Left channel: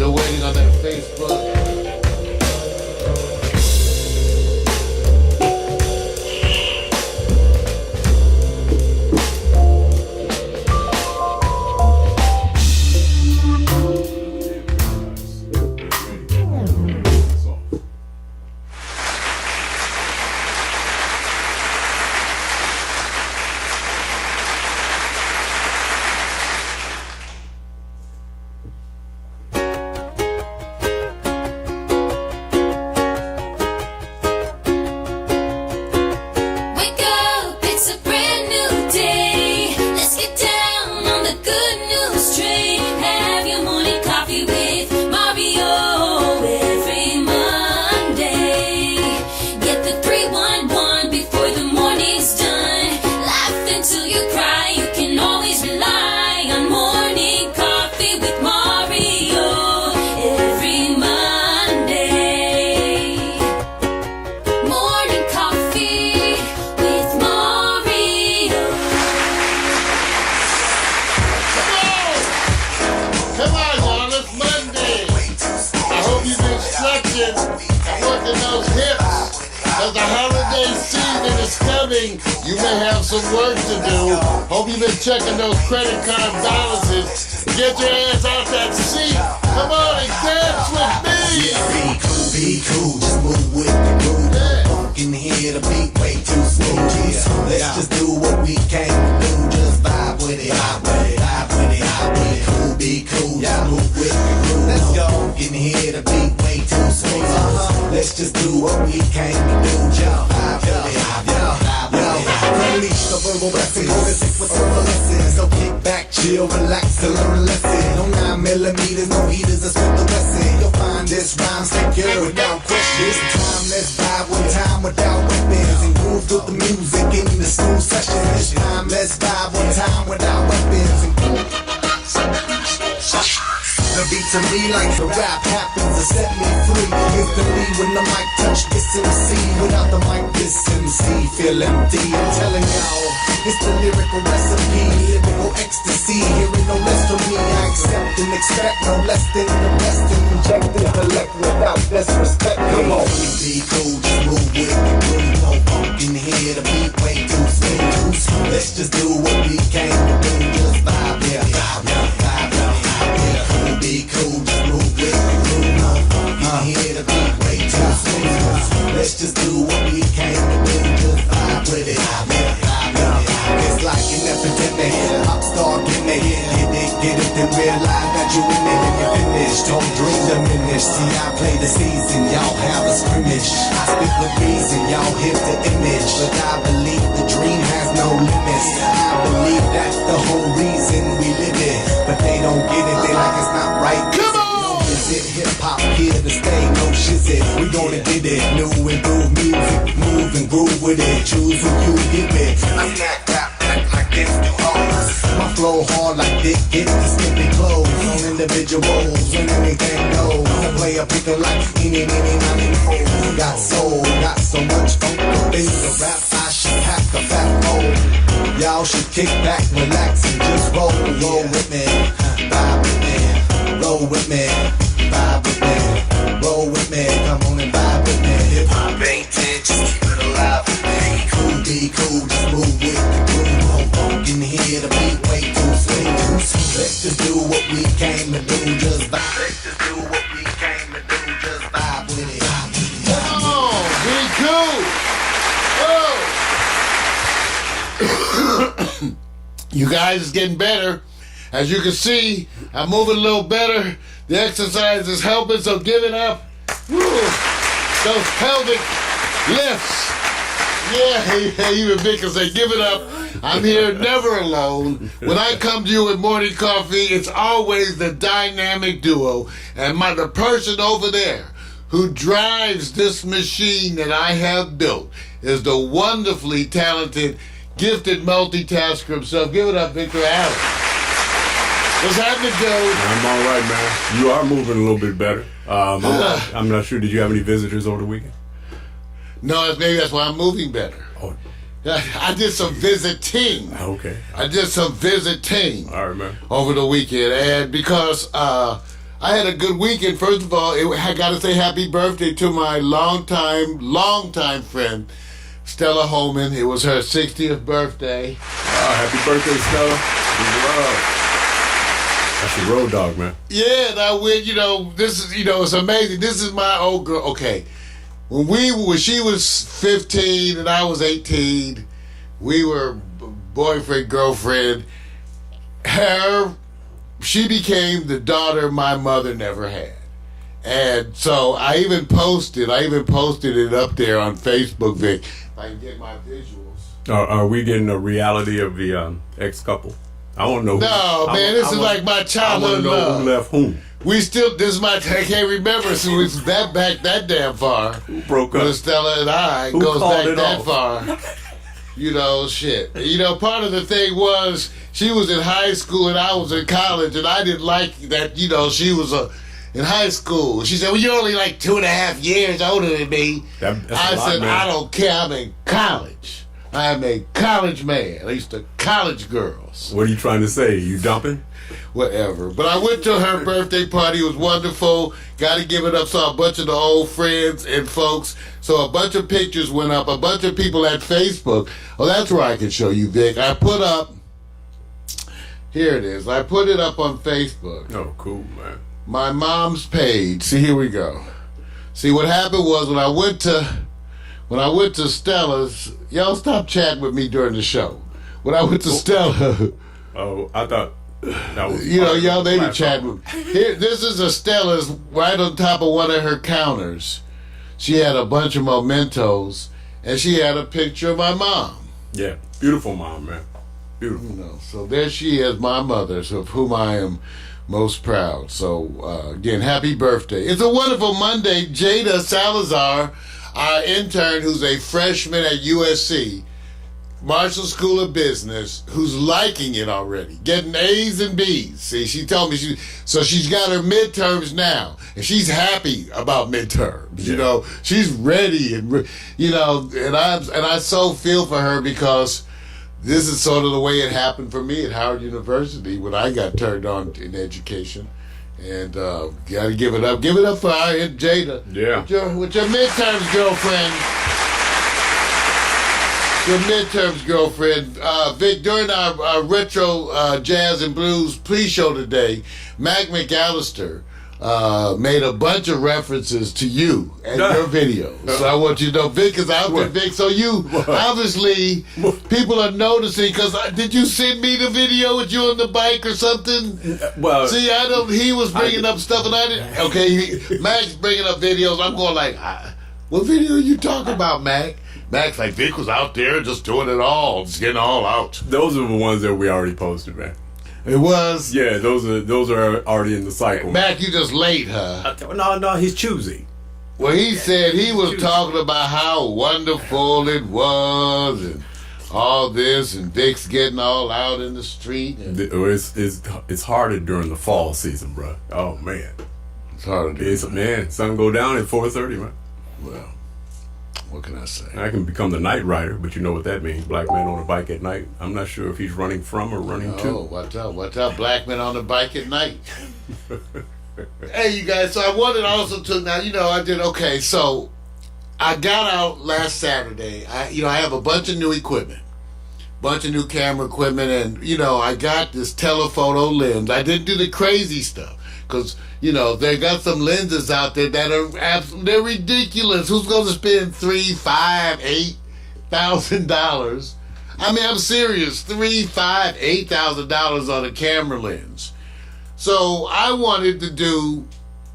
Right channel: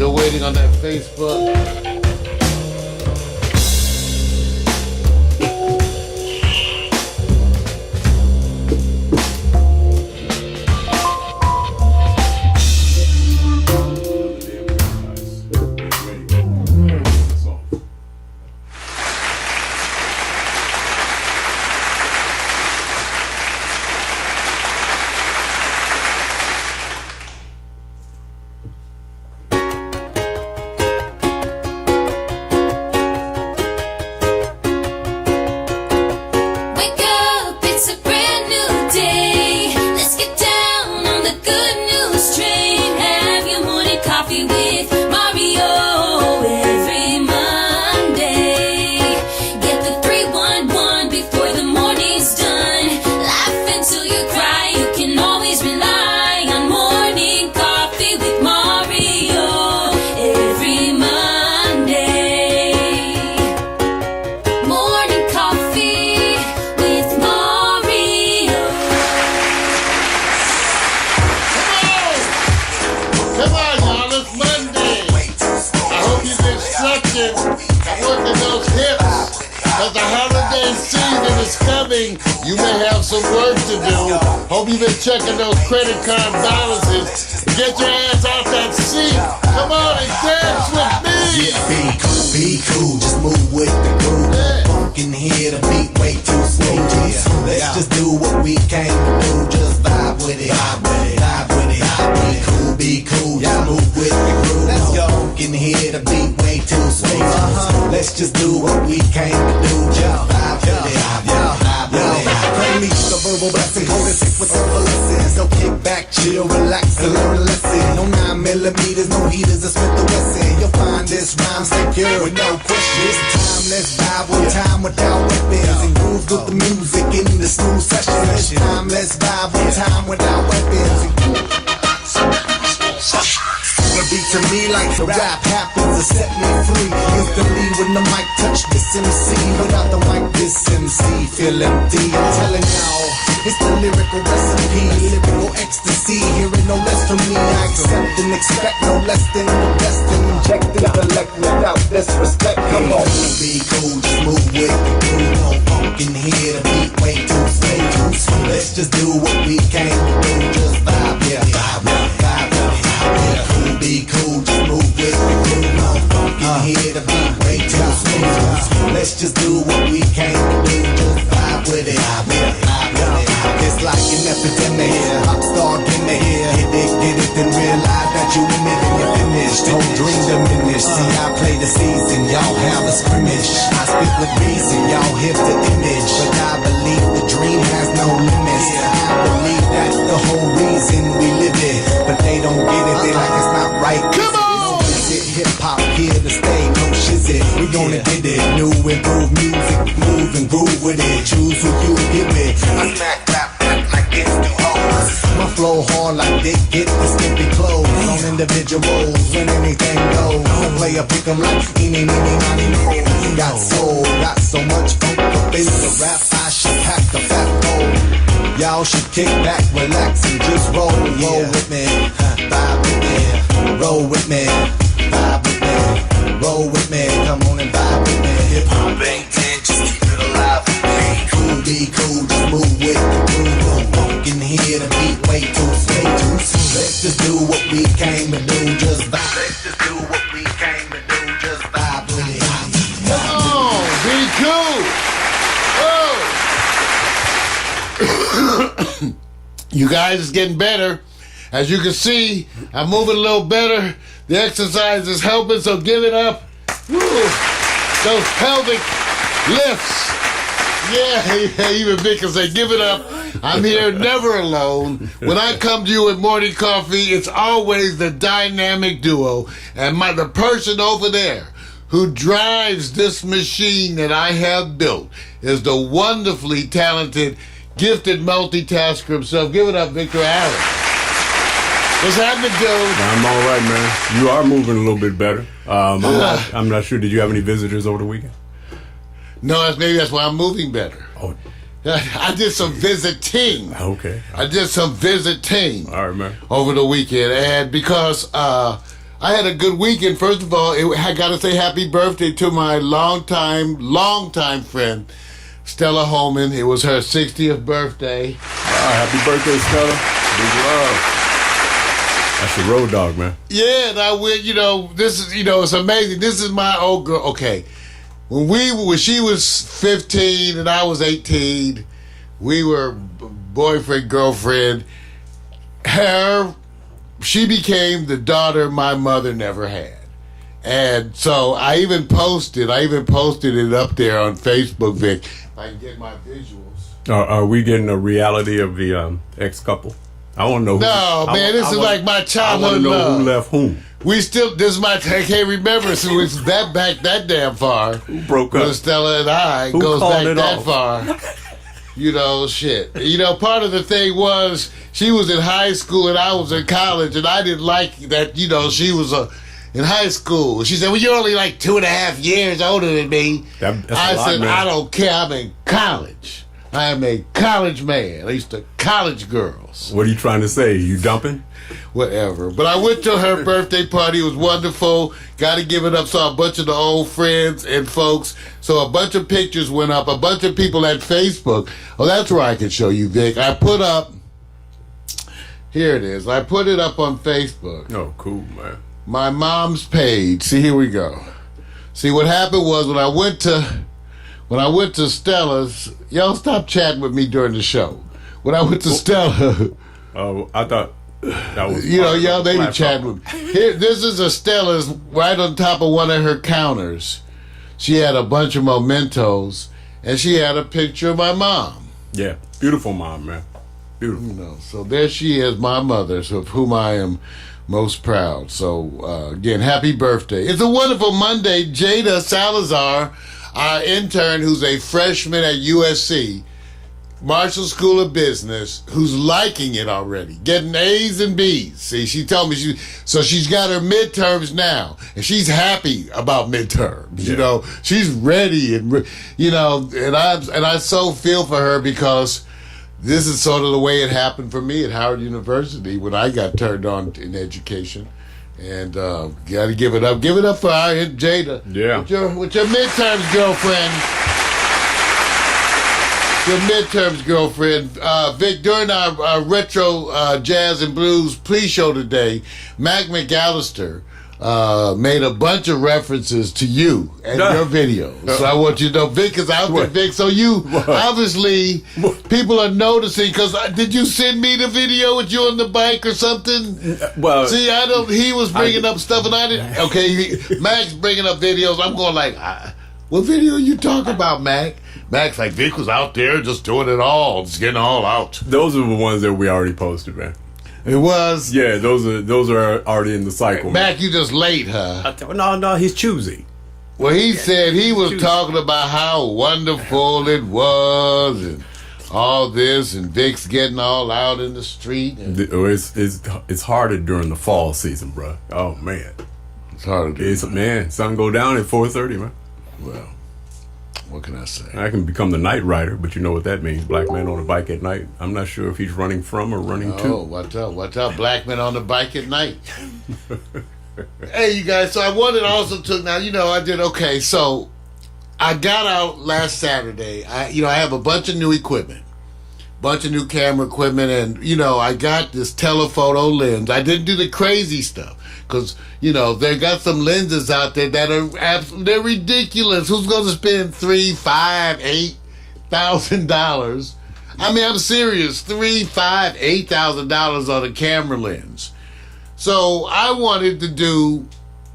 Still waiting on that Facebook. You may have some work to do. Hope you've been checking those credit card balances. Get your ass off that seat. Come on and dance with me. Yeah, be cool, just move with the groove. Funk in here, the beat way too smooth. Let's just do what we came to do. Just vibe with it, vibe with it, vibe with it, vibe with it. Be cool, just move with the groove. Let's go. Funk in here, the beat way too smooth. Let's just do what we came to do. Just vibe with it, vibe with it. Unleash the verbal blessing, hold it sick with several lessons. So kick back, chill, relax, and learn a lesson. No 9mm, no heaters, a Smith & Wesson. You'll find this rhyme secure with no question. This time, let's vibe one time without weapons. And groove with the music in the smooth session. This time, let's vibe one time without weapons. The beat to me like the rap happens to set me free. Instantly when the mic touch this MC. Without the mic this MC feel empty. I'm telling y'all, it's the lyrical recipe. Lyrical ecstasy, hearing no less from me. I accept and expect no less than the best. And inject intellect without disrespect. Come on, be cool, just move with the groove. No funk in here, the beat way too smooth. Let's just do what we came to do. Just vibe, yeah, vibe, vibe, vibe. Be cool, just move with the groove. No funk in here, the beat way too smooth. Let's just do what we came to do. Just vibe with it, vibe, vibe, vibe. It's like an epidemic, pop star gimmick. Get it, then realize that you in it and you're finished. Don't dream diminish. See, I play the season, y'all have a scrimmage. I speak with reason, y'all hit the image. But I believe the dream has no limits. I believe that's the whole reason we live it. But they don't get it, they like it's not right. Come on! Visit hip-hop here to stay, no shizit. We gonna get it, new improved music. Move and groove with it, choose who you get with. I smack rap like it's too hard. My flow hard like Dick get the skimpy clothes. On individuals, when anything goes. Don't play a pick 'em like eeny, meeny, miny, mo. Got soul, got so much funk up in the rap, I should pack a fat bowl. Y'all should kick back, relax, and just roll. Roll with me, vibe with me. Roll with me, vibe with me. Roll with me, come on and vibe with me. Hip hop ain't dead, just keep it alive. Be cool, just move with the groove. No funk in here, the beat way too smooth. Let's just do what we came to do, just vibe. Let's just do what we came to do, just vibe with it. Come on, be cool. Oh. You guys is getting better. As you can see, I'm moving a little better. The exercise is helping, so give it up. Woo. Those pelvic lifts. Yeah, even Vic can say, give it up. I'm here, never alone. When I come to you with morning coffee, it's always the dynamic duo. And the person over there who drives this machine that I have built is the wonderfully talented, gifted multitasker himself. Give it up, Victor Allen. What's happening, Joe? I'm all right, man. You are moving a little bit better. I'm not sure. Did you have any visitors over the weekend? No, maybe that's why I'm moving better. Oh. I did some visiting. Okay. I did some visiting. All right, man. Over the weekend. And because I had a good weekend. First of all, I got to say happy birthday to my longtime friend, Stella Holman. It was her 60th birthday. Happy birthday, Stella. Big love. That's your road dog, man. Yeah, and I went, this is, it's amazing. This is my old girl. Okay. When she was 15 and I was 18, we were boyfriend, girlfriend. She became the daughter my mother never had. And so I even posted it up there on Facebook, Vic. If I can get my visuals. Are we getting a reality of the ex-couple? I want to know. No, man, this is like my childhood love. I want to know who left whom. I can't remember, so it's that damn far. Who broke up? Stella and I Who goes back that off? far. Shit. Part of the thing was she was in high school and I was in college, and I didn't like that, she was in high school. She said, well, you're only like 2.5 years older than me. I said, I don't care. I'm in college. I am a college man. I used to college girls. What are you trying to say? You dumping? Whatever. But I went to her birthday party. It was wonderful. Got to give it up. Saw a bunch of the old friends and folks. So a bunch of pictures went up. A bunch of people at Facebook. Oh, that's where I can show you, Vic. I put up, here it is. I put it up on Facebook. Oh, cool, man. My mom's page. See, here we go. See, what happened was when I went to Stella's, y'all stop chatting with me during the show. When I went to Stella. Oh, I thought that was. Y'all they be chatting with me. Here, this is a Stella's right on top of one of her counters. She had a bunch of mementos, and she had a picture of my mom. Yeah, beautiful mom, man. Beautiful. So there she is, my mother, of whom I am most proud. So again, happy birthday. It's a wonderful Monday. Jada Salazar, our intern, who's a freshman at USC, Marshall School of Business, who's liking it already, getting A's and B's. See, she told me she's got her midterms now, and she's happy about midterms. Yeah. She's ready, and I so feel for her because this is sort of the way it happened for me at Howard University when I got turned on in education. And got to give it up. Give it up for our Jada. Yeah. With your midterms, girlfriend. Your midterms, girlfriend. Vic, during our retro jazz and blues pre-show today, Mac McAllister made a bunch of references to you and your videos. So I want you to know Vic is out there, Vic. So you, obviously, people are noticing, because did you send me the video with you on the bike or something? Well, see, he was bringing up stuff and I didn't. Okay, Mac's bringing up videos. I'm going like, what video are you talking about, Mac? Mac's like, Vic was out there just doing it all, just getting all out. Those are the ones that we already posted, man. It was? Yeah, those are already in the cycle. Mac, you just late, huh? No, he's choosy. Well, he said he was talking about how wonderful it was and all this, and Vic's getting all out in the street. It's harder during the fall season, bro. Oh, man. It's harder. Sun go down at 4:30, man. Well, what can I say? I can become the night rider, but you know what that means. Black man on a bike at night. I'm not sure if he's running from or running to. Oh, watch out. Black men on the bike at night. Hey, you guys, so I wanted also to, now, I did, okay, so I got out last Saturday. I have a bunch of new equipment, bunch of new camera equipment, and, I got this telephoto lens. I didn't do the crazy stuff. Because, they got some lenses out there that are they're ridiculous. Who's going to spend $3,000, $5,000, $8,000? I mean, I'm serious. $3,000, $5,000, $8,000 on a camera lens. So I wanted to do,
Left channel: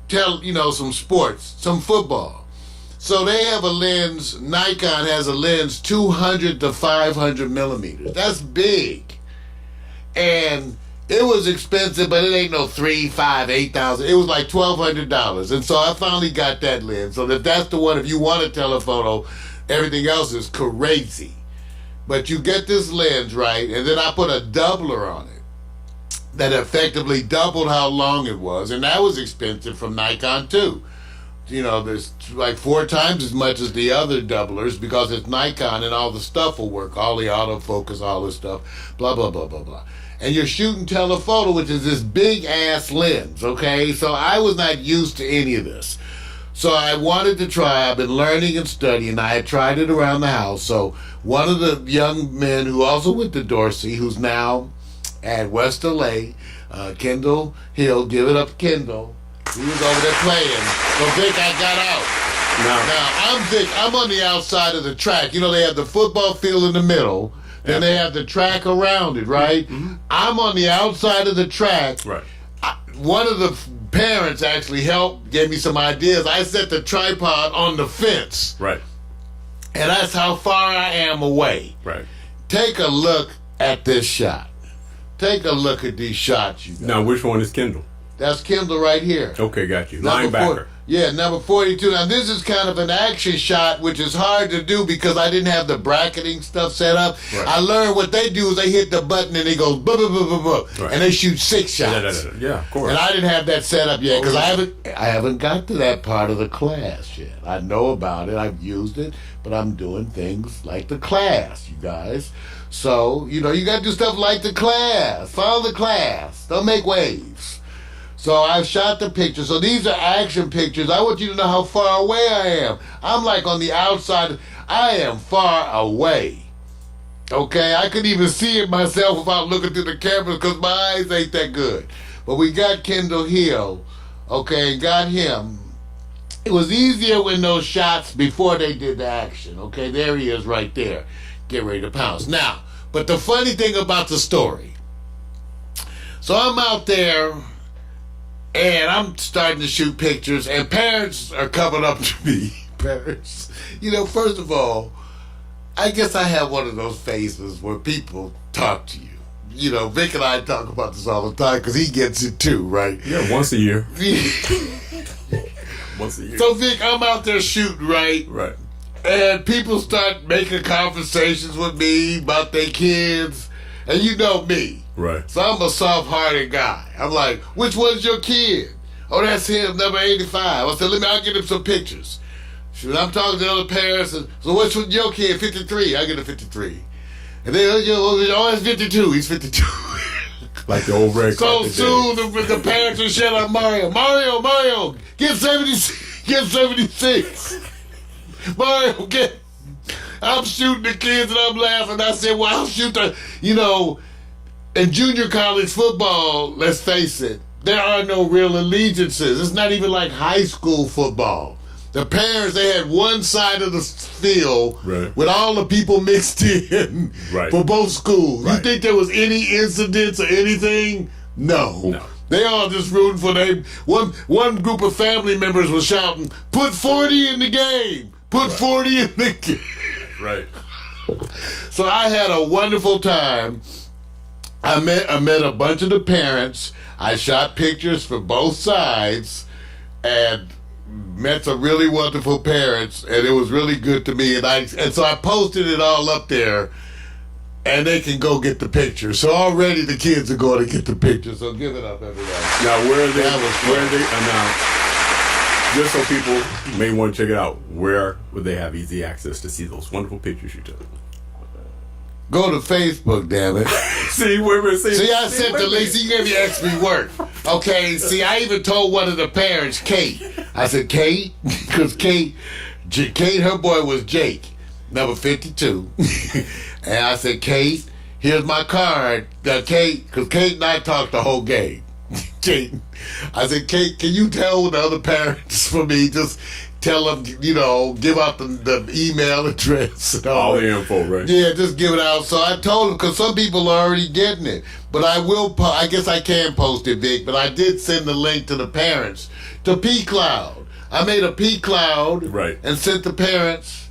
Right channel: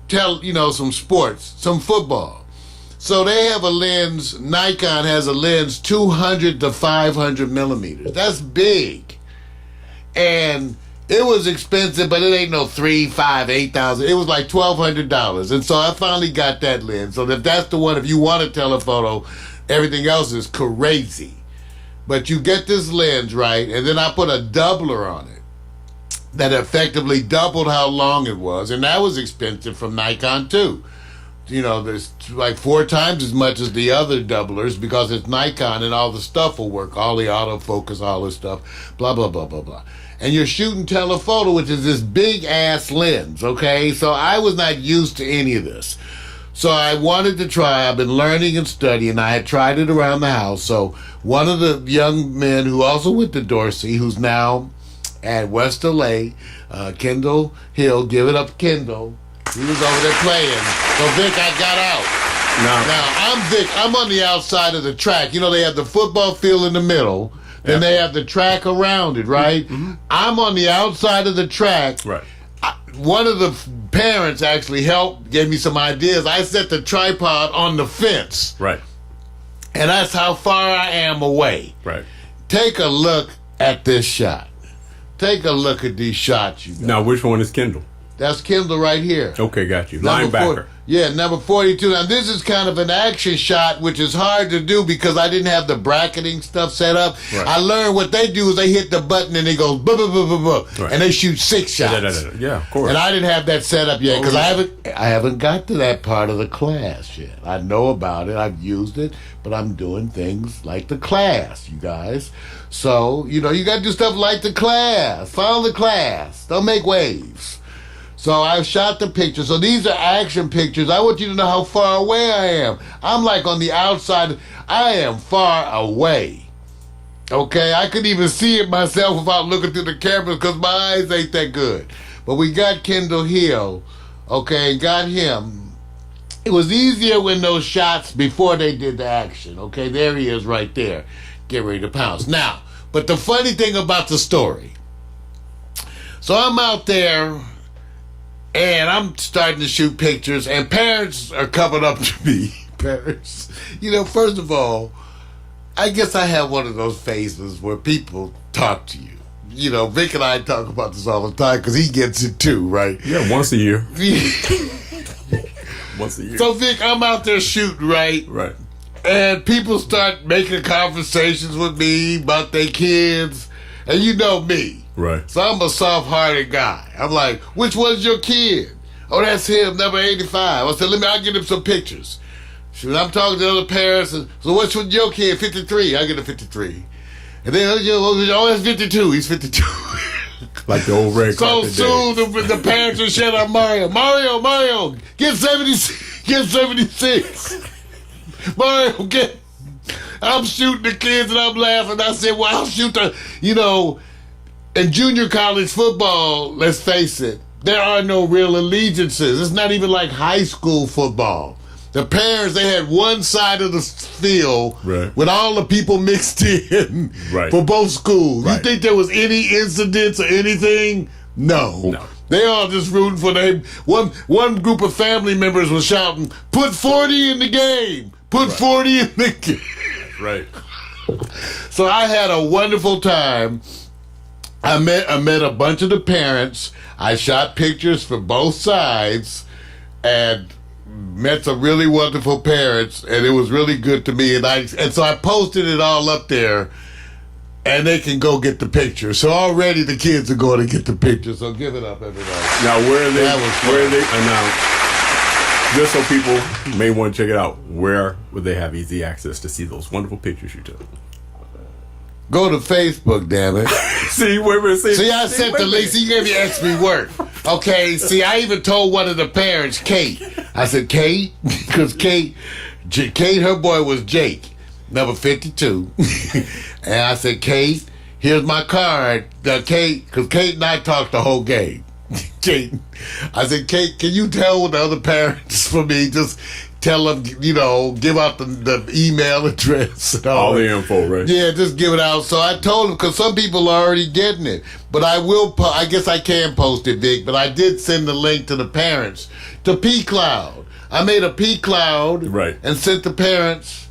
some sports, some football. So they have a lens, Nikon has a lens 200 to 500 millimeters. That's big. And it was expensive, but it ain't no $3,000, $5,000, $8,000. It was like $1,200. And so I finally got that lens. So if that's the one, if you want a telephoto, everything else is crazy. But you get this lens, right? And then I put a doubler on it that effectively doubled how long it was. And that was expensive from Nikon too. There's like 4 times as much as the other doublers because it's Nikon and all the stuff will work. All the autofocus, all this stuff, blah, blah, blah, blah, blah. and you're shooting telephoto, which is this big ass lens, okay? So I was not used to any of this. So I wanted to try. I've been learning and studying. I had tried it around the house. So one of the young men who also went to Dorsey, who's now at West LA, Kendall Hill, give it up, Kendall. He was over there playing. So Vic, I got out. Now I'm Vic. I'm on the outside of the track. You know, they have the football field in the middle. Then they have the track around it, right? Mm-hmm. I'm on the outside of the track. Right. One of the parents actually helped, gave me some ideas. I set the tripod on the fence. Right. And that's how far I am away. Right. Take a look at this shot. Take a look at these shots, you guys. Now, which one is Kendall? That's Kendall right here. Okay, got you. Linebacker. Number 42. Now, this is kind of an action shot, which is hard to do because I didn't have the bracketing stuff set up. Right. I learned what they do is they hit the button and it goes, buh, buh, buh, buh, buh, right. And they shoot 6 shots. Yeah, of course. And I didn't have that set up yet because I haven't got to that part of the class yet. I know about it. I've used it, but I'm doing things like the class, you guys. So, you know, you got to do stuff like the class. Follow the class. Don't make waves. So I've shot the pictures. So these are action pictures. I want you to know how far away I am. I'm like on the outside. I am far away. Okay? I couldn't even see it myself without looking through the cameras because my eyes ain't that good. But we got Kendall Hill. Okay? Got him. It was easier when those shots before they did the action. Okay? There he is right there. Get ready to pounce. Now, but the funny thing about the story. So I'm out there. And I'm starting to shoot pictures, and parents are coming up to me. Parents, you know, first of all, I guess I have one of those phases where people talk to you. You know, Vic and I talk about this all the time because he gets it too, right? Yeah, once a year. Once a year. So, Vic, I'm out there shooting, right? Right. And people start making conversations with me about their kids, and you know me. Right. So I'm a soft-hearted guy. I'm like, which one's your kid? Oh, that's him, number 85. I said, I'll get him some pictures. Shoot, I'm talking to other parents. And, so what's with your kid? 53. I get a 53. And then, oh, that's 52. He's 52. Like the old red carpet. So soon, the parents will shout out Mario. Mario, get 76. Get 76. Mario, get. I'm shooting the kids and I'm laughing. I said, well, I'll shoot the, you know. In junior college football, let's face it, there are no real allegiances. It's not even like high school football. The parents, they had one side of the field with all the people mixed in for both schools. You think there was any incidents or anything? No. They all just rooting for them. One group of family members was shouting, put 40 in the game. Put 40 in the game. Right. So I had a wonderful time. I met a bunch of the parents. I shot pictures for both sides and met some really wonderful parents, and it was really good to me. And so I posted it all up there, and they can go get the picture. So already the kids are going to get the picture. So give it up, everybody. Now where are they? Now, just so people may want to check it out, where would they have easy access to see those wonderful pictures you took? Go to Facebook, damn it. See, I sent the link. See, you gave me extra work. Okay, see, I even told one of the parents, Kate. I said, Kate, because Kate, her boy was Jake, number 52. And I said, Kate, here's my card. Kate, because Kate and I talked the whole game. Kate, I said, Kate, can you tell the other parents for me? Just tell them, you know, give out the email address and all the info, right? Yeah, just give it out. So I told them, because some people are already getting it. But I will, I guess I can post it, Vic, but I did send the link to the parents to P-Cloud. I made a P-Cloud and sent the parents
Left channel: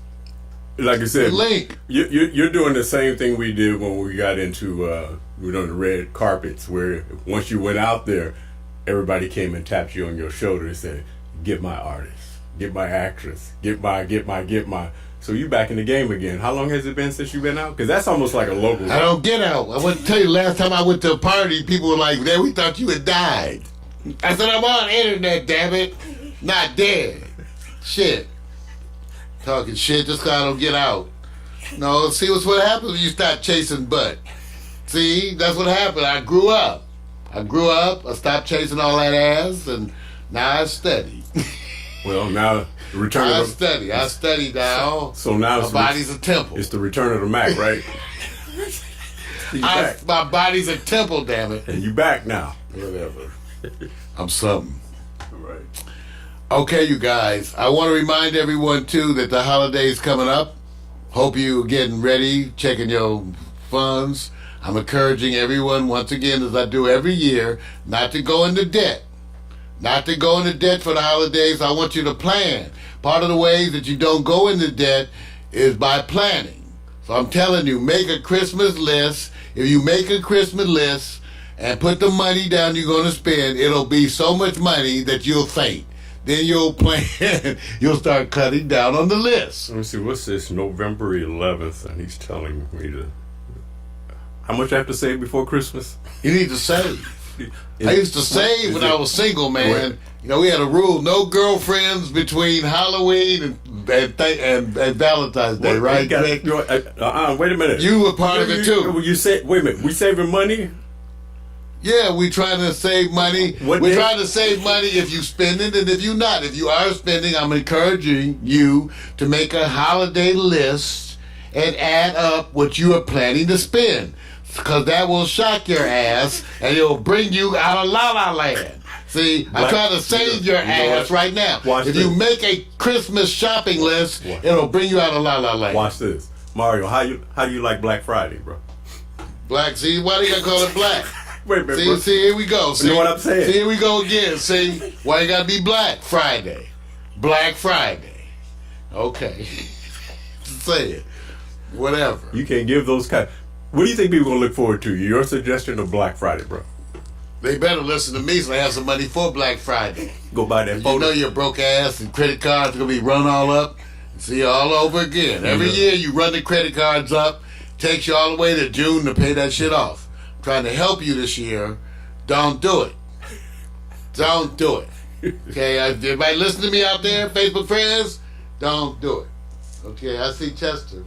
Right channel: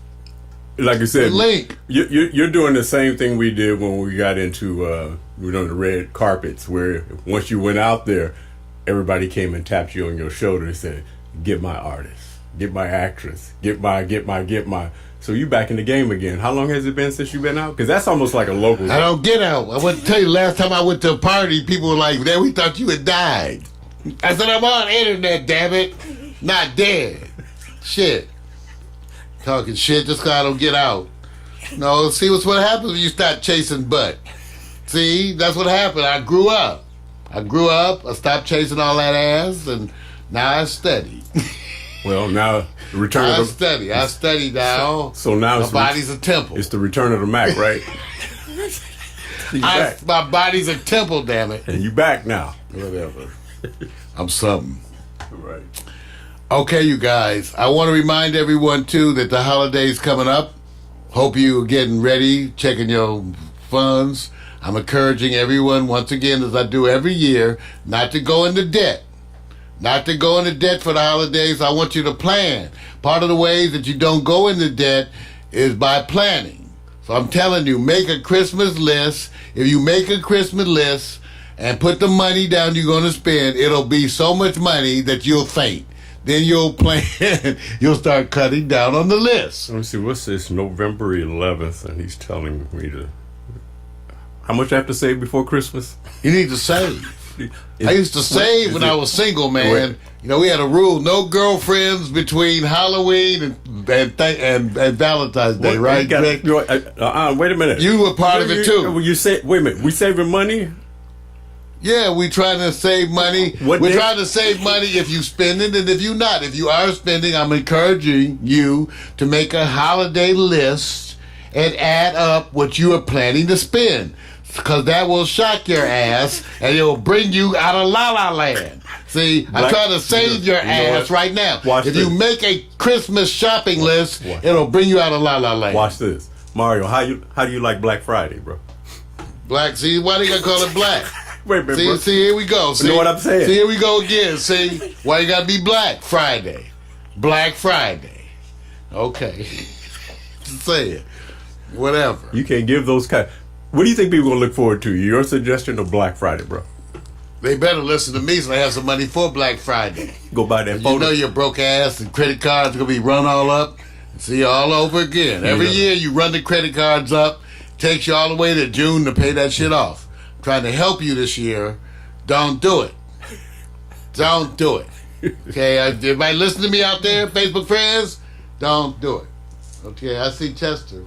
like I said, the link. You're doing the same thing we did when we got into the red carpets, where once you went out there, everybody came and tapped you on your shoulder and said, get my artist. Get my actress. Get my. So you back in the game again. How long has it been since you've been out? Because that's almost like a local. I don't get out. I want to tell you, last time I went to a party, people were like, we thought you had died. I said, I'm on the internet, damn it. Not dead. Shit. Talking shit just because I don't get out. No, see what happens when you start chasing butt. See, that's what happened. I grew up. I stopped chasing all that ass, and now I study. Well, now the return I of the... I study now. So now my body's a temple. It's the return of the Mac, right? My body's a temple, damn it. And you back now. Whatever. I'm something. Right. Okay, you guys. I want to remind everyone, too, that the holiday's coming up. Hope you're getting ready, checking your funds. I'm encouraging everyone, once again, as I do every year, not to go into debt. Not to go into debt for the holidays. I want you to plan. Part of the ways that you don't go into debt is by planning. So I'm telling you, make a Christmas list. If you make a Christmas list and put the money down you're going to spend, it'll be so much money that you'll faint. Then you'll plan. You'll start cutting down on the list. Let me see. What's this? November 11th, and he's telling me to... How much I have to save before Christmas? You need to save. I used to save when I was single, man. You know, we had a rule: no girlfriends between Halloween and Valentine's Day, right? Wait a minute. You were part of it too. You say, wait a minute. We saving money? Yeah, we trying to save money. We're trying to save money if you spend it, and if you not. If you are spending, I'm encouraging you to make a holiday list and add up what you are planning to spend. Because that will shock your ass, and it'll bring you out of la-la land. See, I'm trying to save your ass right now. If you make a Christmas shopping list, it'll bring you out of la-la land. Watch this. Mario, how do you like Black Friday, bro? Black, see, why do you gotta call it black? Wait a minute, see, here we go. See, you know what I'm saying? See, here we go again. See, why you gotta be Black Friday? Black Friday. Okay. Say it. Whatever. You can't give those kind... What do you think people are going to look forward to? Your suggestion of Black Friday, bro? They better listen to me so they have some money for Black Friday. Go buy that photo. You know your broke ass and credit cards are going to be run all up. See you all over again. Every year you run the credit cards up. Takes you all the way to June to pay that shit off. I'm trying to help you this year. Don't do it. Don't do it. Okay, everybody listen to me out there, Facebook friends? Don't do it. Okay, I see Chester.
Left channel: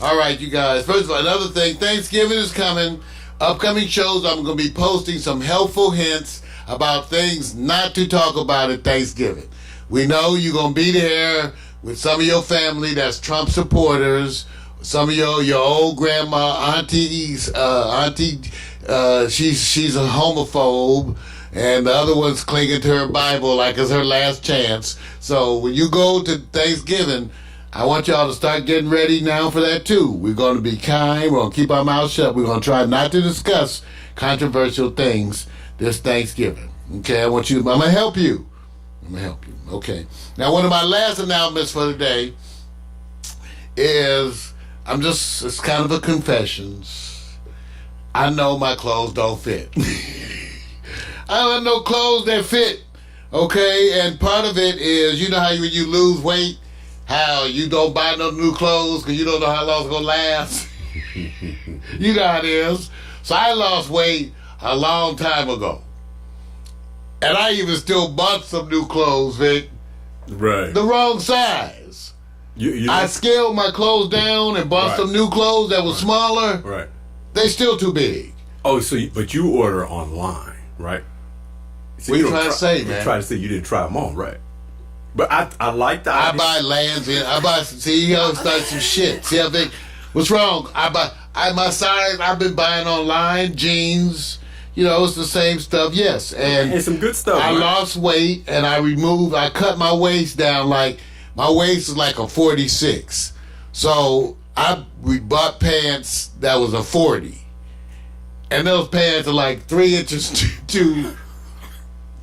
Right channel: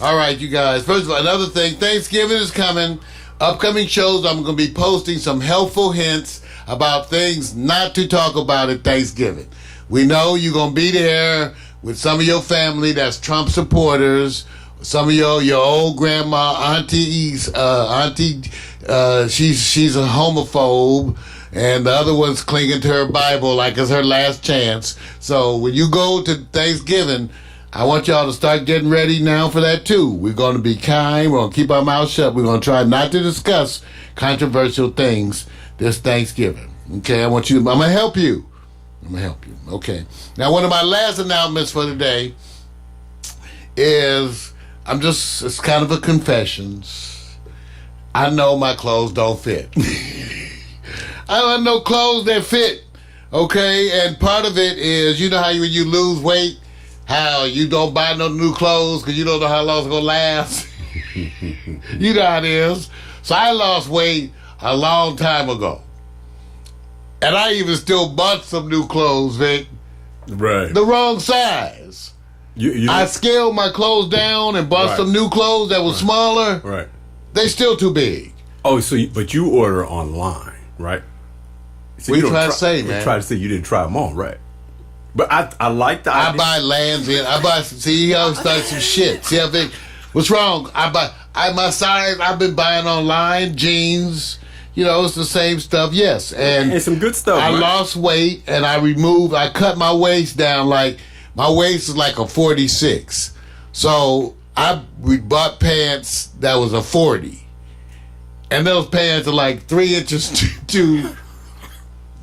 All right, you guys. First of all, another thing, Thanksgiving is coming. Upcoming shows, I'm going to be posting some helpful hints about things not to talk about at Thanksgiving. We know you're going to be there with some of your family that's Trump supporters, some of your old grandma, aunties, she's a homophobe, and the other one's clinging to her Bible like it's her last chance. So when you go to Thanksgiving, I want y'all to start getting ready now for that too. We're going to be kind. We're going to keep our mouths shut. We're going to try not to discuss controversial things this Thanksgiving. Okay, I'm going to help you. Okay. Now, one of my last announcements for today is, it's kind of a confession. I know my clothes don't fit. I don't have no clothes that fit. Okay, and part of it is, you know how when you lose weight, how you don't buy no new clothes because you don't know how long it's going to last. You know how it is. So I lost weight a long time ago. And I even still bought some new clothes, Vic. Right. The wrong size. I scaled my clothes down and bought some new clothes that were smaller. Right. They still too big. Oh, but you order online, right? So what you trying to say, man? You trying to say you didn't try them on, right? But I like the idea. I buy lands in. See, he always started some shit. See, I think, what's wrong? My size, I've been buying online, jeans, it's the same stuff, yes. And some good stuff. I lost weight, and I cut my waist down, like, my waist is like a 46. So, we bought pants that was a 40. And those pants are like 3 inches too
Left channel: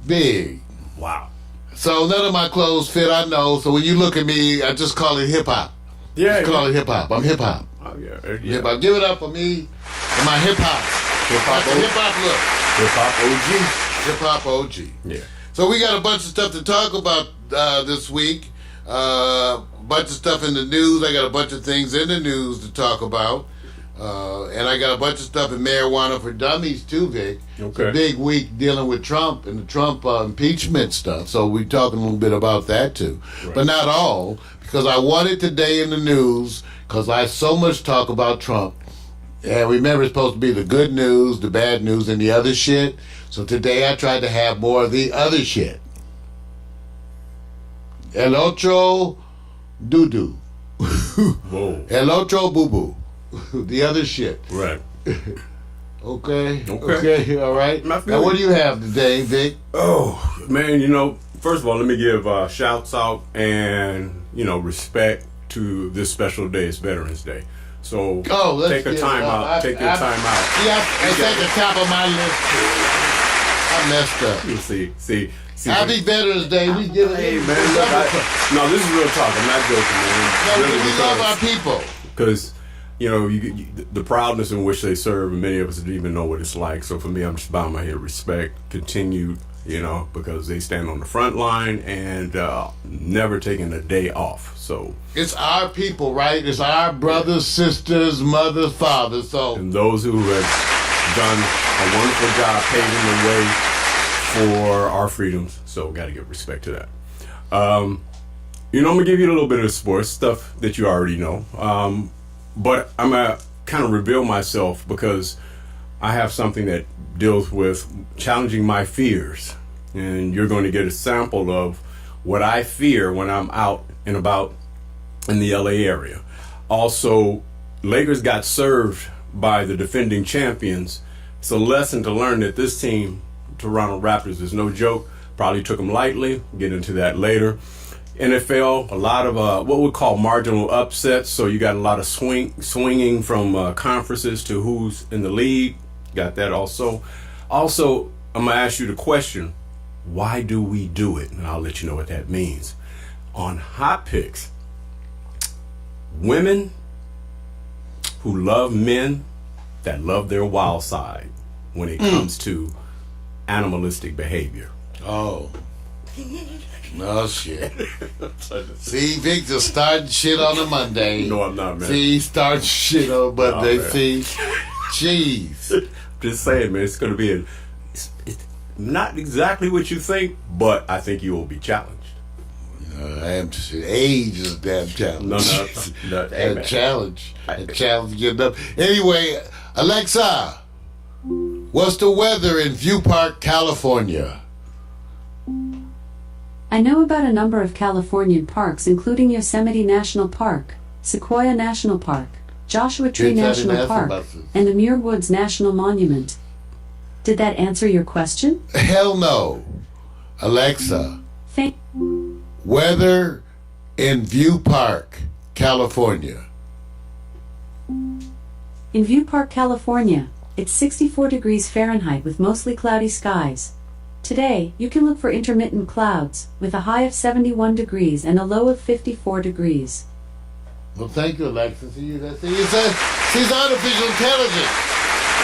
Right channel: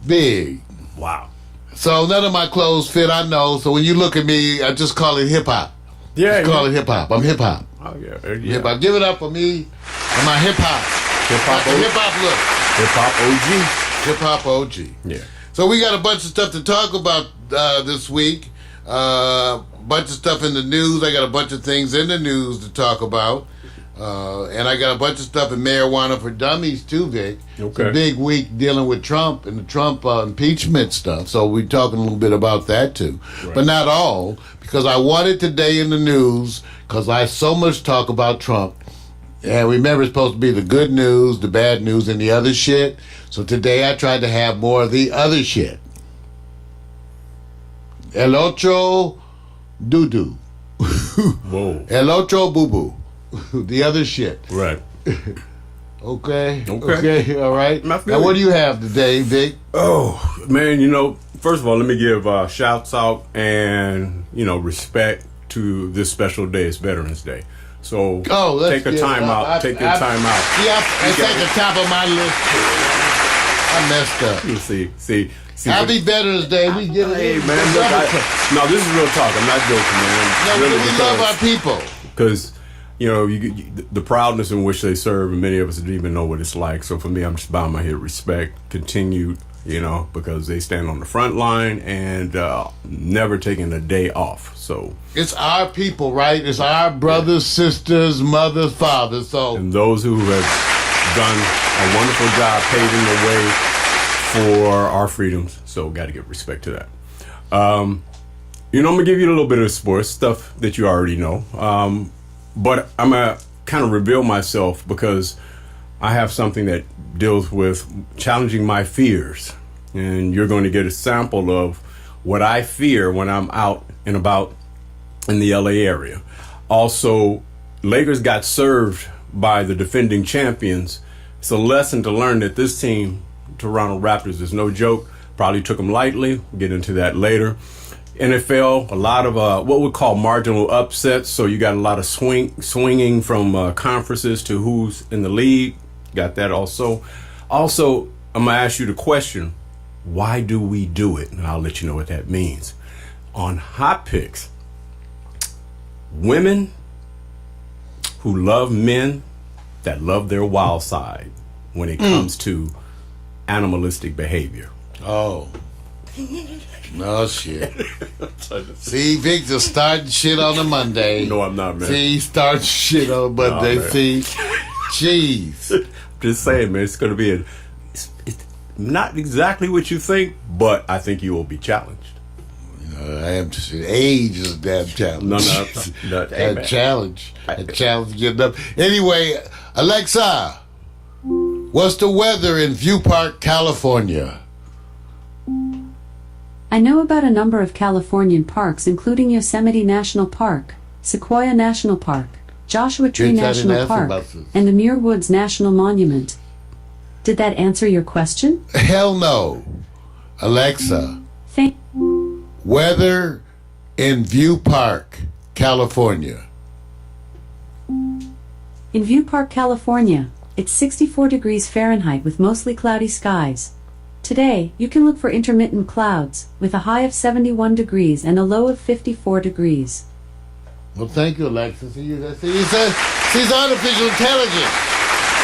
big. Wow. So none of my clothes fit, I know. So when you look at me, I just call it hip-hop. Yeah. Call it hip-hop. I'm hip-hop. Oh, yeah. Hip-hop. Give it up for me and my hip-hop. Hip-hop look. Hip-hop OG. Hip-hop OG. Yeah. So we got a bunch of stuff to talk about this week. Bunch of stuff in the news. I got a bunch of things in the news to talk about. And I got a bunch of stuff in Marijuana for Dummies too, Vic. Okay. It's a big week dealing with Trump and the Trump impeachment stuff. So we're talking a little bit about that too. Right. But not all, because I wanted today in the news, because I so much talk about Trump, And remember, it's supposed to be the good news, the bad news, and the other shit. So today I tried to have more of the other shit. El otro doo-doo. Whoa. El otro boo-boo. The other shit. Right. Okay, all right. Now, what do you have today, Vic? Oh, man, you know, first of all, let me give shouts out and, you know, respect to this special day. It's Veterans Day. So take a time out. Take your time out. Yeah, it's at the top of my list. I messed up. You see. Happy Veterans Day. We give it. Hey, man, look, no, this is real talk. I'm not joking, man. No, really, we love our people. Because, you know, the proudness in which they serve, and many of us don't even know what it's like. So for me, I'm just bowing my head, respect, continued, you know, because they stand on the front line and never taking a day off. So it's our people, right? It's our brothers, sisters, mothers, fathers. So and those who have done a wonderful job paving the way for our freedoms. So got to give respect to that. You know, I'm gonna give you a little bit of sports stuff that you already know. But I'm gonna kind of reveal myself because I have something that deals with challenging my fears. And you're going to get a sample of what I fear when I'm out and about in the LA area. Also, Lakers got served by the defending champions. It's a lesson to learn that this team, Toronto Raptors, is no joke. Probably took them lightly. We'll get into that later. NFL, a lot of what we call marginal upsets. So you got a lot of swinging from conferences to who's in the league. Got that also. Also, I'm going to ask you the question, why do we do it? And I'll let you know what that means. On Hot Picks, women who love men that love their wild side when it comes to animalistic behavior. Oh. No shit. See, Vic just starting shit on a Monday. No, I'm not, man. See, he starts shit on Monday. No, see, jeez. Just saying, man. It's going to be it's not exactly what you think, but I think you will be challenged. I am. Age is a damn challenge. No. A challenge. A challenge getting up. Anyway, Alexa, what's the weather in View Park, California? I know about a number of Californian parks, including Yosemite National Park, Sequoia National Park, Joshua Tree National Park, and the Muir Woods National Monument. Did that answer your question? Hell no. Alexa, weather in View Park, California. In View Park, California, it's 64 degrees Fahrenheit with mostly cloudy skies. Today, you can look for intermittent clouds, with a high of 71 degrees and a low of 54 degrees. Well, thank you, Alexa. See, she's artificial intelligence.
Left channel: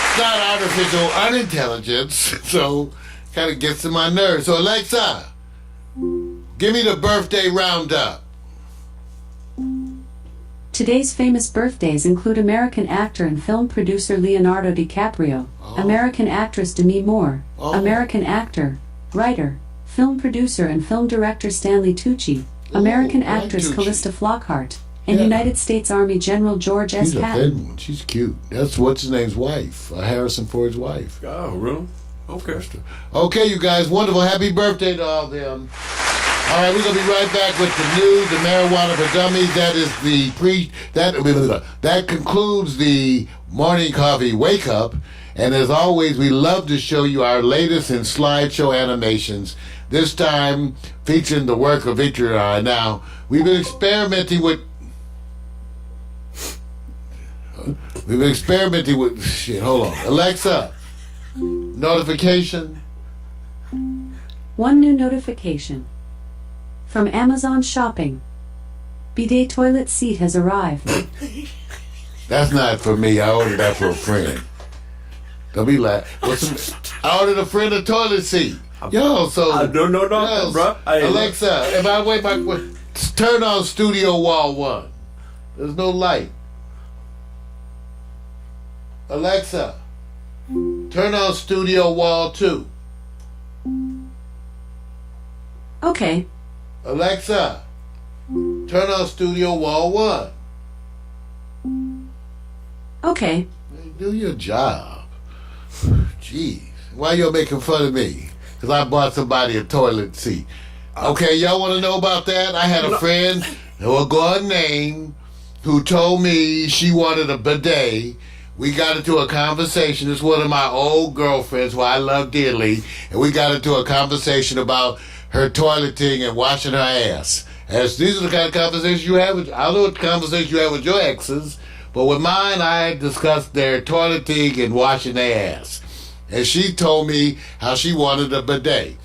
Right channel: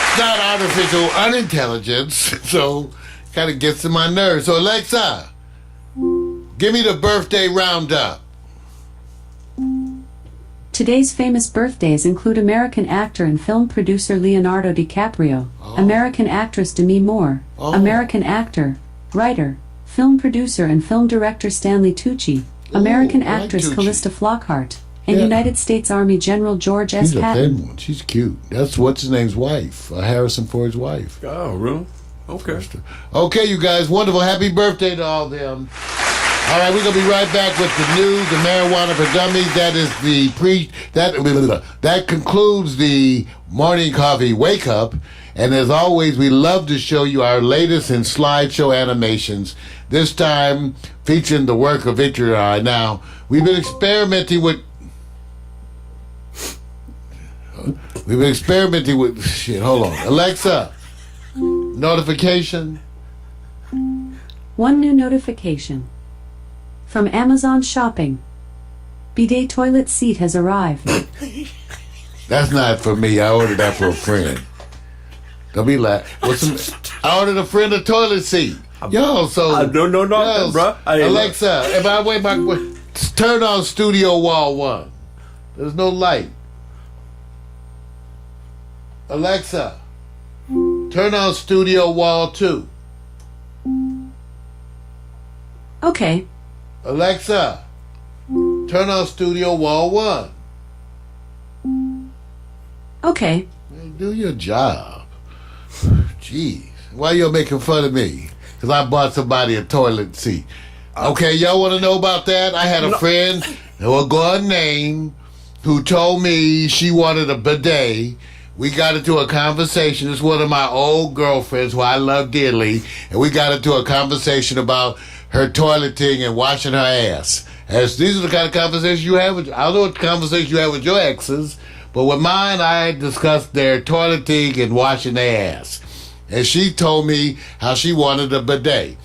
It's not artificial unintelligence, so kind of gets to my nerves. So, Alexa, give me the birthday roundup. Today's famous birthdays include American actor and film producer Leonardo DiCaprio, American actress Demi Moore, American actor, writer, film producer and film director Stanley Tucci, American actress Callista Flockhart, and United States Army General George S. Patton. Thin one. She's cute. That's what's his name's wife, Harrison Ford's wife. Oh, really? Okay. Okay, you guys, wonderful. Happy birthday to all them. All right, we're gonna be right back with the news, the marijuana for dummies. That is that concludes the morning coffee wake up. And as always, we love to show you our latest in slideshow animations. This time featuring the work of Victor and I. Now we've been experimenting with shit. Hold on, Alexa, notification. One new notification. From Amazon Shopping. Bidet toilet seat has arrived. That's not for me. I ordered that for a friend. Don't be like, I ordered a friend a toilet seat. Yo, so no, bro. Alexa, if I wait turn on Studio Wall 1. There's no light. Alexa, turn on Studio Wall 2. Okay. Alexa, turn on Studio Wall 1. Okay. There you Do your job. Jeez. Why y'all making fun of me? Because I bought somebody a toilet seat. Okay, y'all want to know about that? I had a friend, who will go unnamed, who told me she wanted a bidet. We got into a conversation. It's one of my old girlfriends who I love dearly. And we got into a conversation about her toileting and washing her ass. As these are the kind of conversations you have with, I don't know what conversations you have with your exes, but with mine, I discussed their toileting and washing their ass. And she told me how she wanted a bidet.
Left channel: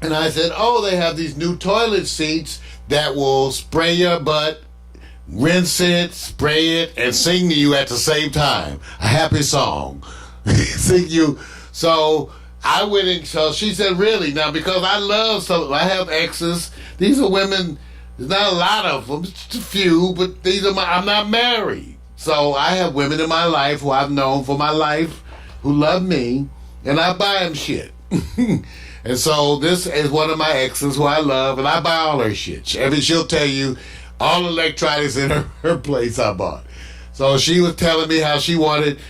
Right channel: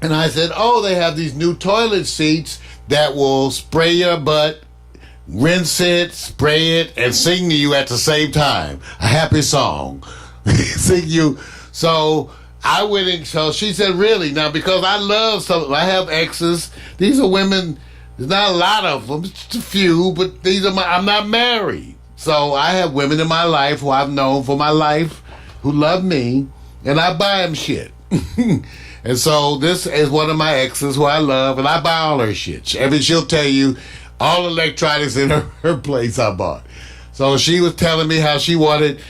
And I said, oh, they have these new toilet seats that will spray your butt, rinse it, spray it, and sing to you at the same time. A happy song. Sing you. So I went in, so she said, really? Now, because I have exes. These are women, there's not a lot of them, just a few, but I'm not married. So I have women in my life who I've known for my life who love me, and I buy them shit. And so this is one of my exes who I love, and I buy all her shit. She'll tell you all electronics in her place I bought. So she was telling me how she wanted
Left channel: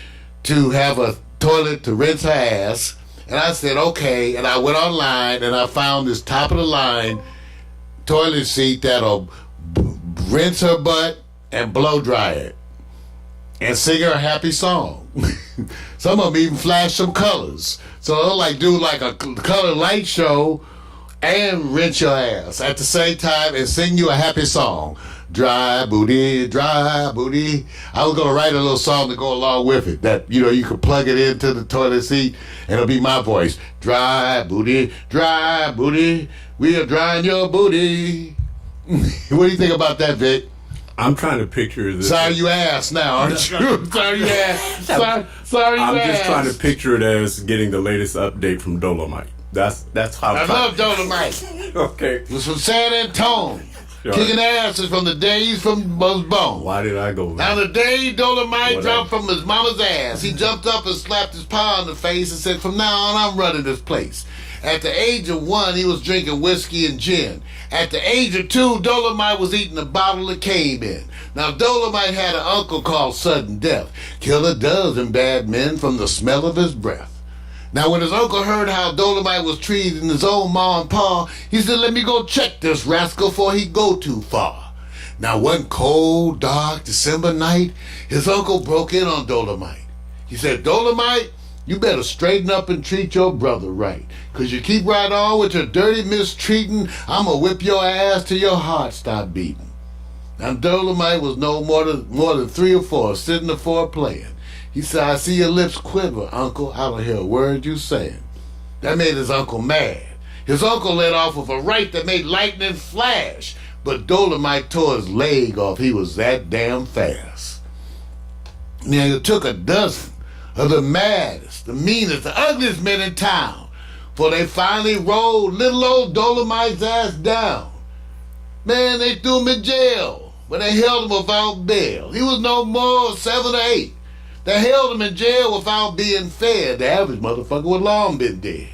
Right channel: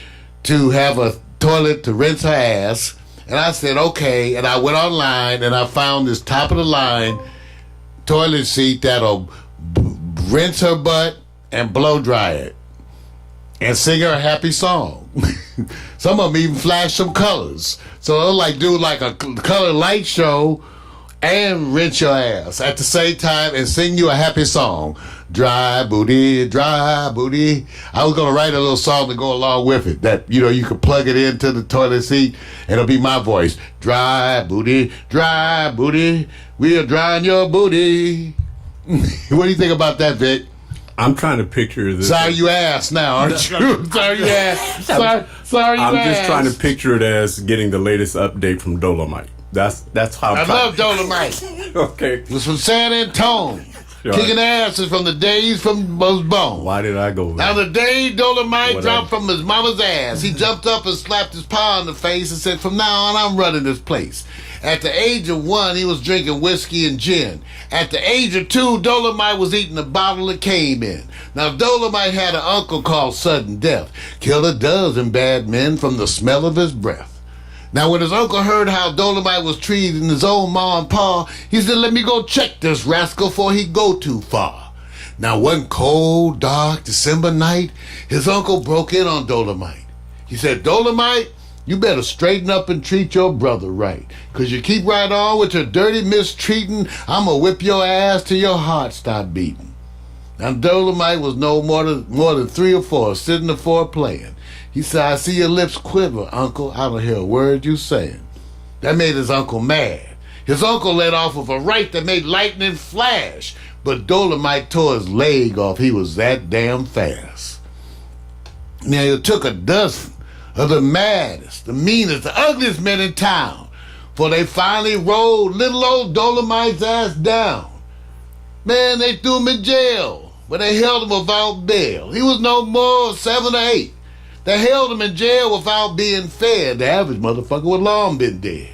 to have a toilet to rinse her ass, and I said, okay, and I went online, and I found this top-of-the-line toilet seat that'll rinse her butt and blow dry it and sing her a happy song. Some of them even flash some colors. So they'll do a color light show and rinse your ass at the same time and sing you a happy song. Dry booty, dry booty. I was going to write a little song to go along with it that, you could plug it into the toilet seat and it'll be my voice. Dry booty, we are drying your booty. What do you think about that, Vic? I'm trying to picture this. Sorry you asked now, aren't you? Sorry you asked. Sorry you I'm asked. just trying to picture it as getting the latest update from Dolomite. That's how I love Dolomite. Okay. It was from San Antonio. Sure. Kicking asses from the days from was born. Why did I go there? Now the day Dolomite dropped from his mama's ass, he jumped up and slapped his pa in the face and said, from now on, I'm running this place. At the age of 1, he was drinking whiskey and gin. At the age of 2, Dolomite was eating a bottle of Cayman. Now, Dolomite had an uncle called Sudden Death. Kill a dozen bad men from the smell of his breath. Now, when his uncle heard how Dolomite was treating his own ma and pa, he said, let me go check this rascal before he go too far. Now, one cold, dark December night, his uncle broke in on Dolomite. He said, Dolomite, you better straighten up and treat your brother right. Because you keep right on with your dirty mistreating, I'm going to whip your ass till your heart stop beating. Now, Dolomite was no more than 3 or 4, sitting the floor playing. He said, I see your lips quiver, uncle. I don't hear a word you saying. That made his uncle mad. His uncle let off with a right that made lightning flash. But Dolomite tore his leg off. He was that damn fast. Now, it took a dozen of the maddest, the meanest, the ugliest men in town, for they finally rolled little old Dolomite's ass down. Man, they threw him in jail, but they held him without bail. He was no more 7 or 8. They held him in jail without being fed. The average motherfucker would long been dead.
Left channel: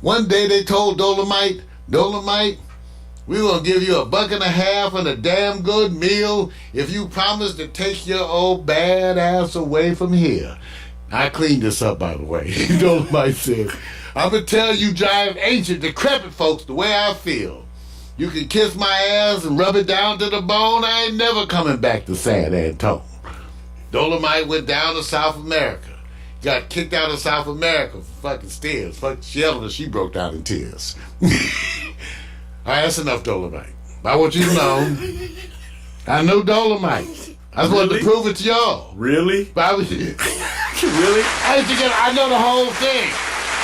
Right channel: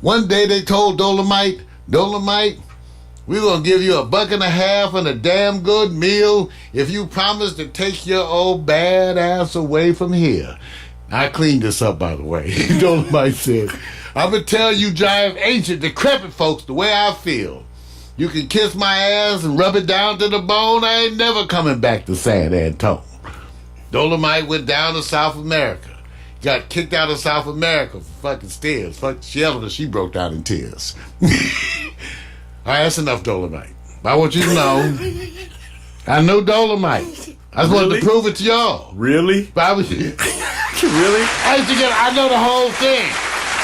One day they told Dolomite, we're going to give you $1.50 and a damn good meal if you promise to take your old bad ass away from here. I cleaned this up, by the way. Dolomite said, I'm going to tell you giant, ancient, decrepit folks the way I feel. You can kiss my ass and rub it down to the bone. I ain't never coming back to San Antonio. Dolomite went down to South America. Got kicked out of South America for fucking stairs. Fuck Sheldon, she broke down in tears. All right, that's enough Dolomite. I want you to know, I know Dolomite. I just wanted to prove it to y'all. Really? But I was, Really? I know the whole thing.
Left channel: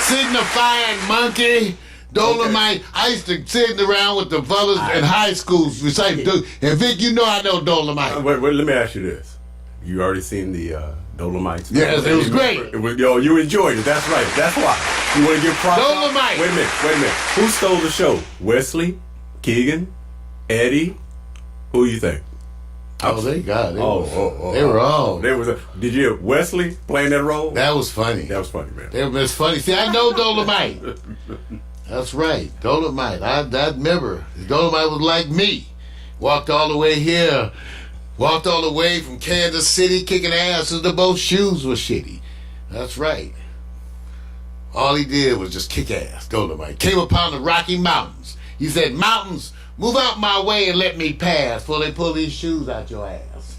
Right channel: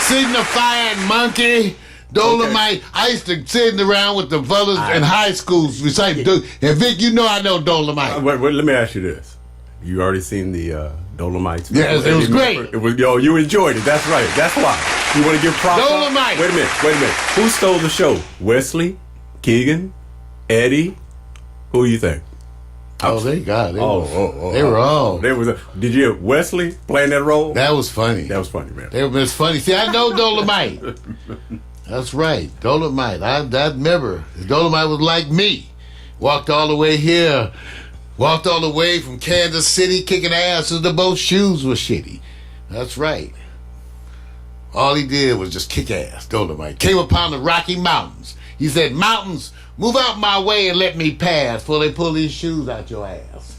Signifying monkey, Dolomite. Okay. I used to sit around with the brothers in high schools reciting. And Vic, you know I know Dolomite. Wait, let me ask you this. You already seen the Dolomites? Yes, it was great. It was, you enjoyed it. That's right. That's why. You want to give props? Dolomite. Wait a minute. Who stole the show? Wesley? Keegan? Eddie? Who you think? Oh, they got it. They were all. Did you hear Wesley playing that role? That was funny. That was funny, man. It was funny. See, I know Dolomite. That's right. Dolomite. I remember. Dolomite was like me. Walked all the way here Walked all the way from Kansas City kicking ass as the both shoes were shitty. That's right. All he did was just kick ass. Dolomite came upon the Rocky Mountains. He said, "Mountains, move out my way and let me pass before they pull these shoes out your ass."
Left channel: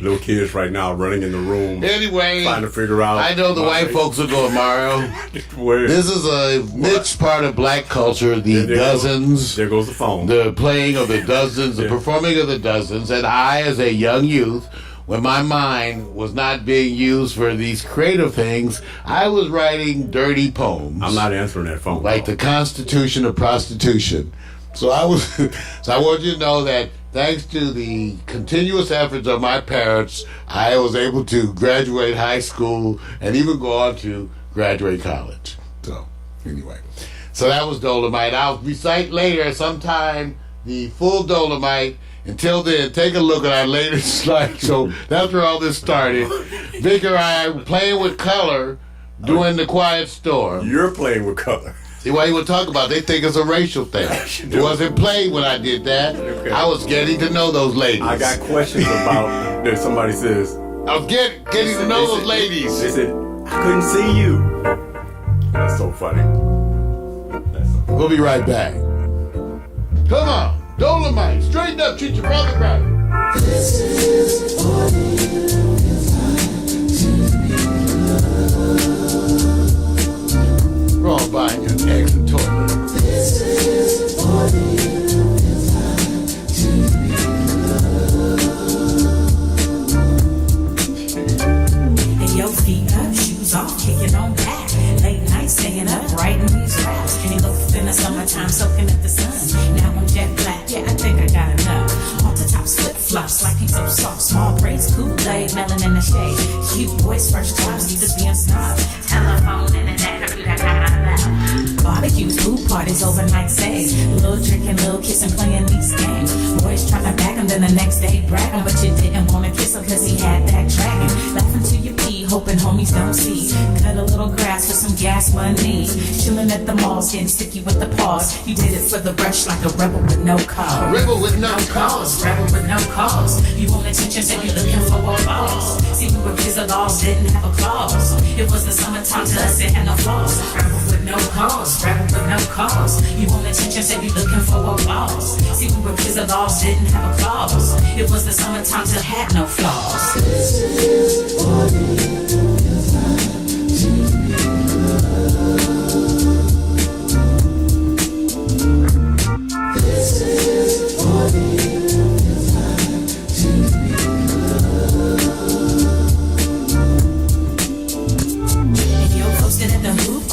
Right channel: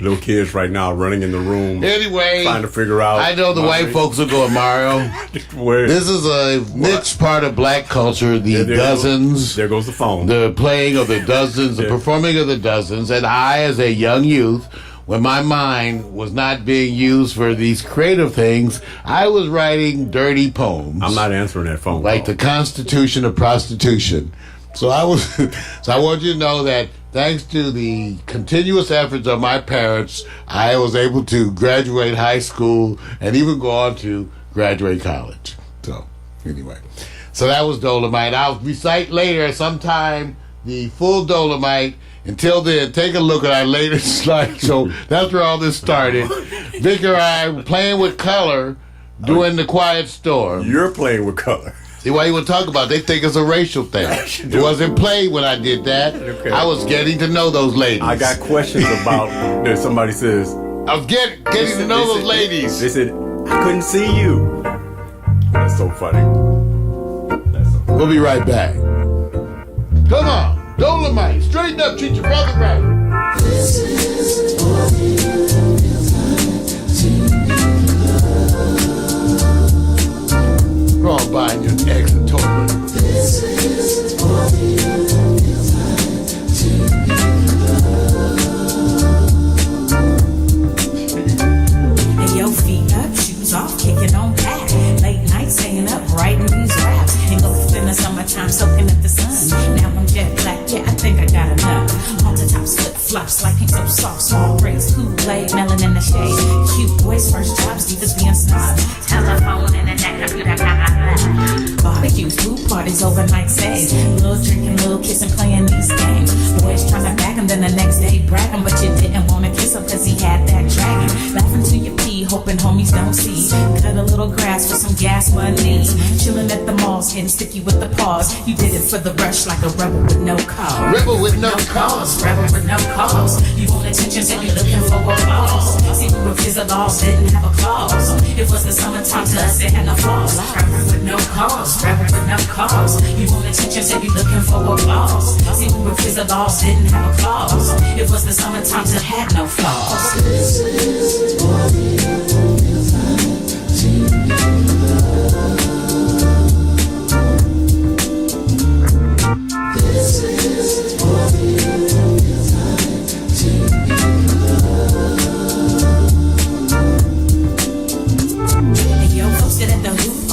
Little kids right now running in the room. Anyway, trying to figure out. I know the white folks are going, Mario. This is a niche part of black culture. The dozens. There goes the phone. The playing of the dozens, the performing of the dozens. And I, as a young youth, when my mind was not being used for these creative things, I was writing dirty poems. I'm not answering that phone. Like the Constitution of Prostitution. So I want you to know that thanks to the continuous efforts of my parents, I was able to graduate high school and even go on to graduate college. So, anyway. So that was Dolomite. I'll recite later sometime the full Dolomite. Until then, take a look at our latest slideshow. That's where all this started. Vic and I were playing with color during the Quiet Storm. You're playing with color. See why you would talk about it? They think it's a racial thing. It wasn't played when I did that. Okay. I was getting to know those ladies. I got questions about that. Somebody says I was getting to know those ladies. They said I couldn't see you. That's so funny. We'll be right back. Come on, Dolomite, straighten up, treat your brother right. This is go on buying your eggs and toilet. This is and your feet up, shoes off, kicking on back. Late night staying up, writing these raps. And go in the summertime, soaking up the sun. Now I'm jet black, yeah, I think I got enough. On the tops, flip flops, like pink so soft, small braids, Kool-Aid, melon in the shade. Cute boys, first jobs, leaders being snob. Telephone, internet, computer, got my lap. Barbecues, food parties, overnight stays. Little drinking, little kissing, playing these games. Boys trying to back him, then the next day bragging, but you didn't want to kiss him cause he had that dragon. Laughing till you pee, hoping homies don't see. Cut a little grass for some gas money. Chilling at the malls, getting sticky with the paws. You did it for the rush like a rebel with no cause. Rebel with no cause. Rebel with no cause. You want attention, so you looking for applause. See, we were the laws, didn't have a clause. It was the summertime to us, it had no flaws. Rebel with no cause. Rebel with no cause. You want attention, so you looking for applause. See, we were the laws, didn't have a clause. It was the summertime to had no flaws. This is what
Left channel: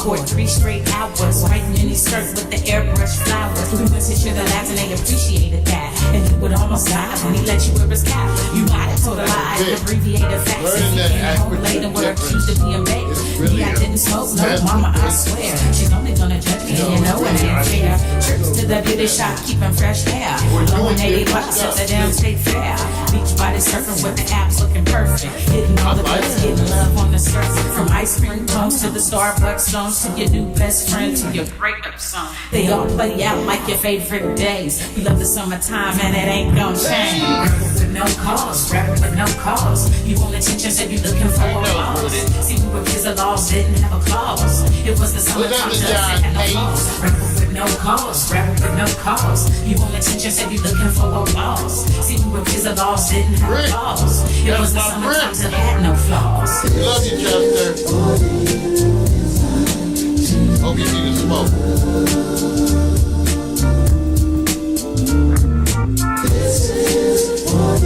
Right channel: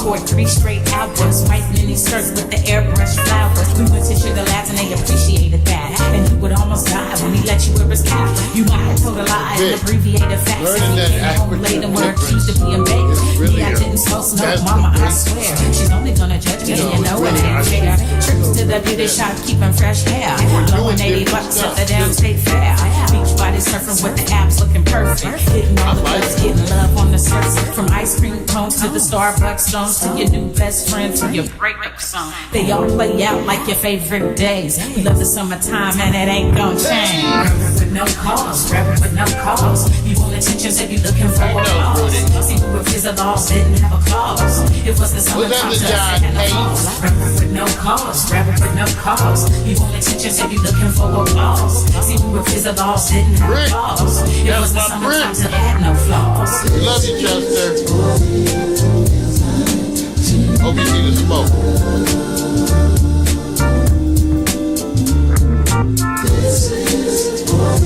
court, 3 straight hours, white mini skirts with the airbrush flowers. We went to sugar labs and they appreciated that. And he would almost die when he let you wear his cap. You might have told a lie and abbreviated facts. If he came home late and were accused of being baked. Me, I didn't smoke, no, mama, I swear. She's only gonna judge me, you know it ain't fair. Trips to the beauty shop, keeping fresh hair. Blowing $80 at the damn state fair. Beach body surfing with the abs looking perfect. Hitting all the girls, getting love on the surface. From ice cream cones to the Starbucks songs, to your new best friend, to your breakup song. They all play out like your favorite days. We love the summertime and it ain't gon' change. Rebel with no cause, rebel with no cause. You want attention, so you looking for applause. See, we were kids, the laws didn't have a clause. It was the summertime, so it had no flaws. Rebel with no cause, rebel with no cause. You want attention, so you looking for applause. See, we were kids, the laws didn't have a clause. It was the summertime, so it had no flaws. Love you, Chester. Hope you see the smoke. This is what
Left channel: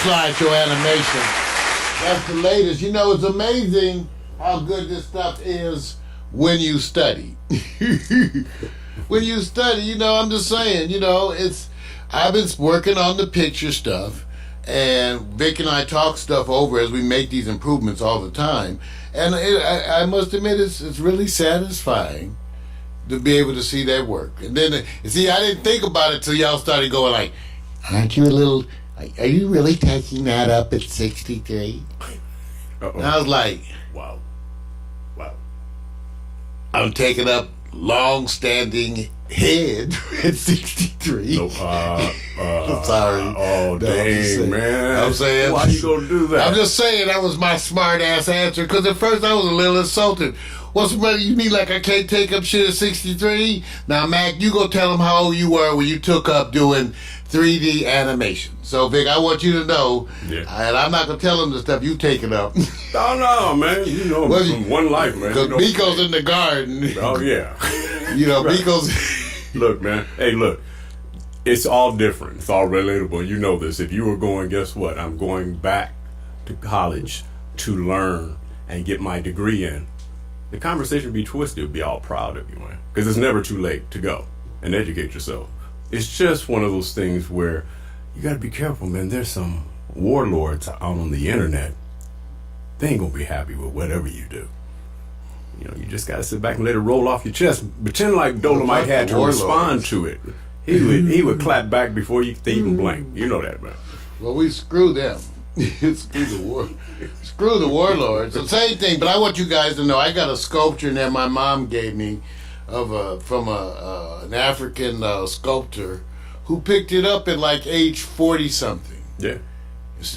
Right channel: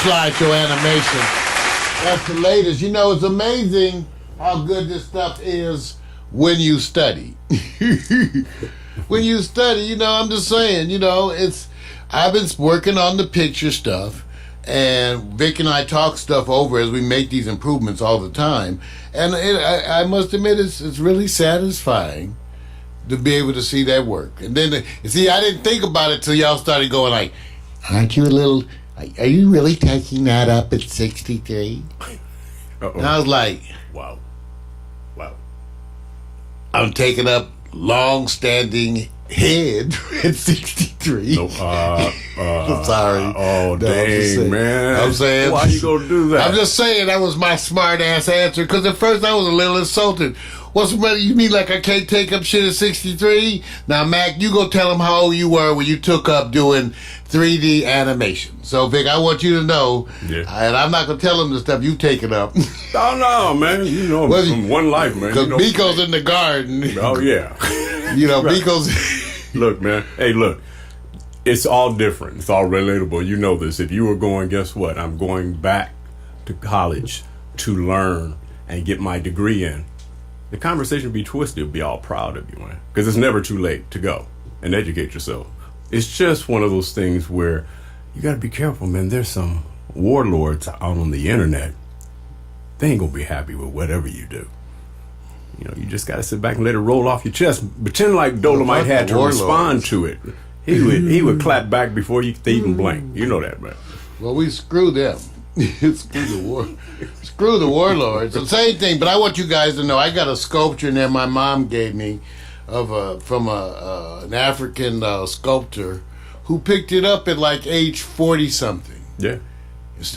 slideshow animation. That's the latest. You know, it's amazing how good this stuff is when you study. When you study, you know, I'm just saying, you know, I've been working on the picture stuff, And Vic and I talk stuff over as we make these improvements all the time. And I must admit, it's really satisfying to be able to see that work. And then, see, I didn't think about it till y'all started going like, aren't you a little, are you really taking that up at 63? And I was like, wow. I'm taking up long-standing head at 63. No, I'm sorry. Oh, dang, man. I'm saying. Why you gonna do that? I'm just saying that was my smart-ass answer, because at first I was a little insulted. What's the matter? You mean like I can't take up shit at 63? Now, Mac, you go tell them how old you were when you took up doing 3D animation. So, Vic, I want you to know, and I'm not going to tell them the stuff you've taken up. Oh, no, man. You know, well, from one life, man. Because Biko's in the garden. Oh, yeah. You know, right. Biko's... Look, man. Hey, look. It's all different. It's all relatable. You know this. If you were going, guess what? I'm going back to college to learn and get my degree in. The conversation would be twisted. Would be all proud of you, man. Because it's never too late to go and educate yourself. It's just one of those things where you got to be careful, man. There's some warlords out on the internet. They ain't going to be happy with whatever you do. You know, you just got to sit back and let it roll off your chest. Pretend like Dolomite had to respond to it. He would clap back before they even blink. You know that, man. Well, we screw them. Screw the warlords. The same thing, but I want you guys to know I got a sculpture that my mom gave me from an African sculptor who picked it up at like age 40 something. Yeah.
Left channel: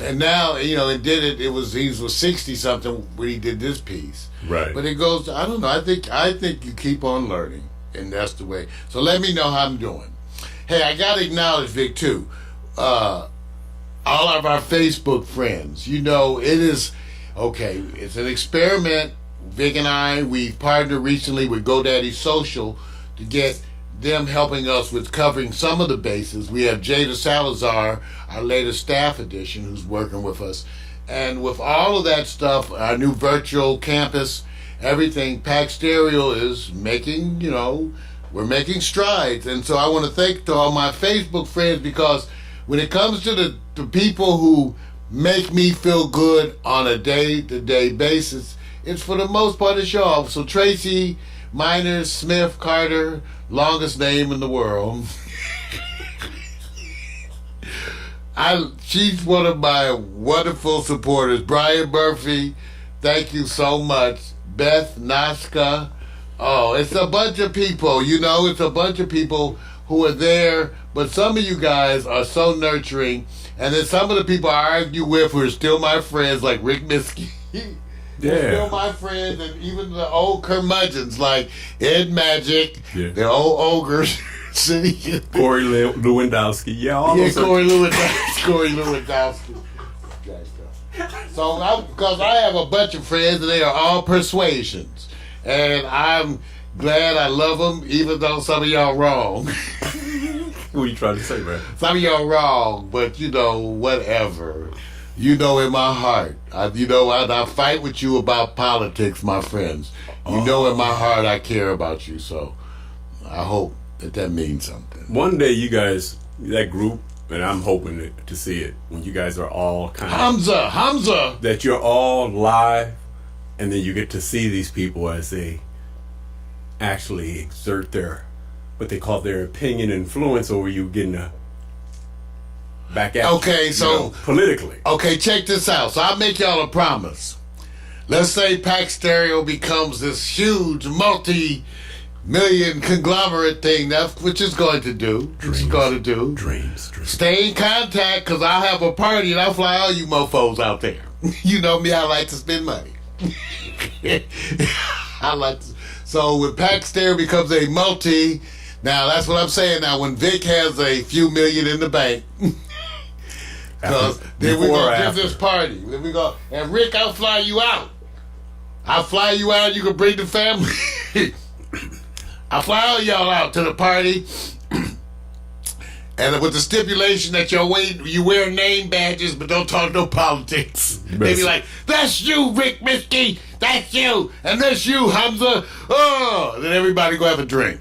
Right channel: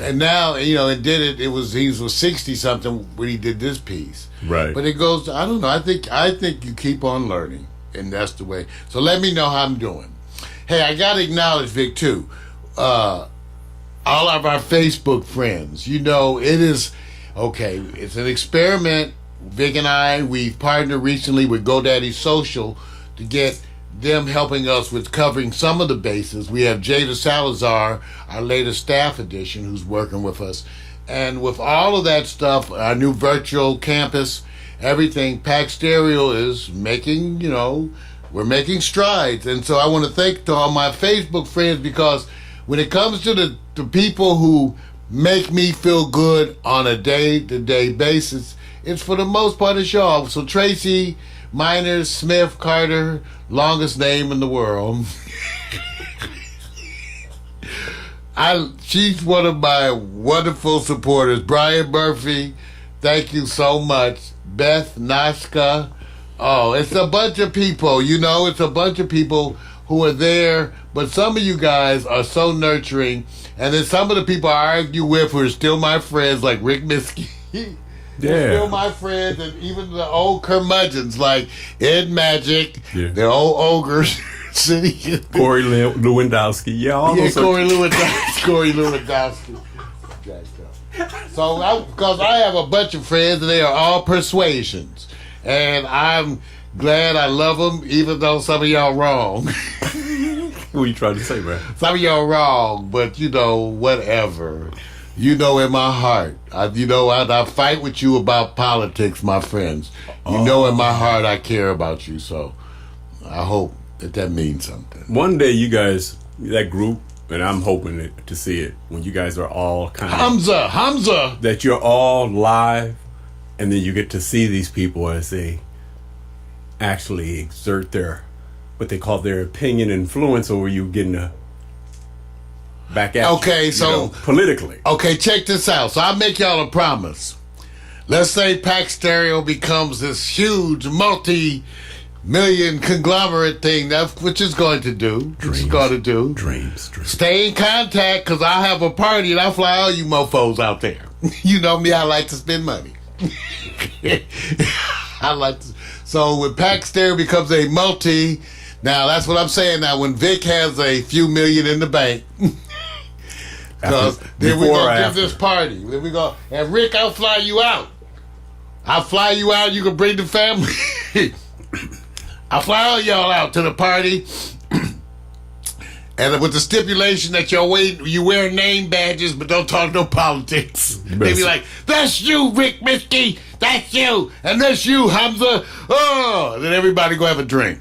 And now, you know, he was 60 something when he did this piece. Right. But it goes, I don't know, I think you keep on learning, and that's the way. So let me know how I'm doing. Hey, I got to acknowledge, Vic, too. All of our Facebook friends, you know, it is, okay, it's an experiment. Vic and I, we've partnered recently with GoDaddy Social to get them helping us with covering some of the bases. We have Jada Salazar, our latest staff addition, who's working with us. And with all of that stuff, our new virtual campus, everything, Pax Stereo is making, you know, we're making strides. And so I want to thank to all my Facebook friends, because when it comes to the people who make me feel good on a day-to-day basis, it's for the most part it's y'all. So Tracy Miners Smith Carter, longest name in the world. She's one of my wonderful supporters. Brian Murphy, thank you so much. Beth Naska. Oh, it's a bunch of people, you know, it's a bunch of people who are there, but some of you guys are so nurturing. And then some of the people I argue with who are still my friends, like Rick Miskey. They're still my friends, and even the old curmudgeons like Ed Magic, the old ogres. Corey Lewandowski. Corey Lewandowski. So, because I have a bunch of friends, and they are all persuasions. And I'm glad I love them, even though some of y'all wrong. What are you trying to say, man? Some of y'all wrong, but you know, whatever. You know, in my heart, I fight with you about politics, my friends. You know, in my heart, I care about you. So, I hope that means something. One day, you guys, that group, and I'm hoping to see it when you guys are all kind of Hamza, that you're all live, and then you get to see these people as they actually exert their what they call their opinion influence over you, getting a back at okay, you, so you know, politically. Okay, check this out. So I'll make y'all a promise. Let's say Pax Stereo becomes this huge multi-million conglomerate thing, which it's going to do. Dreams. Stay in contact, because I'll have a party and I'll fly all you mofos out there. You know me, I like to spend money. So when Pax Stereo becomes a multi, now that's what I'm saying now, when Vic has a few million in the bank, because then we're going to give this party. Then we go, and Rick, I'll fly you out. You can bring the family. I'll fly all y'all out to the party. And with the stipulation that you wear name badges, but don't talk no politics. They be like, that's you, Rick Miskey. That's you. And that's you, Hamza. Oh, then everybody go have a drink.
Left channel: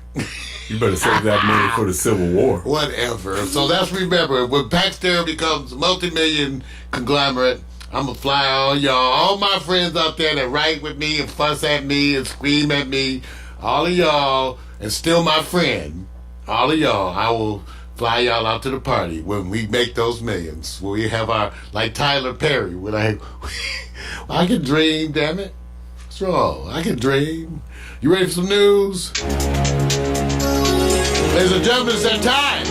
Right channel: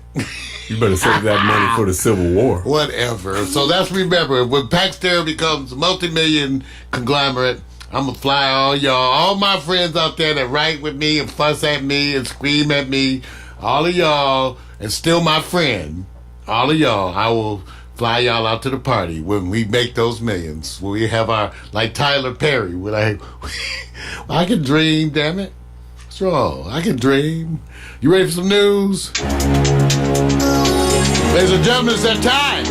You better save that money for the Civil War. Whatever. So that's, remember, when Pax Stereo becomes a multi-million conglomerate, I'm going to fly all y'all, all my friends out there that write with me and fuss at me and scream at me, all of y'all, and still my friend, all of y'all, I will fly y'all out to the party when we make those millions. When we have our, like Tyler Perry, when I can dream, damn it. What's wrong? I can dream. You ready for some news? Ladies and gentlemen, it's that time.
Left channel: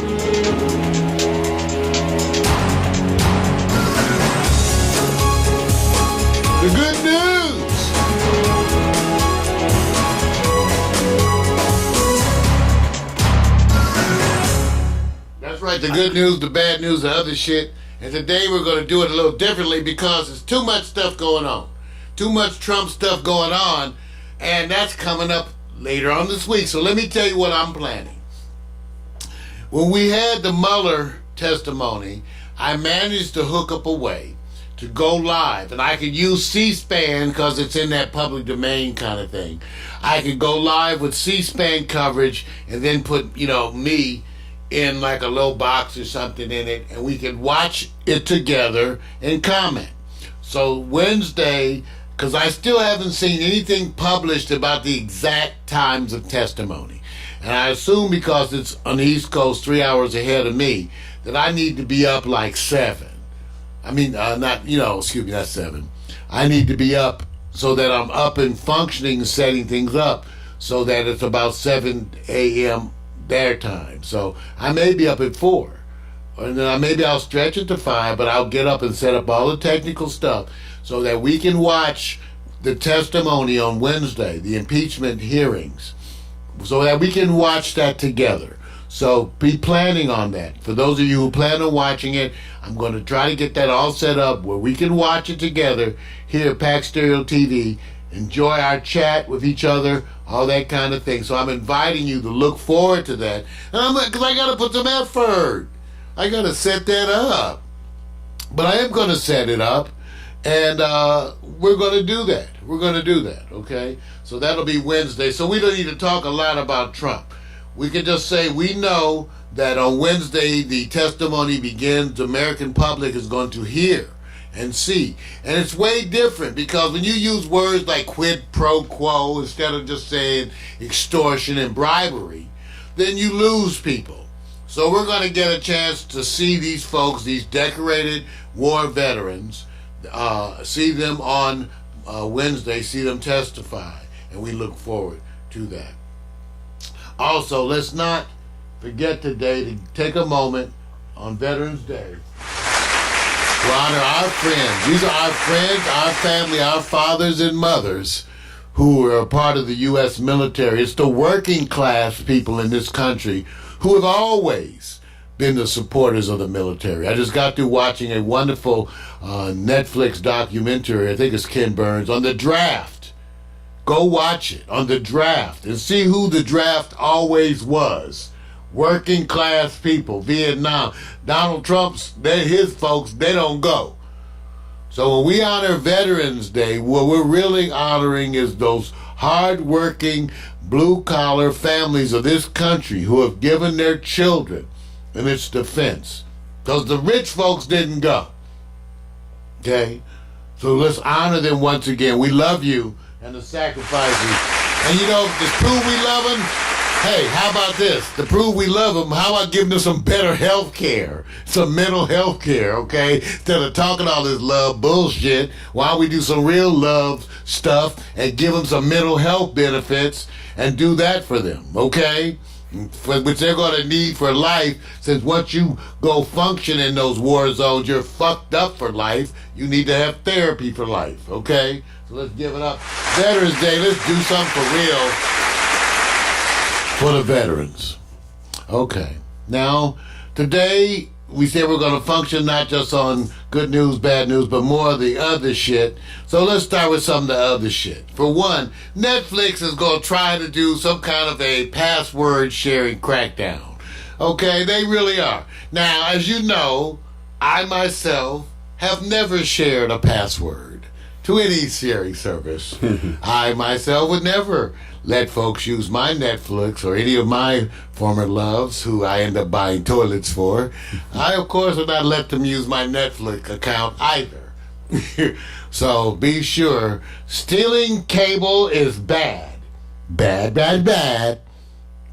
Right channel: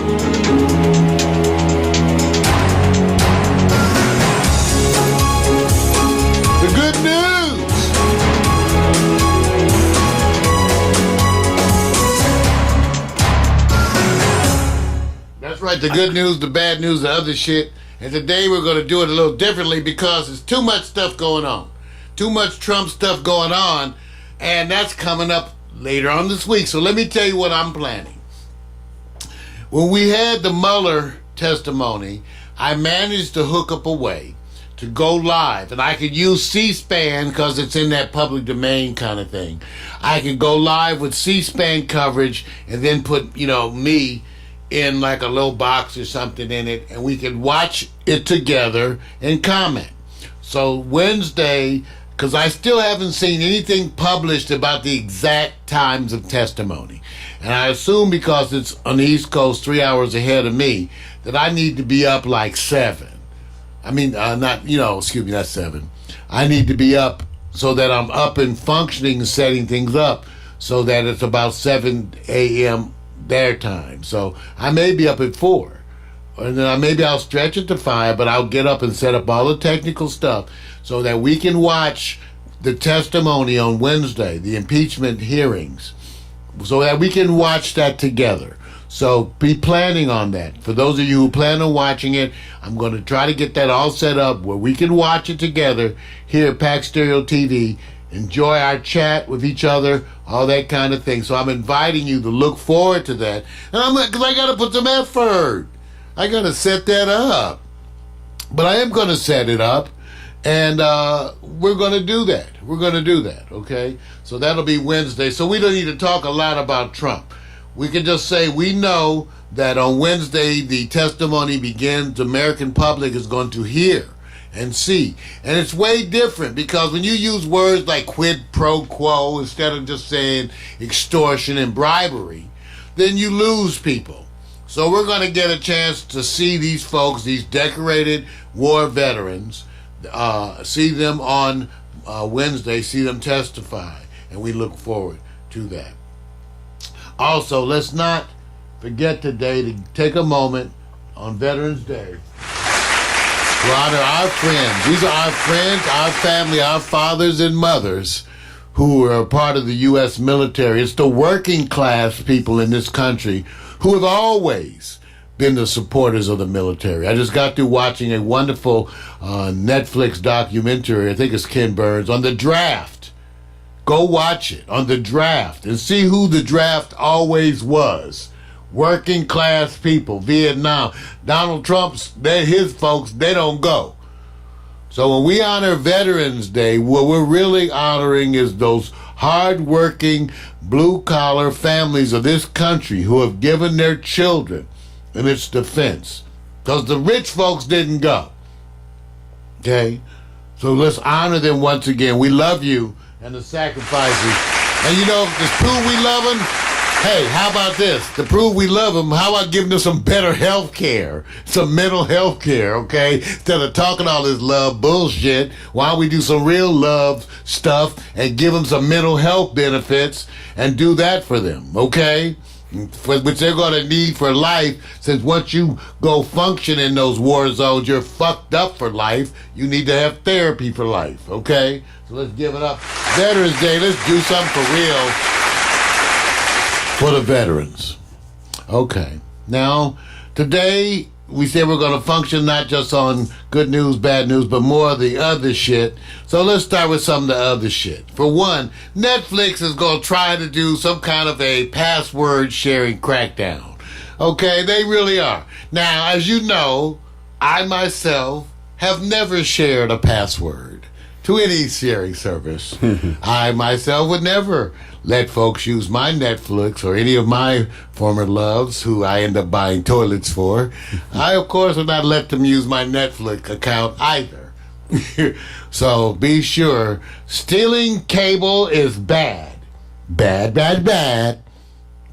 The good news. That's right, the good news, the bad news, the other shit. And today we're going to do it a little differently because there's too much stuff going on. Too much Trump stuff going on. And that's coming up later on this week. So let me tell you what I'm planning. When we had the Mueller testimony, I managed to hook up a way to go live, and I could use C-SPAN because it's in that public domain kind of thing. I could go live with C-SPAN coverage and then put, me in like a little box or something in it, and we could watch it together and comment. So Wednesday, because I still haven't seen anything published about the exact times of testimony, and I assume because it's on the East Coast 3 hours ahead of me, that I need to be up like 7. Not 7. I need to be up so that I'm up and functioning and setting things up so that it's about 7 a.m. their time. So I may be up at 4. And then maybe I'll stretch it to 5, but I'll get up and set up all the technical stuff so that we can watch the testimony on Wednesday, the impeachment hearings, so that we can watch that together. So be planning on that. For those of you who plan on watching it, I'm going to try to get that all set up where we can watch it together here at Pax Stereo TV, enjoy our chat with each other, all that kind of thing. So I'm inviting you to look forward to that. And because I got to put some effort. I got to set that up. But I am going to set it up, and we're going to do that. We're going to do that, okay? So that'll be Wednesday. So we don't need to talk a lot about Trump. We can just say we know that on Wednesday the testimony begins. The American public is going to hear and see. And it's way different because when you use words like quid pro quo instead of just saying extortion and bribery, then you lose people. So we're going to get a chance to see these folks, these decorated war veterans, see them on Wednesday, see them testify. And we look forward to that. Also, let's not forget today to take a moment on Veterans Day to honor our friends. These are our friends, our family, our fathers and mothers who are a part of the U.S. military. It's the working class people in this country who have always been the supporters of the military. I just got through watching a wonderful Netflix documentary, I think it's Ken Burns, on the draft. Go watch it, on the draft, and see who the draft always was. Working class people, Vietnam. Donald Trump's, his folks, they don't go. So when we honor Veterans Day, what we're really honoring is those hard-working, blue-collar families of this country who have given their children in its defense. Because the rich folks didn't go. Okay? So let's honor them once again. We love you and the sacrifices. And to prove we love them, hey, how about this? To prove we love them, how about giving them some better health care? Some mental health care, okay? Instead of talking all this love bullshit, why don't we do some real love stuff and give them some mental health benefits and do that for them, okay? Which they're going to need for life, since once you go function in those war zones, you're fucked up for life. You need to have therapy for life, okay? So let's give it up. Veterans Day, let's do something for real for the veterans. Okay. Now, today, we said we're going to function not just on good news, bad news, but more of the other shit. So let's start with some of the other shit. For one, Netflix is going to try to do some kind of a password sharing crackdown. Okay, they really are. Now, as you know, I myself have never shared a password to any sharing service. I myself would never let folks use my Netflix or any of my former loves who I end up buying toilets for. I, of course, will not let them use my Netflix account either. So be sure, stealing cable is bad. Bad, bad, bad.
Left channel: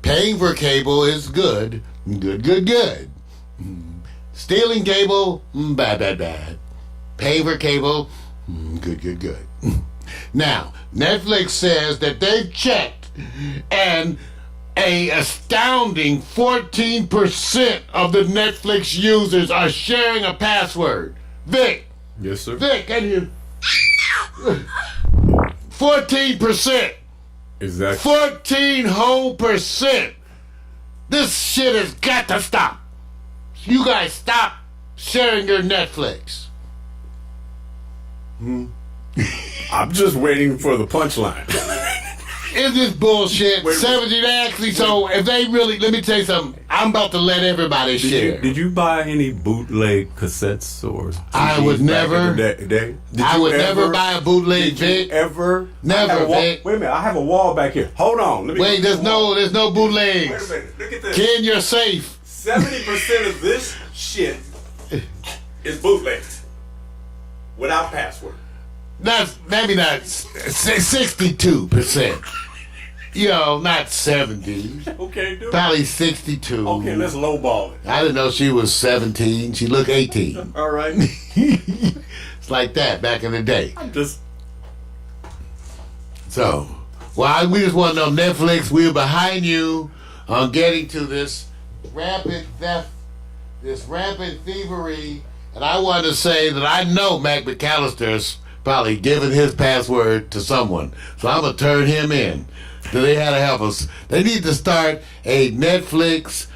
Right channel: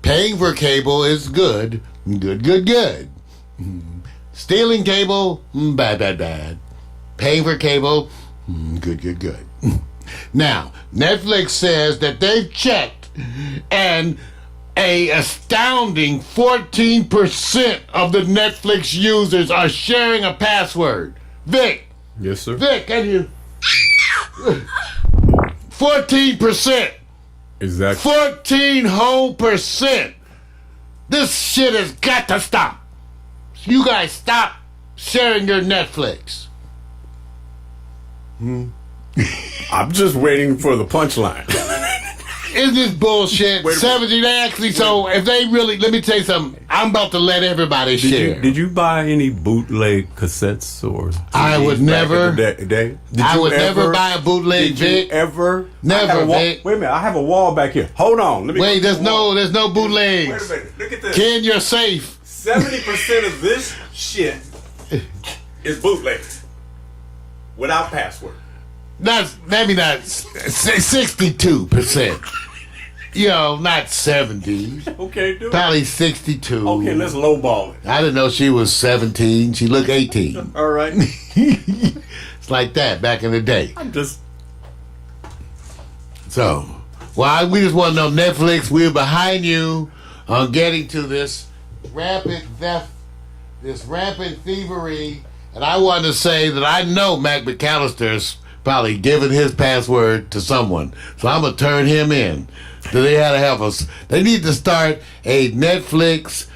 Paying for cable is good. Good, good, good. Stealing cable, bad, bad, bad. Paying for cable, good, good, good. Now, Netflix says that they've checked and a astounding 14% of the Netflix users are sharing a password. Vic. Yes, sir. Vic, can you? 14%. Exactly. 14 whole %. This shit has got to stop. You guys stop sharing your Netflix. I'm just waiting for the punchline. Is this bullshit? Wait a minute. 70 actually, so if they really, let me tell you something, I'm about to let everybody share. Did you buy any bootleg cassettes or CDs I would never. back in the day? Did I you would never ever buy a bootleg, Did you Vic. ever? Never, I have a wall- Vic. Wait a minute, I have a wall back here. Hold on. Let me Wait, there's no Wait a bootlegs. minute, look at this. Ken, you're safe. 70% of this shit is bootleg. Without password. Maybe not 62%. You know, not 70. Okay, dude. Probably 62. Okay, let's lowball it. I didn't know she was 17. She looked 18. All right. It's like that back in the day. I'm just. So, we just want to know, Netflix, we're behind you on getting to this rampant theft, this rampant thievery. And I want to say that I know Mac McAllister's probably given his password to someone. So I'm going to turn him in. So they had to help us. They need to start a Netflix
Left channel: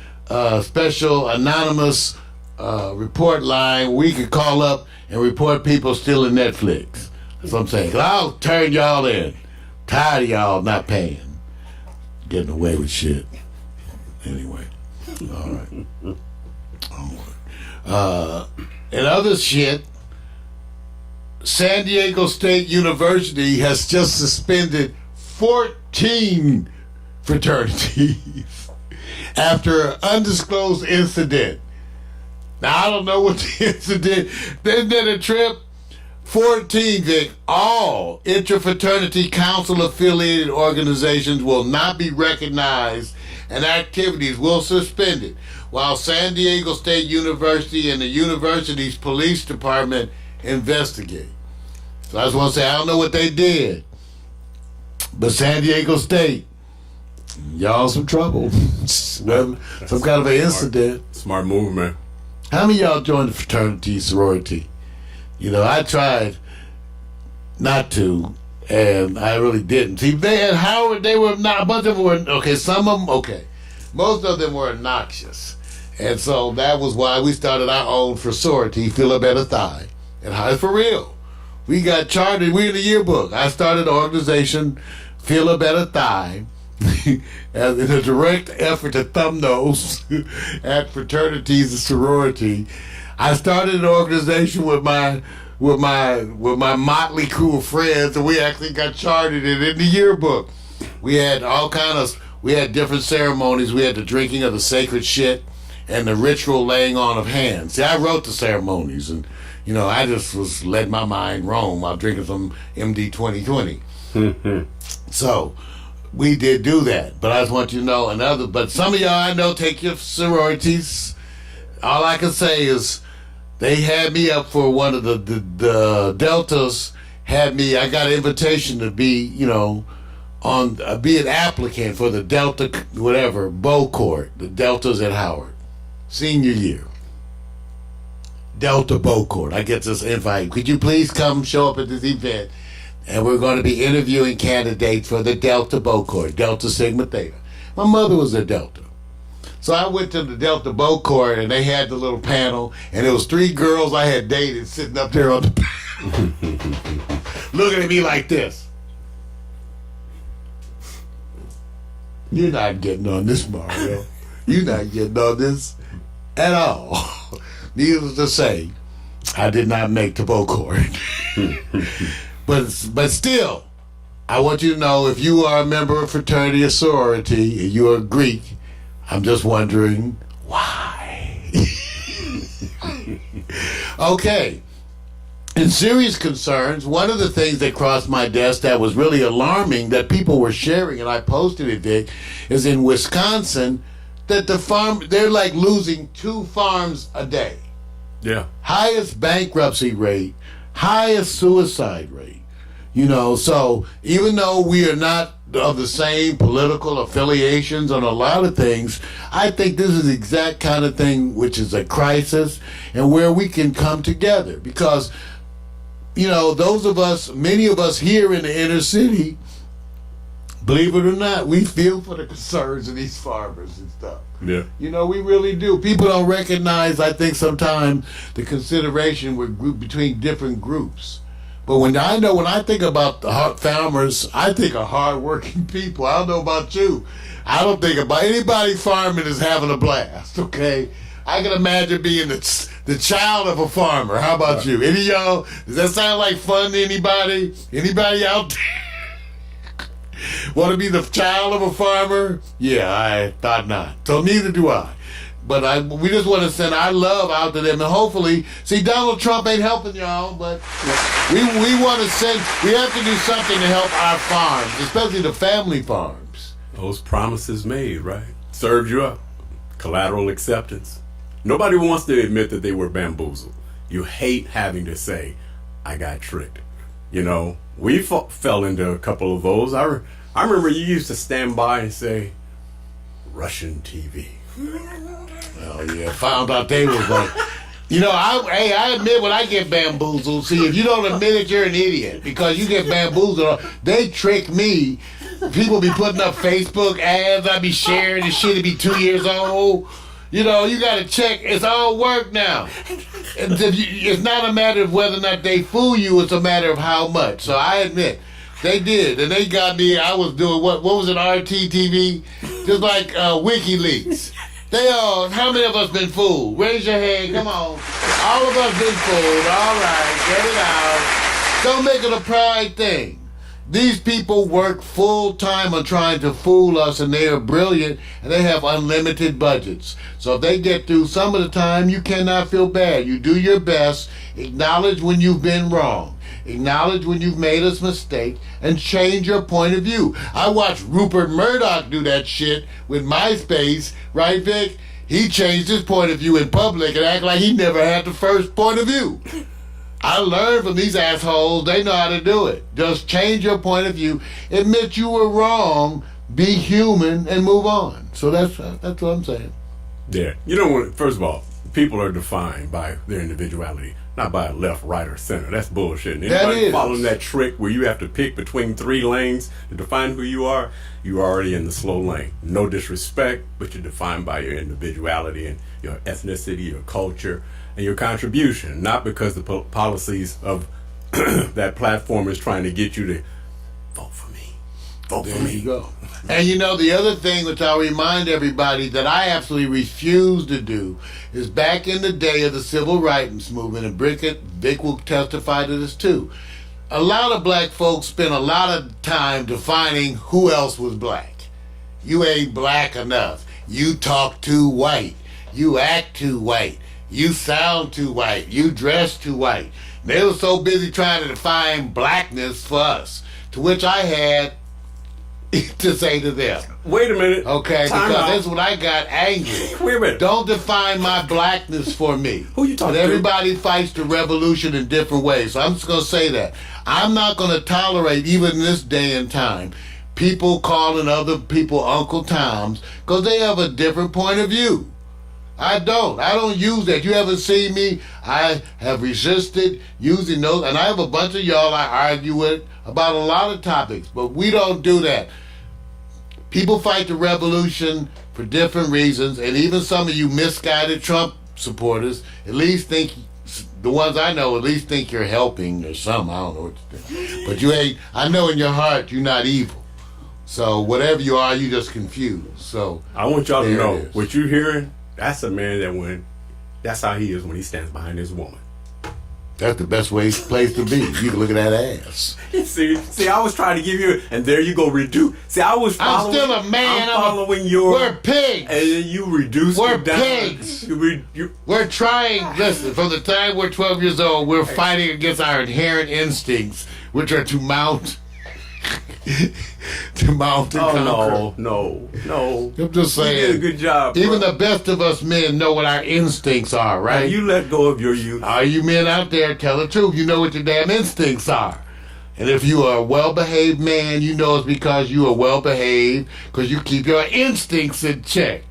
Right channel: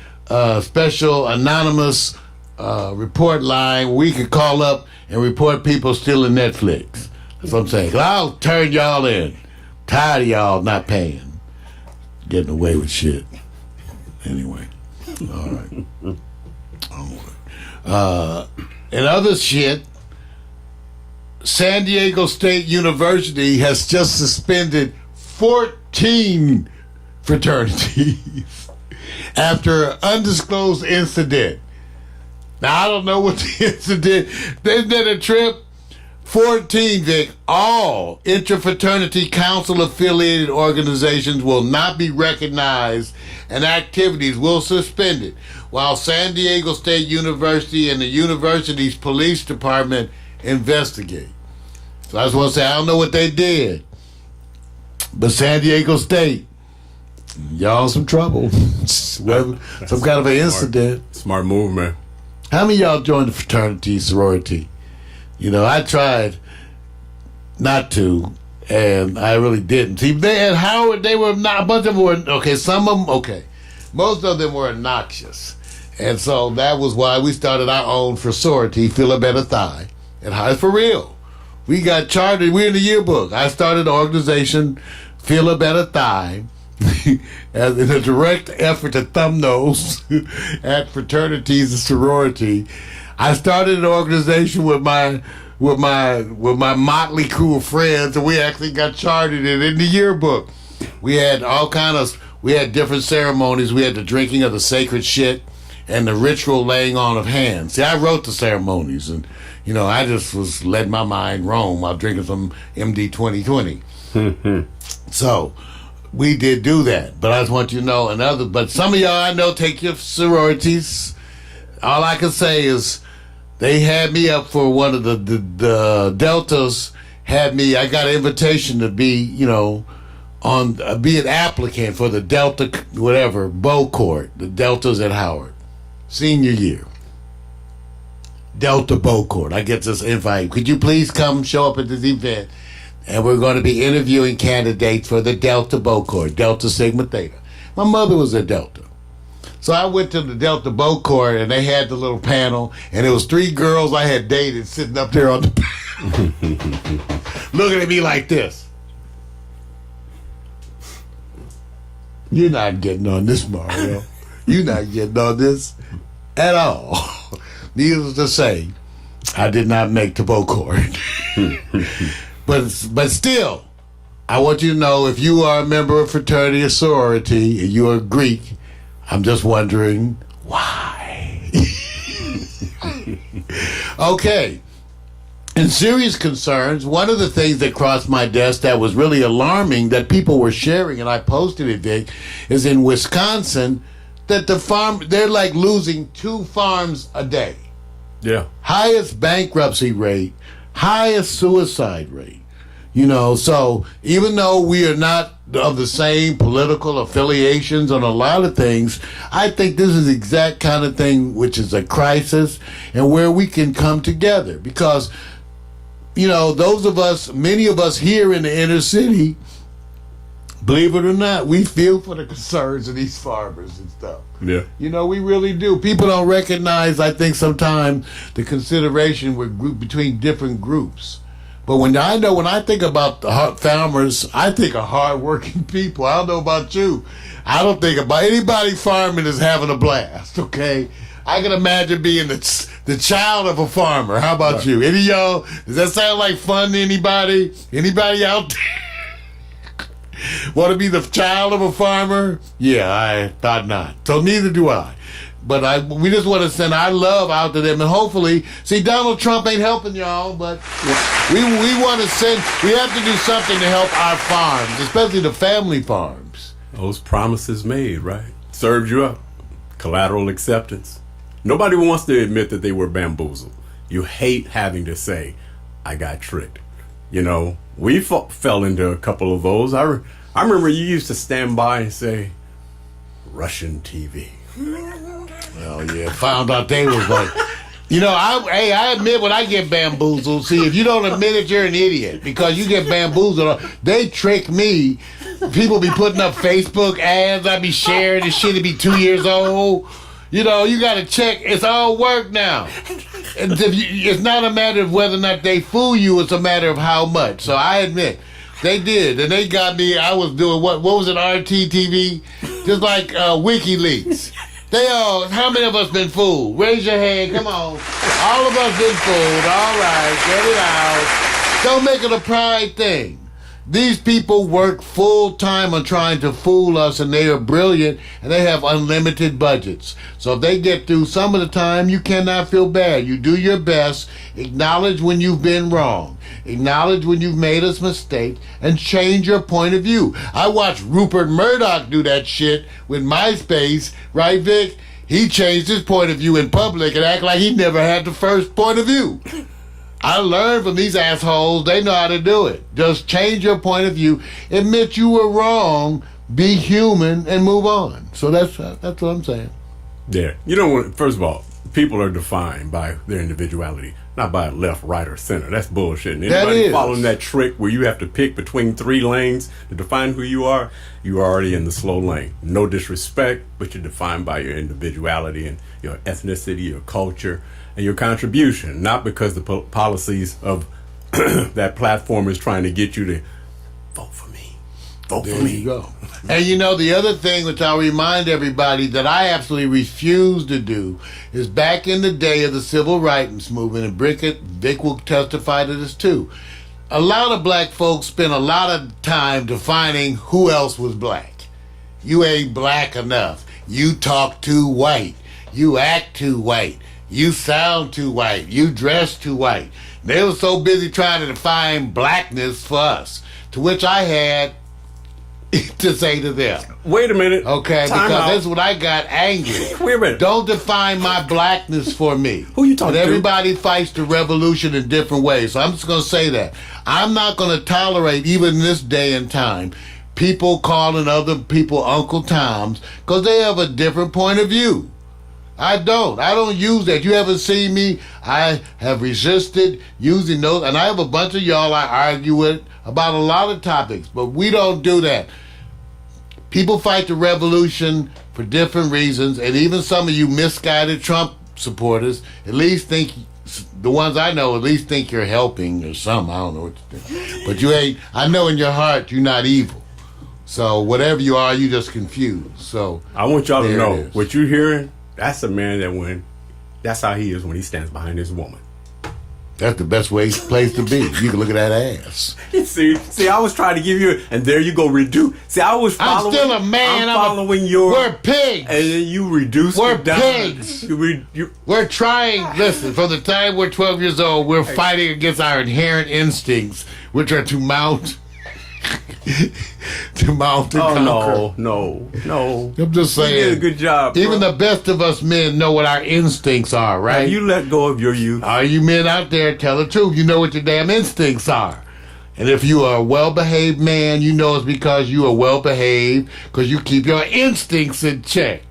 special anonymous report line. We could call up and report people stealing Netflix. That's what I'm saying. I'll turn y'all in. Tired of y'all not paying. Getting away with shit. Anyway. All right. And other shit, San Diego State University has just suspended 14 fraternities after an undisclosed incident. Now, I don't know what the incident. Isn't that a trip? 14, Vic. All interfraternity council affiliated organizations will not be recognized and activities will suspend it, while San Diego State University and the university's police department investigate. So I just want to say, I don't know what they did, but San Diego State, y'all in some trouble. Some kind of an incident. Smart move, man. How many of y'all joined the fraternity, sorority? You know, I tried not to, and I really didn't. See, they had Howard, they were not, a bunch of them were, okay, some of them, okay. Most of them were obnoxious. And so that was why we started our own sorority, Feel a Better Thigh. And how, for real. We got chartered, we're in the yearbook. I started an organization, Feel a Better Thigh, as in a direct effort to thumb nose at fraternities and sorority. I started an organization with my motley crew of friends, and we actually got chartered and in the yearbook. We had we had different ceremonies. We had the drinking of the sacred shit and the ritual laying on of hands. See, I wrote the ceremonies, and you know, I just was letting my mind roam while drinking some MD 2020. So we did do that, but I just want you to know but some of y'all I know take your sororities. All I can say is they had me up for one of the Deltas had me. I got an invitation to be, you know, be an applicant for the Delta bow court, the Deltas at Howard, senior year. Delta bow court. I get this invite. Could you please come show up at this event? And we're going to be interviewing candidates for the Delta bow court, Delta Sigma Theta. My mother was a Delta. So I went to the Delta bow court, and they had the little panel, and there was 3 girls I had dated sitting up there on the panel, looking at me like this. You're not getting on this, Mario. You're not getting on this at all. Needless to say, I did not make the bow court. But still, I want you to know, if you are a member of fraternity or sorority and you are Greek, I'm just wondering why. Okay. In serious concerns, one of the things that crossed my desk that was really alarming that people were sharing, and I posted it, Vic, is in Wisconsin that they're like losing 2 farms a day. Yeah. Highest bankruptcy rate, highest suicide rate. So even though we are not of the same political affiliations on a lot of things, I think this is the exact kind of thing which is a crisis and where we can come together. Because, many of us here in the inner city, believe it or not, we feel for the concerns of these farmers and stuff. Yeah. We really do. People don't recognize, I think, sometimes the consideration between different groups. But when I think about the farmers, I think of hardworking people. I don't know about you. I don't think about anybody farming is having a blast, okay? I can imagine being the child of a farmer. How about you? Any of y'all, does that sound like fun to anybody? Anybody out there want to be the child of a farmer? Yeah, I thought not. So neither do I. But we just want to send our love out to them, and hopefully, Donald Trump ain't helping y'all, but we want to we have to do something to help our farms, especially the family farms. Those promises made, right? Served you up. Collateral acceptance. Nobody wants to admit that they were bamboozled. You hate having to say, I got tricked. We fell into a couple of those. I remember you used to stand by and say, Russian TV. Well, yeah, found out they was like, I admit when I get bamboozled. See, if you don't admit it, you're an idiot, because you get bamboozled. They trick me. People be putting up Facebook ads. I be sharing this shit. It be 2 years old. You got to check. It's all work now. It's not a matter of whether or not they fool you. It's a matter of how much. So I admit. They did, and they got me. I was doing what was it, RTTV? Just like WikiLeaks. How many of us been fooled? Raise your hand, come on. All of us been fooled, all right, get it out. Don't make it a pride thing. These people work full time on trying to fool us, and they are brilliant, and they have unlimited budgets. So if they get through some of the time, you cannot feel bad. You do your best, acknowledge when you've been wrong. Acknowledge when you've made a mistake and change your point of view. I watched Rupert Murdoch do that shit with MySpace, right, Vic? He changed his point of view in public and act like he never had the first point of view. I learned from these assholes. They know how to do it. Just change your point of view. Admit you were wrong. Be human and move on. So that's what I'm saying. Yeah. First of all, people are defined by their individuality. Not by left, right, or center. That's bullshit. And anybody following that trick where you have to pick between 3 lanes to define who you are already in the slow lane. No disrespect, but you're defined by your individuality and your ethnicity, your culture, and your contribution. Not because the policies of that platform is trying to get you to vote for me. Vote for me. There you go. And the other thing which I'll remind everybody that I absolutely refuse to do is back in the day of the civil rights movement, and Vic will testify to this too. A lot of black folks spent a lot of time defining who else was black. You ain't black enough. You talk too white. You act too white. You sound too white. You dress too white. They were so busy trying to define blackness for us, to which I had to say to them. Wait a minute. Okay, because that's what I got angry. Wait a minute. Don't define my blackness for me. Who you talking to? Everybody fights the revolution in different ways. So I'm just going to say that. I'm not going to tolerate, even in this day and time, people calling other people Uncle Toms because they have a different point of view. I don't use that. You haven't seen me. I have resisted using those. And I have a bunch of y'all I argue with about a lot of topics. But we don't do that. People fight the revolution for different reasons. And even some of you misguided Trump supporters at least think, the ones I know at least think you're helping or something. I don't know what you think. But you ain't, I know in your heart you're not evil. So whatever you are, you just confused. So I want y'all to know what you're hearing. That's a man that's how he is when he stands behind his woman. That's the best place to be. You can look at that ass. See, I was trying to give you, and there you go, reduce. See, I was following. I'm still a man. I'm following your. We're pigs. And then you reduce We're it down. pigs. We're trying. Listen, from the time we're 12 years old, we're fighting against our inherent instincts, which are to mount. To mount and conquer. No. I'm just saying. You did a good job. Even bro. the best of us men know what our instincts are, right? Have you let go of your youth? All you men out there, tell the truth. You know what your damn instincts are. And if you are a well-behaved man, you know it's because you are well-behaved, because you keep your instincts in check.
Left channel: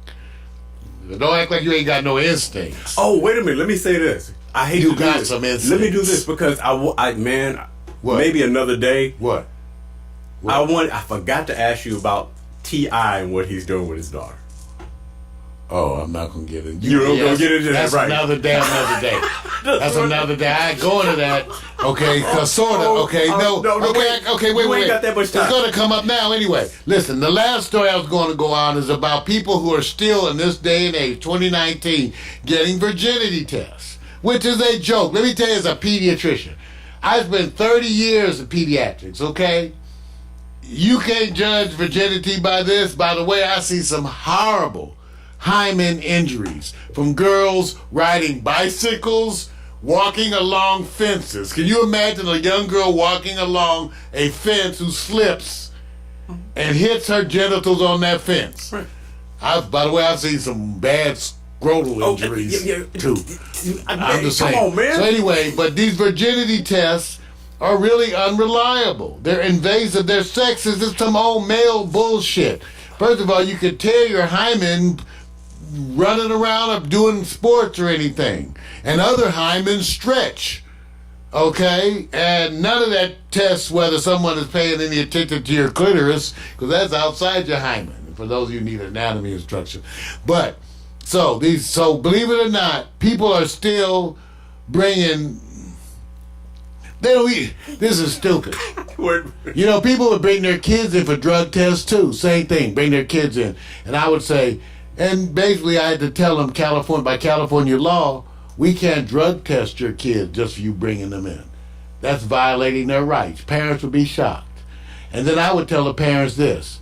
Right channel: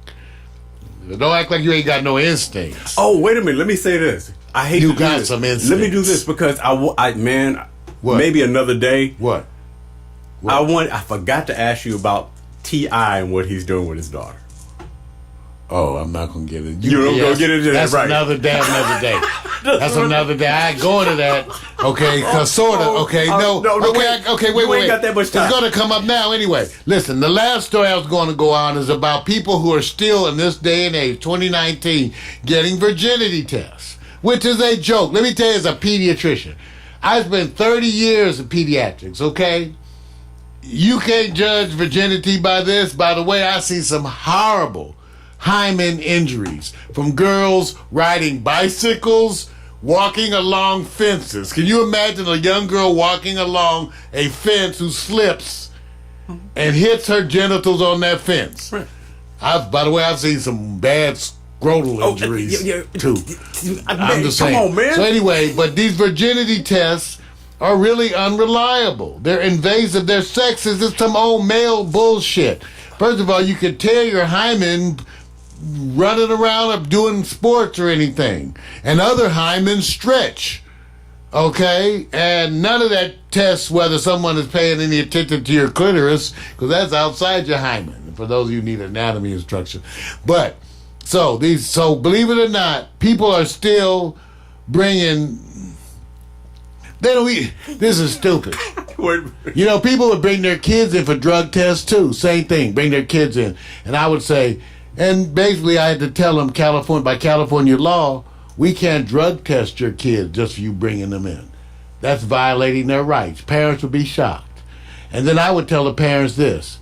Don't act like you ain't got no instincts. Oh, wait a minute. Let me say this. I hate You to do got this. some instincts. Let me do this because man, What? maybe another day. What? I forgot to ask you about T.I. and what he's doing with his daughter. Oh, I'm not going to get into it. You don't go get into that, That's right. another day. That's another day. I ain't going to that. Okay, sort of. Okay, wait. You ain't got that much time. It's going to come up now anyway. Listen, the last story I was going to go on is about people who are still in this day and age, 2019, getting virginity tests, which is a joke. Let me tell you, as a pediatrician, I spent 30 years in pediatrics, okay? You can't judge virginity by this. By the way, I see some horrible hymen injuries from girls riding bicycles, walking along fences. Can you imagine a young girl walking along a fence who slips and hits her genitals on that fence? Right. By the way, I've seen some bad scrotal injuries too. I'm just saying. Come on, man. So anyway, but these virginity tests are really unreliable. They're invasive. They're sexist. It's some old male bullshit. First of all, you could tear your hymen running around or doing sports or anything. And other hymens stretch. Okay? And none of that tests whether someone is paying any attention to your clitoris, because that's outside your hymen, for those of you who need anatomy instruction. But, so believe it or not, people are still bringing... This is stupid. You know, people would bring their kids in for drug tests too. Same thing, bring their kids in. And I would say, and basically I had to tell them, by California law, we can't drug test your kids just for you bringing them in. That's violating their rights. Parents would be shocked. And then I would tell the parents this:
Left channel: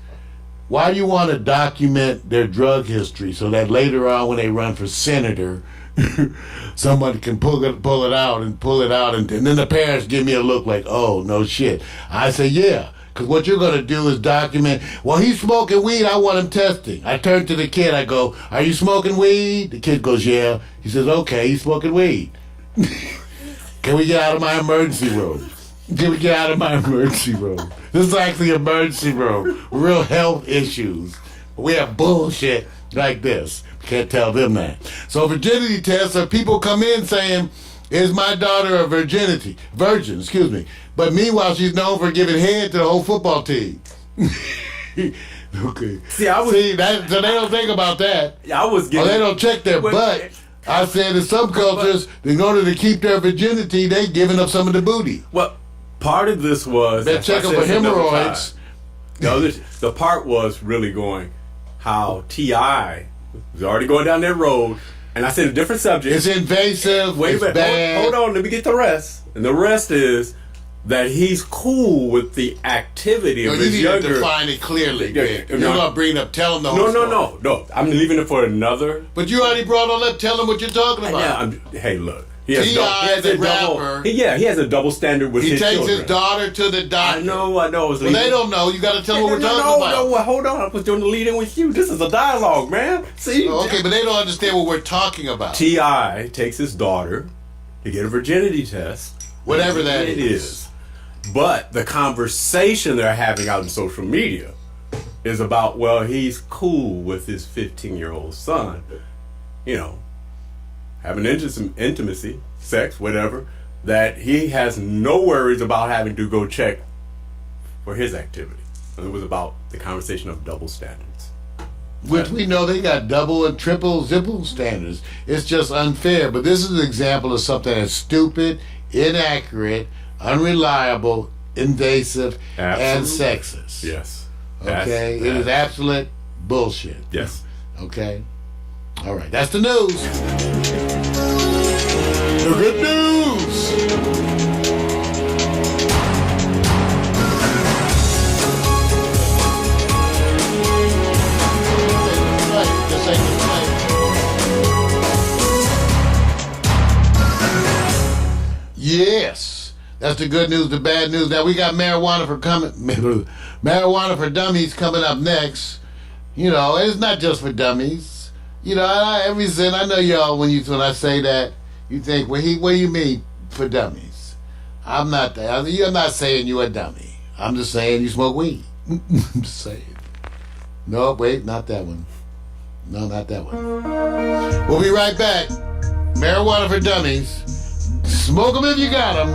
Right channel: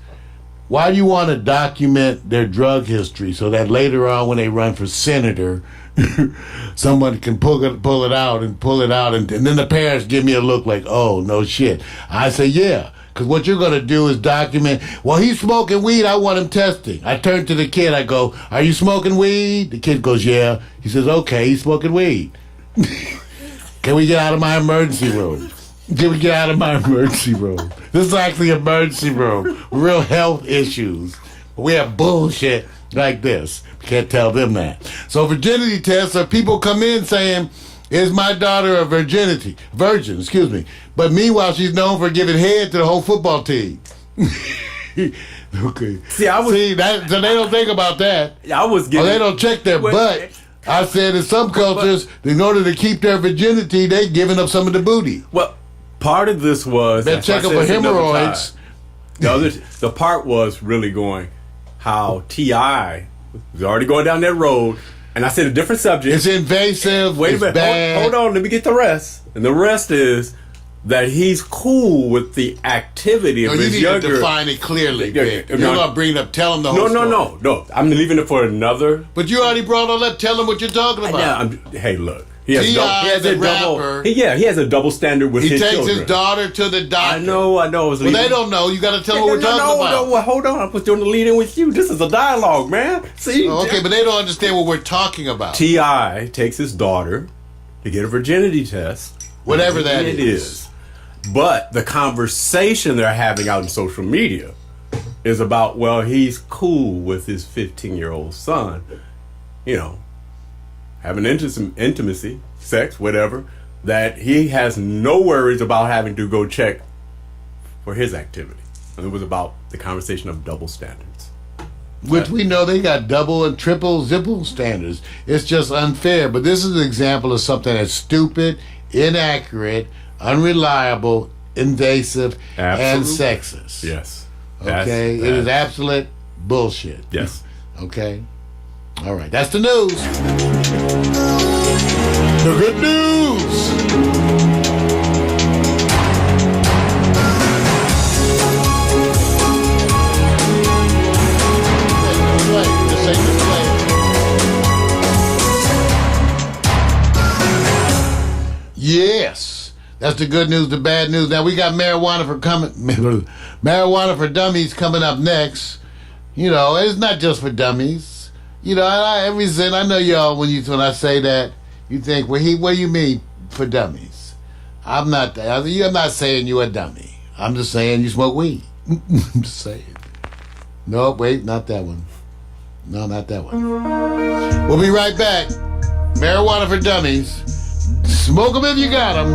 why do you want to document their drug history so that later on when they run for senator, someone can pull it out, and then the parents give me a look like, oh, no shit. I say, yeah, because what you're going to do is document, well, he's smoking weed, I want him testing. I turn to the kid, I go, are you smoking weed? The kid goes, yeah. He says, okay, he's smoking weed. Can we get out of my emergency room? This is actually emergency room. Real health issues. We have bullshit like this. Can't tell them that. So virginity tests are people come in saying, is my daughter a virgin, but meanwhile she's known for giving head to the whole football team. Okay. So they don't think about that. They don't check their butt. I said in some cultures, in order to keep their virginity, they giving up some of the booty. Well, part of this was they're checking for hemorrhoids. The part was really going how T.I. was already going down that road, and I said a different subject. It's invasive. Wait a minute. Bad. Hold on. Let me get the rest. And the rest is that he's cool with the activity of his younger. You need to define it clearly. You're not bringing up. Tell him the whole story. No. I'm leaving it for another. But you already brought all up. Tell him what you're talking about. Hey, look. He has a rapper. He has a double standard with his children. He takes his daughter to the doctor. I know. Well, they don't know. You got to tell them what we're talking about. No, hold on. I was doing the lead-in with you. This is a dialogue, man. See? Okay, but they don't understand what we're talking about. T.I. takes his daughter to get a virginity test. Whatever that is. But the conversation they're having out in social media is about, well, he's cool with his 15-year-old son, having intimacy, sex, whatever, that he has no worries about having to go check for his activity. And it was about the conversation of double standards. Which we know they got double and triple zipple standards. It's just unfair. But this is an example of something that's stupid, inaccurate, unreliable, invasive, and sexist. Yes. Okay? It is absolute bullshit. Yes. Okay? All right. That's the news. The good news. That's the good news, the bad news. Now we got marijuana for dummies coming up next. You know, it's not just for dummies. You know, I know y'all when I say that, you think, what do you mean for dummies? I'm not saying you a dummy. I'm just saying you smoke weed. I'm just saying. No, wait, not that one. No, not that one. We'll be right back. Marijuana for dummies. Smoke them if you got them.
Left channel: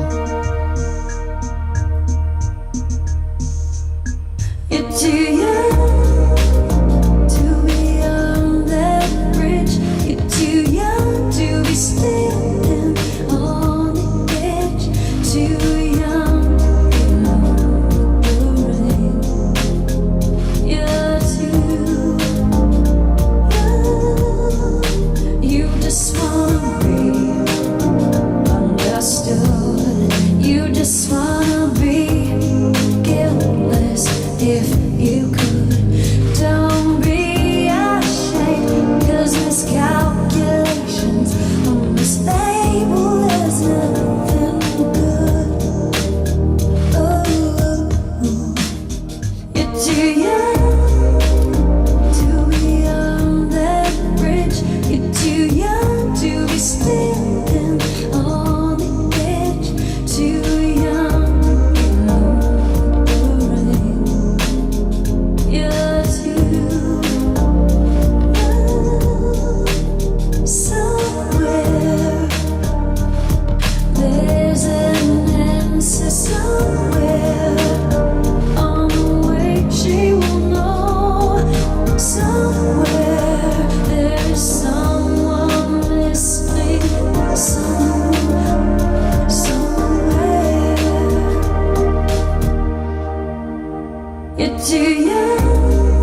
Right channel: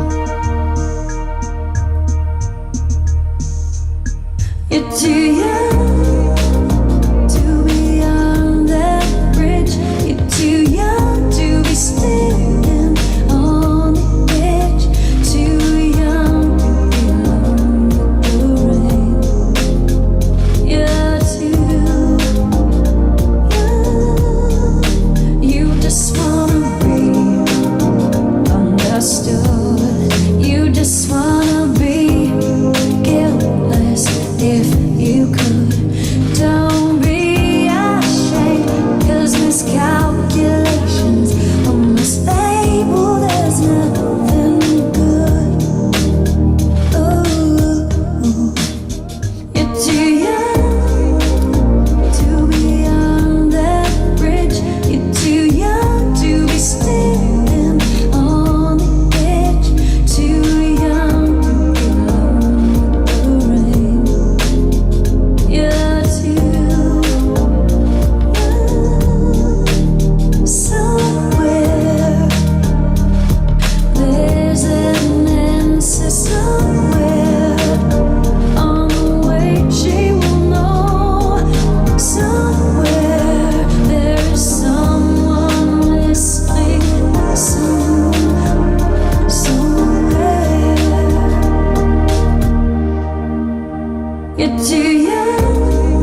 You're too young to be on that bridge. You're too young to be standing on the edge. Too young to be alone with the rain. You're too young. You just wanna be understood. You just wanna be guiltless. If you could, don't be ashamed, 'cause miscalculations on this label is nothing good. Oh, you're too young to be on that bridge. You're too young to be standing on the edge. Too young to be alone with the rain. You're too young. Somewhere there's an answer. Somewhere on the way she will know. Somewhere there is someone listening. Somewhere you're too young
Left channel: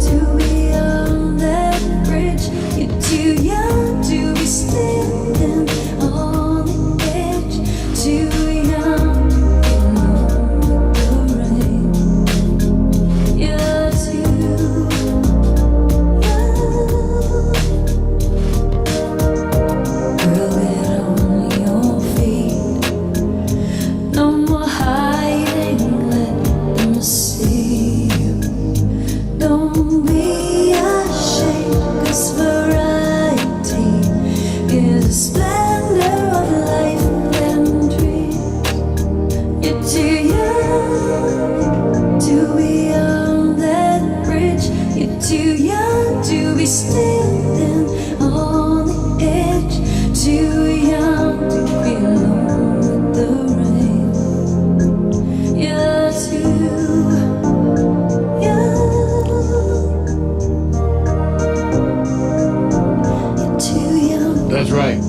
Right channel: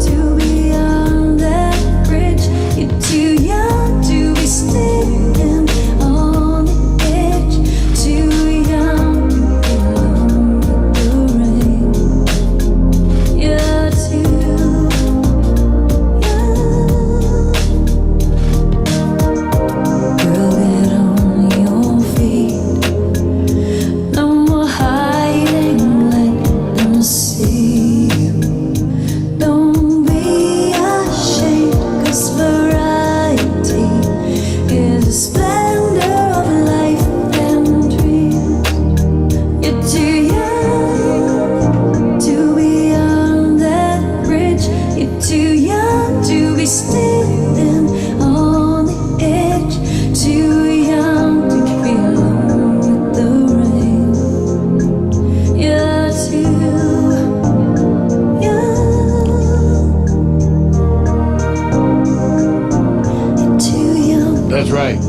to be on that bridge. You're too young to be standing on the edge. Too young to be alone with the rain. You're too young. Girl, get on your feet. No more hiding, let them see you. Don't be ashamed, 'cause variety is the splendor of life and dreams. You're too young to be on that bridge. You're too young to be standing on the edge. Too young to be alone with the rain. You're too young. You're too young. That's right.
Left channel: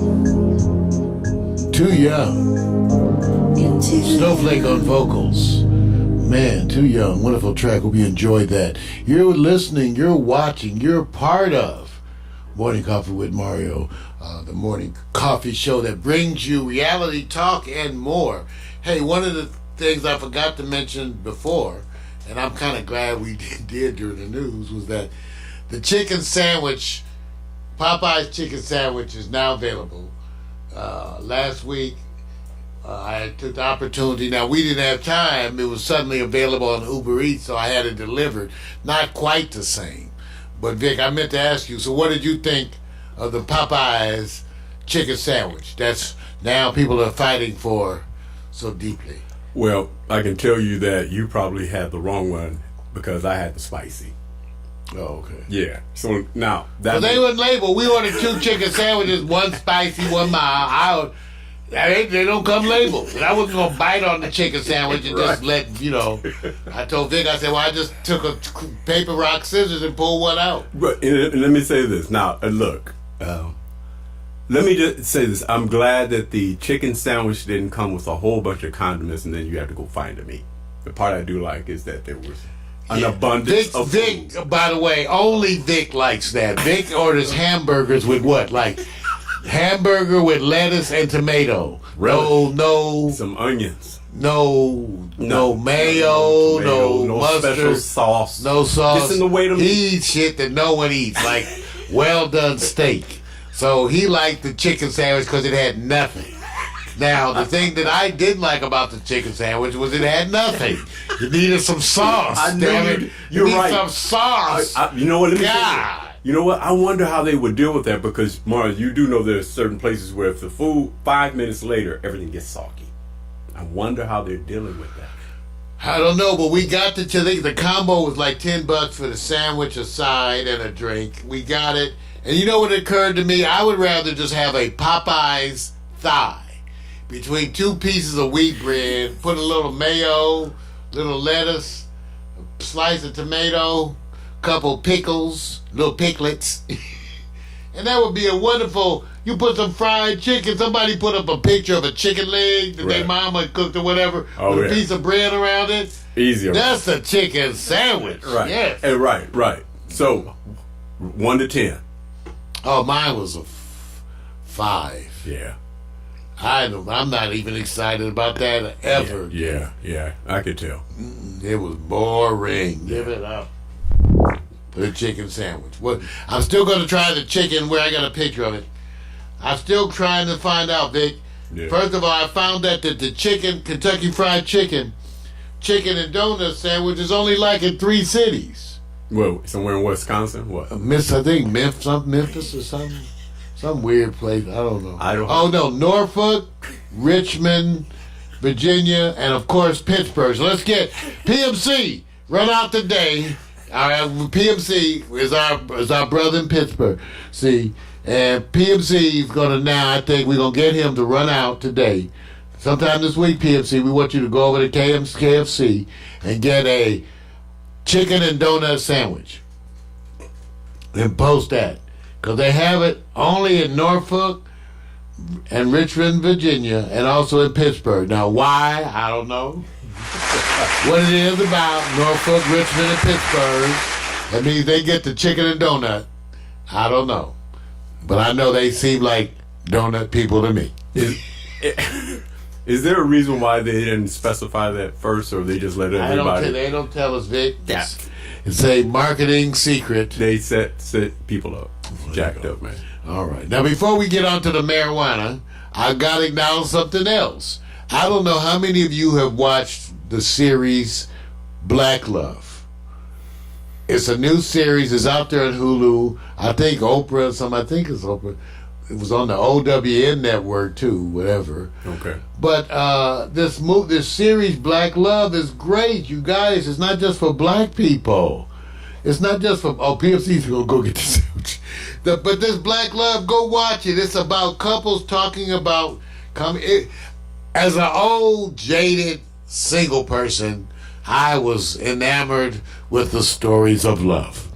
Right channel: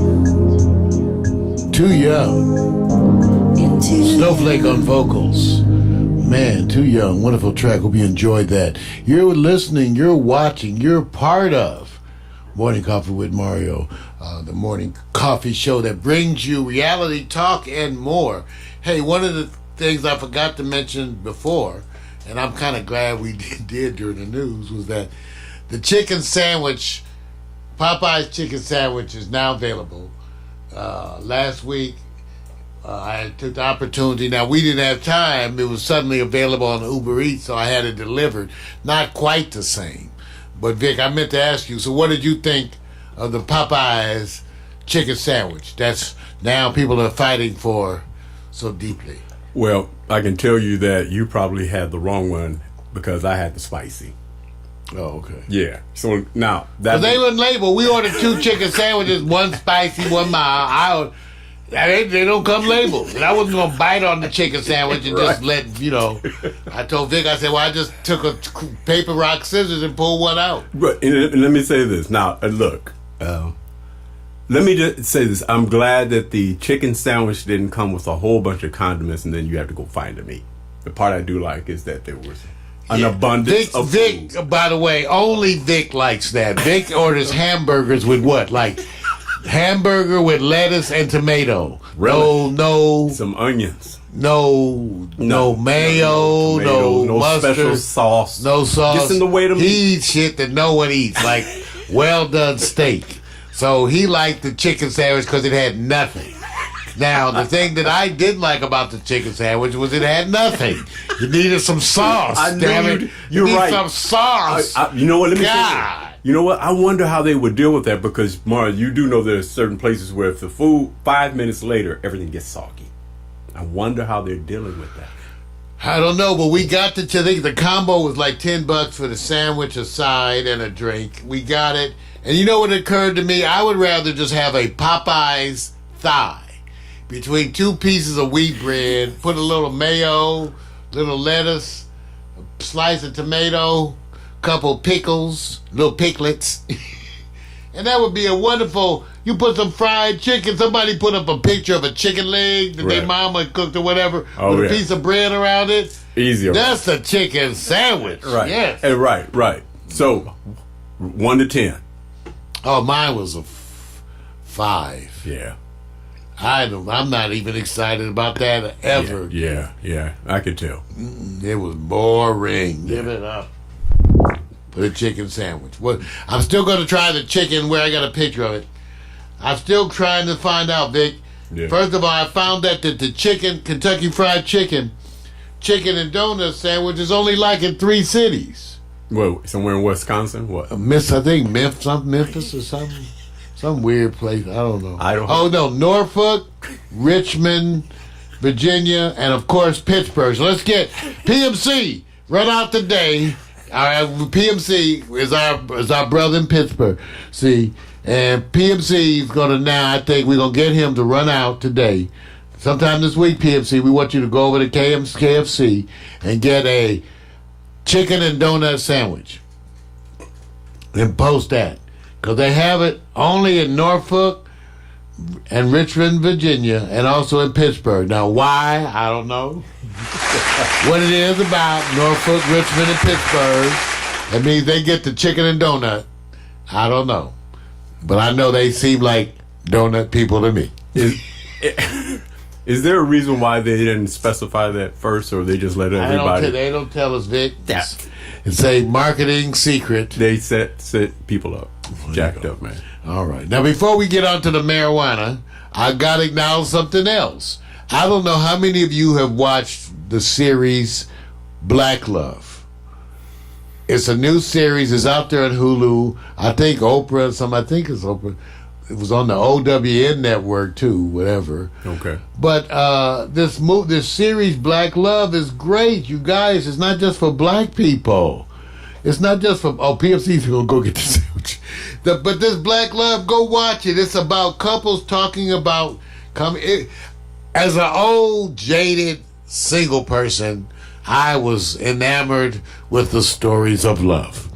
Too young. You're too Snowflake on vocals. Man, Too Young. Wonderful track. Hope you enjoyed that. You're listening, you're watching, you're part of Morning Coffee with Mario, the morning coffee show that brings you reality talk and more. Hey, one of the things I forgot to mention before, and I'm kind of glad we did during the news, was that the chicken sandwich, Popeye's chicken sandwich, is now available. Last week, I took the opportunity. Now, we didn't have time. It was suddenly available on Uber Eats, so I had it delivered. Not quite the same. But, Vic, I meant to ask you, so what did you think of the Popeye's chicken sandwich? That's now people are fighting for so deeply. Well, I can tell you that you probably had the wrong one because I had the spicy. Oh, okay. Yeah. So now But they wouldn't label. We ordered 2 chicken sandwiches, one spicy, one mild. They don't come labeled. And I wasn't going to bite on the chicken sandwich and just let, I told Vic, I said, well, I just took a paper, rock, scissors and pulled one out. But and let me say this. Now, look, let me just say this. I'm glad that the chicken sandwich didn't come with a whole bunch of condiments and then you have to go find the meat. The part I do like is that there was an abundance of Vic, food. by the way, only Vic likes that. Vic orders hamburgers with what? Like hamburger with lettuce and tomato. Really? No. Some onions. No mayo, no mustard, special sauce. no sauce. Just in the way to he eats shit that no one eats, like well done steak. So he liked the chicken sandwich because it had nothing. Now, the thing that I did like about the chicken sandwich was it had nothing. You needed some sauce. I knew Damn it. you're you need right. some sauce. You know what? Let me say God. this. You know what? I wonder how they would deal with that because, Mara, you do know there's certain places where if the food 5 minutes later, everything gets soggy. I wonder how they're dealing with that. I don't know, but we got the combo was like $10 for the sandwich, a side, and a drink. We got it. And you know what occurred to me? I would rather just have a Popeye's thigh between two pieces of wheat bread, put a little mayo, little lettuce, a slice of tomato, couple pickles, little picklets. And that would be a wonderful, you put some fried chicken, somebody put up a picture of a chicken leg that their Right. mama cooked or whatever, Oh, with a yeah. piece of bread around it. Easier. That's a chicken sandwich. Right. Yes. And right. So, 1 to 10. Oh, mine was a 5. Yeah. I'm not even excited about that ever. Yeah. I could tell. It was boring. Give it up for the chicken sandwich. Well, I'm still going to try the chicken where I got a picture of it. I'm still trying to find out, Vic. Yeah. First of all, I found out that the chicken, Kentucky Fried Chicken and donut sandwich is only like in 3 cities. Well, somewhere in Wisconsin? What? I think Memphis or something. Some weird place. I don't know. Oh, no. Norfolk, Richmond, Virginia, and of course Pittsburgh. So let's get PMC run out today. All right, PMC is our brother in Pittsburgh. See, and PMC is gonna now. I think we're gonna get him to run out today. Sometime this week, PMC. We want you to go over to KFC and get a chicken and donut sandwich and post that. Because they have it only in Norfolk and Richmond, Virginia, and also in Pittsburgh. Now, why? I don't know. What it is about Norfolk, Richmond, and Pittsburgh, that means they get the chicken and donut. I don't know. But I know they seem like donut people to me. Is there a reason why they didn't specify that first, or they just let everybody? They don't tell us, Vic. It's a marketing secret. They set people up. Jacked up, man. All right. Now, before we get on to the marijuana, I got to acknowledge something else. I don't know how many of you have watched the series Black Love. It's a new series. It's out there on Hulu. I think Oprah, I think it's Oprah. It was on the OWN network, too, whatever. Okay. But this series, Black Love, is great, you guys. It's not just for black people. It's not just for, PFC's going to go get the sandwich. But this Black Love, go watch it. It's about couples talking about, as an old, jaded, single person, I was enamored with the stories of love.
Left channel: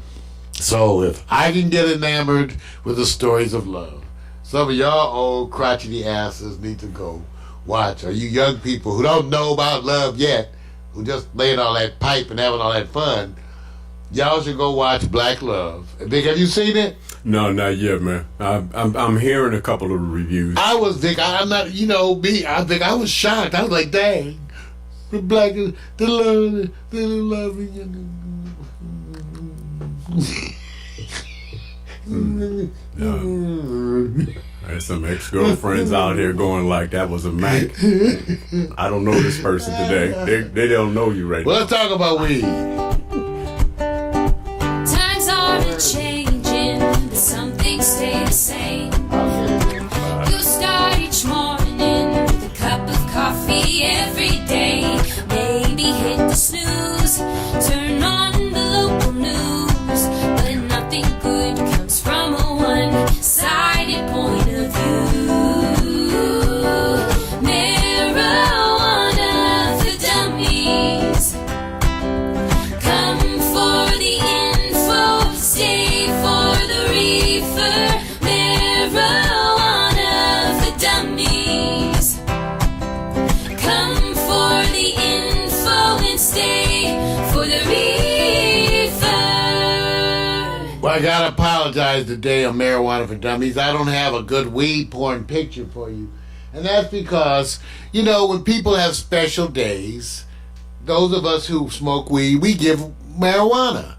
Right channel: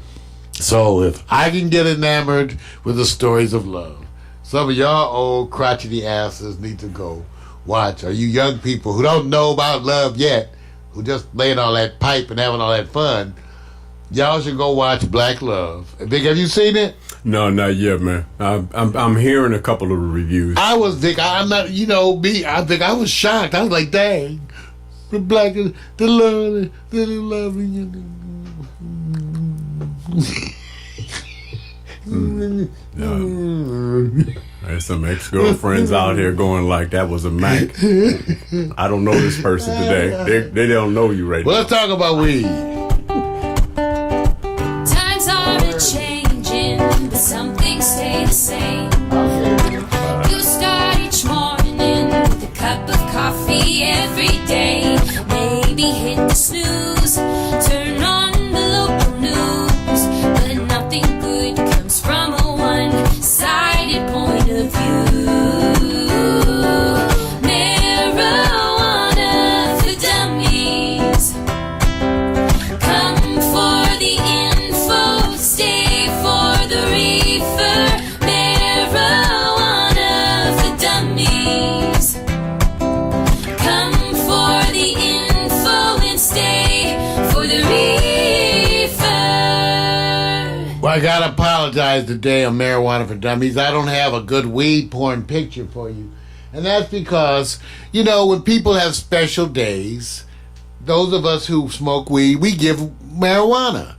So if I can get enamored with the stories of love, some of y'all old crotchety asses need to go watch. Or you young people who don't know about love yet, who just laying all that pipe and having all that fun, y'all should go watch Black Love. Vic, have you seen it? No, not yet, man. I'm hearing a couple of reviews. I was, Vic, I'm not, me, I think I was shocked. I was like, dang, the black, the loving. There's some ex-girlfriends out here going like, that was a Mac. I don't know this person today. They don't know you right Well, now. let's talk about weed. Times are changing, but some things stay the same. You start each morning with a cup of coffee every day. Maybe hit the snooze, turn on the local news, but nothing good comes from a one-sided point of view. Marijuana for dummies. Come for the info, stay for the reefer. Marijuana for dummies. Come for the info and stay for the reefer. Well, I gotta apologize today on Marijuana for Dummies. I don't have a good weed porn picture for you. And that's because, when people have special days, those of us who smoke weed, we give marijuana.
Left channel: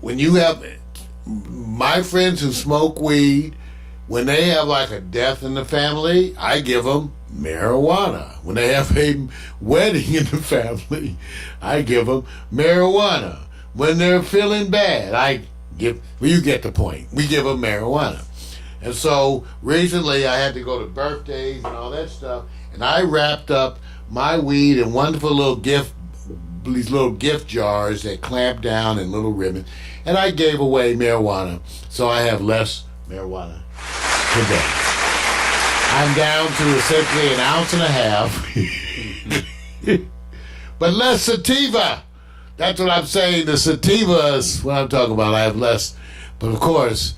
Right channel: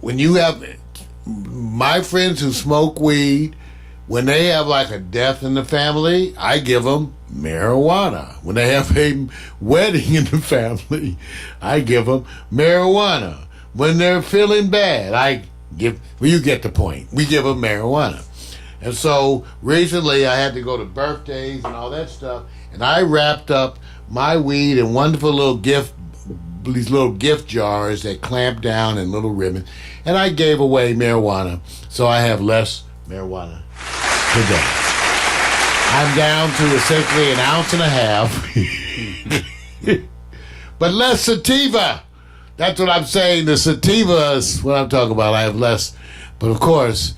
When you have my friends who smoke weed, when they have like a death in the family, I give them marijuana. When they have a wedding in the family, I give them marijuana. When they're feeling bad, you get the point. We give them marijuana. And so recently I had to go to birthdays and all that stuff, and I wrapped up my weed in wonderful these little gift jars that clamp down in little ribbons, and I gave away marijuana, so I have less marijuana today. I'm down to essentially an ounce and a half, but less sativa. That's what I'm saying. The sativa is what I'm talking about. I have less, but of course,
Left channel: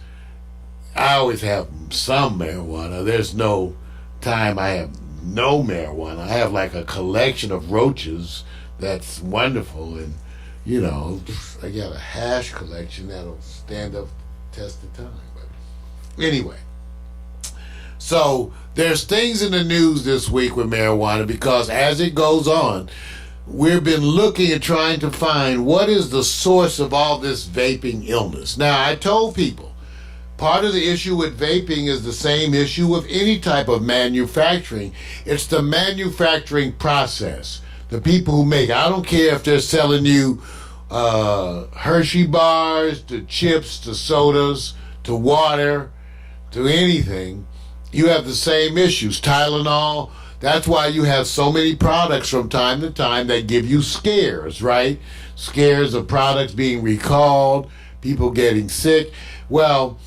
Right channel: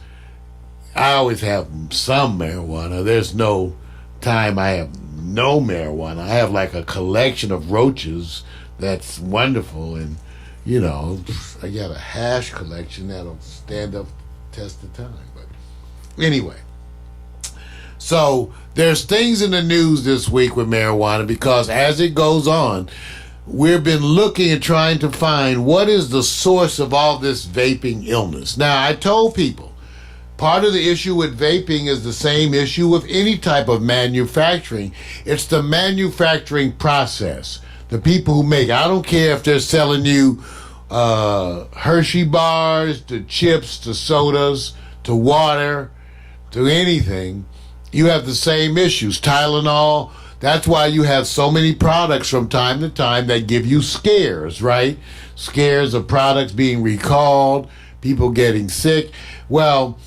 I always have some marijuana. There's no time I have no marijuana. I have like a collection of roaches that's wonderful, and I got a hash collection that'll stand up test of time. But anyway, so there's things in the news this week with marijuana, because as it goes on, we've been looking and trying to find what is the source of all this vaping illness. Now, I told people, part of the issue with vaping is the same issue with any type of manufacturing. It's the manufacturing process. The people who make it. I don't care if they're selling you Hershey bars, to chips, to sodas, to water, to anything. You have the same issues. Tylenol. That's why you have so many products from time to time that give you scares, right? Scares of products being recalled, people getting sick. Well,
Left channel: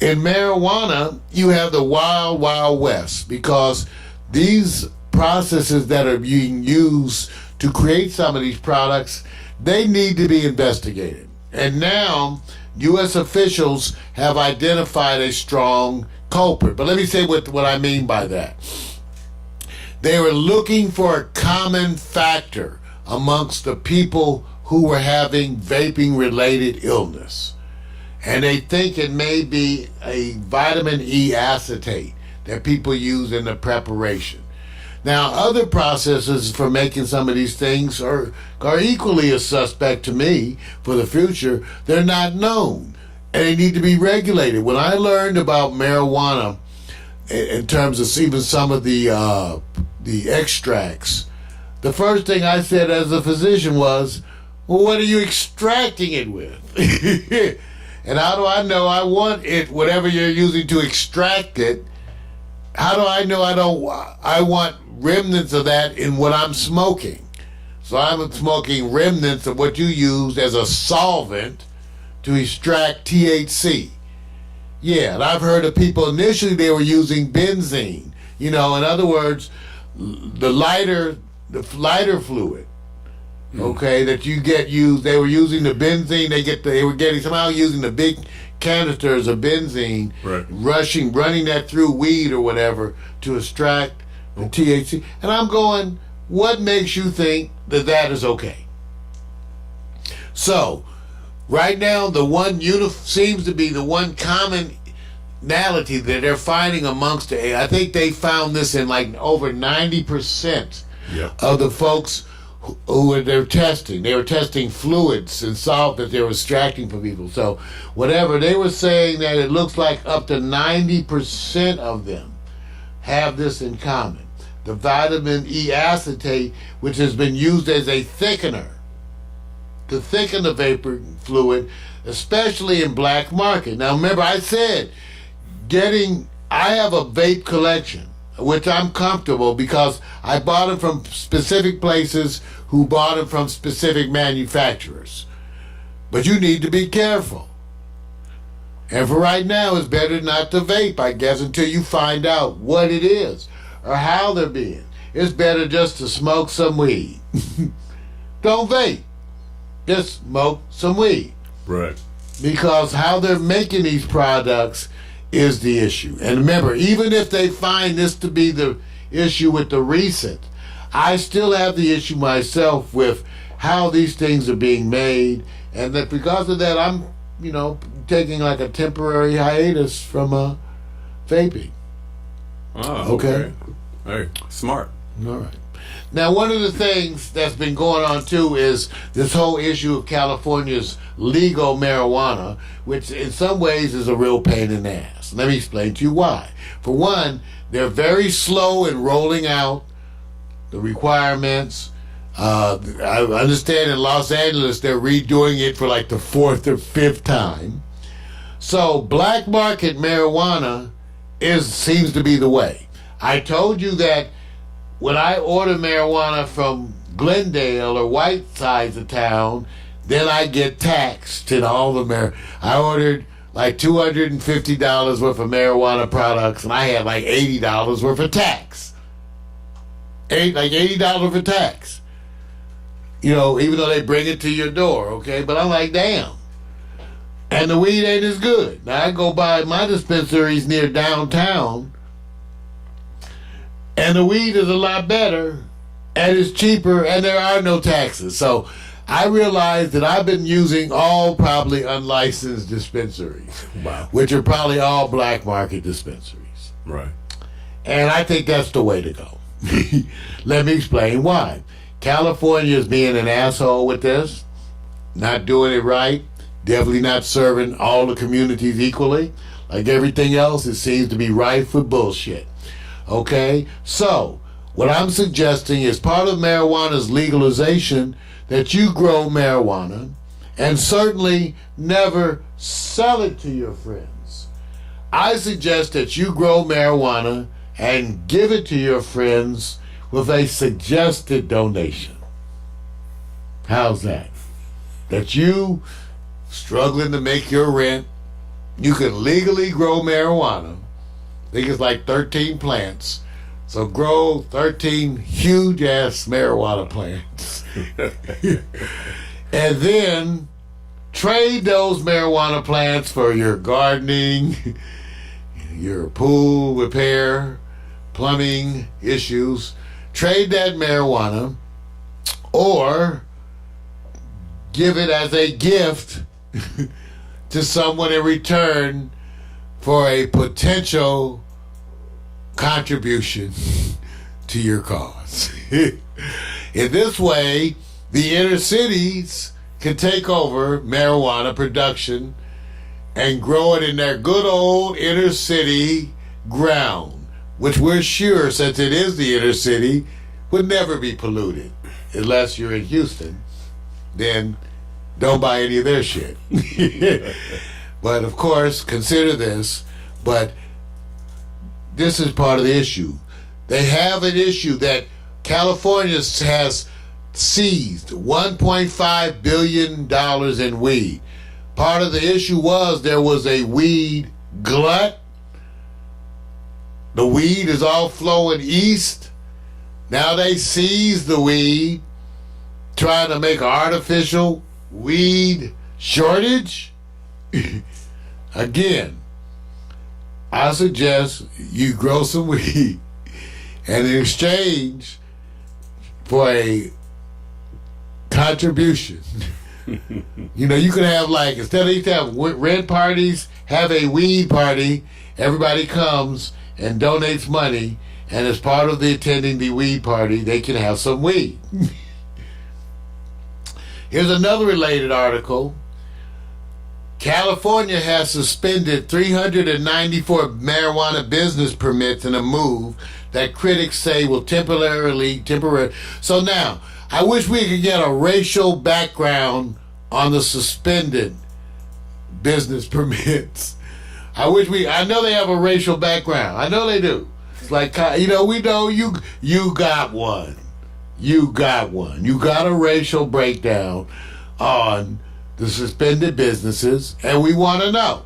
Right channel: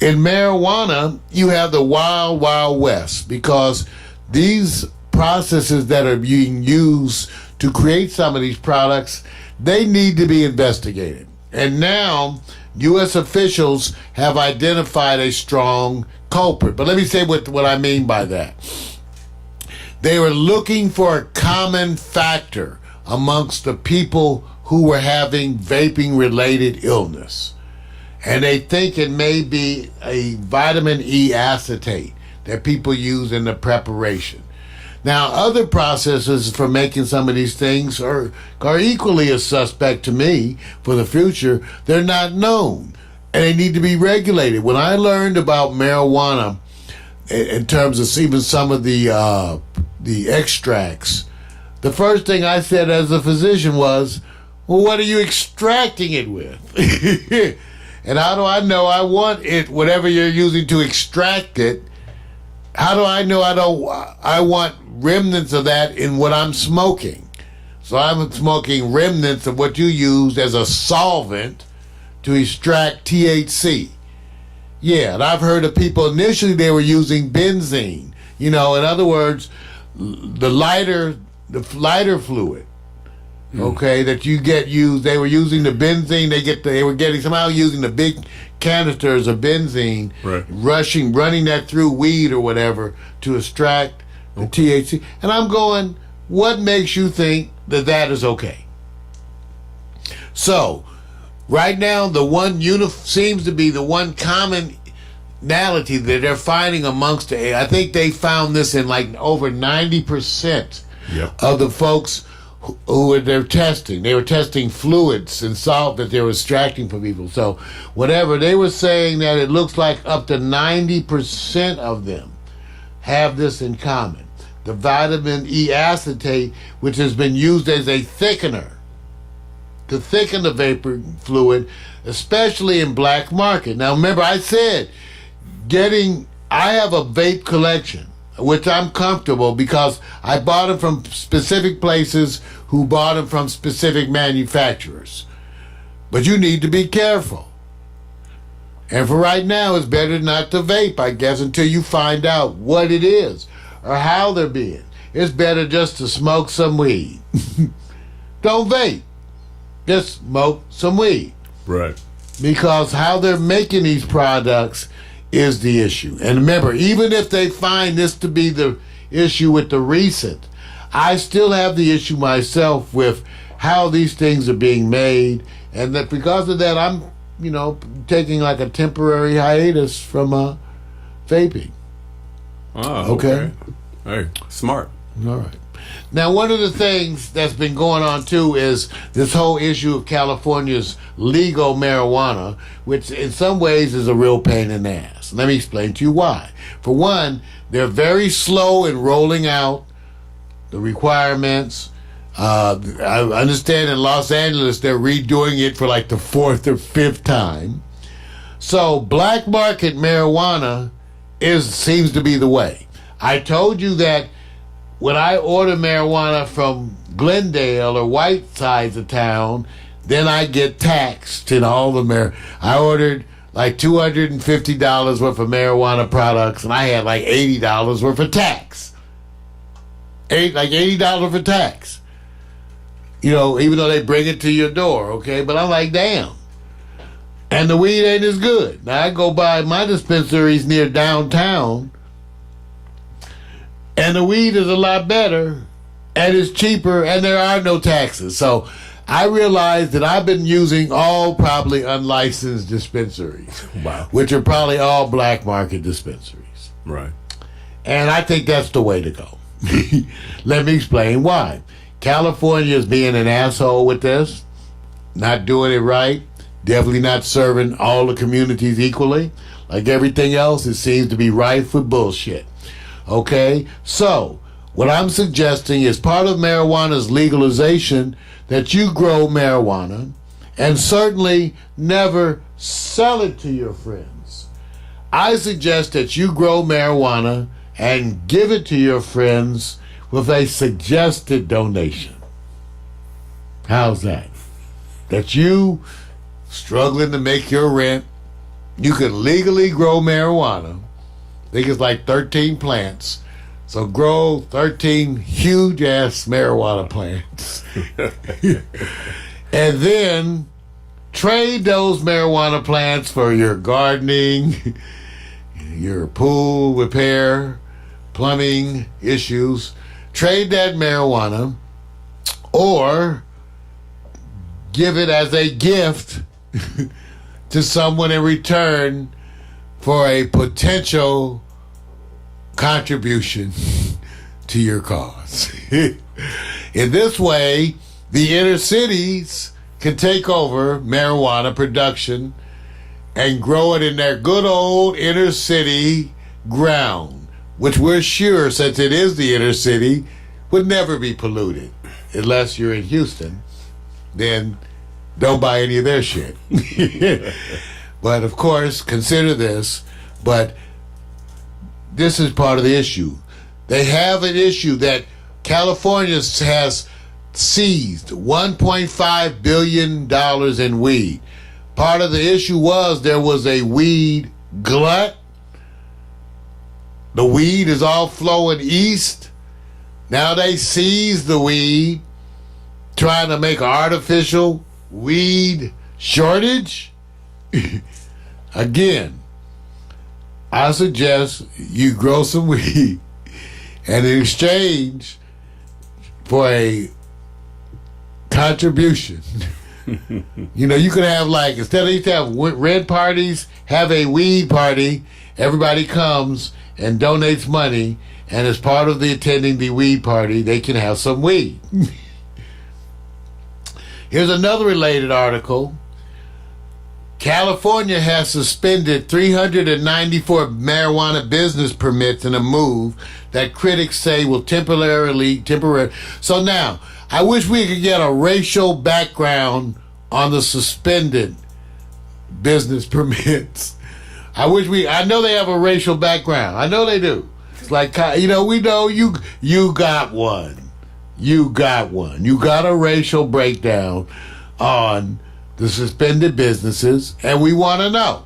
in marijuana, you have the wild, wild west, because these processes that are being used to create some of these products, they need to be investigated. And now, U.S. officials have identified a strong culprit. But let me say what I mean by that. They were looking for a common factor amongst the people who were having vaping-related illness. And they think it may be a vitamin E acetate that people use in the preparation. Now, other processes for making some of these things are equally a suspect to me for the future. They're not known, and they need to be regulated. When I learned about marijuana, in terms of even some of the extracts, the first thing I said as a physician was, well, what are you extracting it with? And how do I know I want it, whatever you're using to extract it, how do I know I want remnants of that in what I'm smoking? So I'm smoking remnants of what you use as a solvent to extract THC. Yeah, and I've heard of people initially they were using benzene. In other words, the lighter fluid, okay, that you get used. They were using the benzene. They were getting somehow using the big canisters of benzene, right, running that through weed or whatever to extract the THC. And I'm going, what makes you think that is okay? So, right now, the one seems to be the one commonality that they're finding amongst I think they found this in like over 90% of the folks who they're testing. They were testing fluids and salt that they were extracting from people. So whatever, they were saying that it looks like up to 90% of them have this in common. The vitamin E acetate, which has been used as a thickener to thicken the vapor fluid, especially in black market. Now remember, I said I have a vape collection, which I'm comfortable because I bought them from specific places who bought them from specific manufacturers. But you need to be careful. And for right now, it's better not to vape, I guess, until you find out what it is or how they're being. It's better just to smoke some weed. Don't vape. Just smoke some weed. Right. Because how they're making these products is the issue. And remember, even if they find this to be the issue with the recent, I still have the issue myself with how these things are being made, and that because of that, I'm, taking like a temporary hiatus from vaping. Oh, okay. Hey, smart. All right. Now, one of the things that's been going on too is this whole issue of California's legal marijuana, which in some ways is a real pain in the ass. Let me explain to you why. For one, they're very slow in rolling out the requirements. I understand in Los Angeles they're redoing it for like the 4th or 5th time. So black market marijuana seems to be the way. I told you that when I order marijuana from Glendale or White sides of town, then I get taxed in all the I ordered like $250 worth of marijuana products, and I had like $80 worth of tax. Like $80 for tax. You know, even though they bring it to your door, okay? But I'm like, damn. And the weed ain't as good. Now I go by my dispensaries near downtown, and the weed is a lot better, and it's cheaper, and there are no taxes. So I realized that I've been using all probably unlicensed dispensaries. Wow. Which are probably all black market dispensaries. Right. And I think that's the way to go. Let me explain why. California is being an asshole with this, not doing it right, definitely not serving all the communities equally. Like everything else, it seems to be rife with bullshit. Okay? So, what I'm suggesting is part of marijuana's legalization that you grow marijuana and certainly never sell it to your friends. I suggest that you grow marijuana and give it to your friends with a suggested donation. How's that? That you struggling to make your rent, you can legally grow marijuana. I think it's like 13 plants. So grow 13 huge ass marijuana plants. And then trade those marijuana plants for your gardening, your pool repair, plumbing issues. Trade that marijuana or give it as a gift to someone in return for a potential contribution to your cause. In this way, the inner cities can take over marijuana production and grow it in their good old inner city ground, which we're sure, since it is the inner city, would never be polluted. Unless you're in Houston, then don't buy any of their shit. But of course, consider this, but this is part of the issue. They have an issue that California has seized $1.5 billion in weed. Part of the issue was there was a weed glut. The weed is all flowing east. Now they seized the weed, trying to make an artificial weed shortage. Again, I suggest you grow some weed, and in exchange for a contribution, you know, you could have, like, instead of used to have red parties, have a weed party. Everybody comes and donates money, and as part of the attending the weed party, they can have some weed. Here's another related article. California has suspended 394 marijuana business permits in a move that critics say will temporarily. So now, I wish we could get a racial background on the suspended business permits. I know they have a racial background. I know they do. It's like, you know, we know you got one. You got one. You got a racial breakdown on the suspended businesses, and we want to know.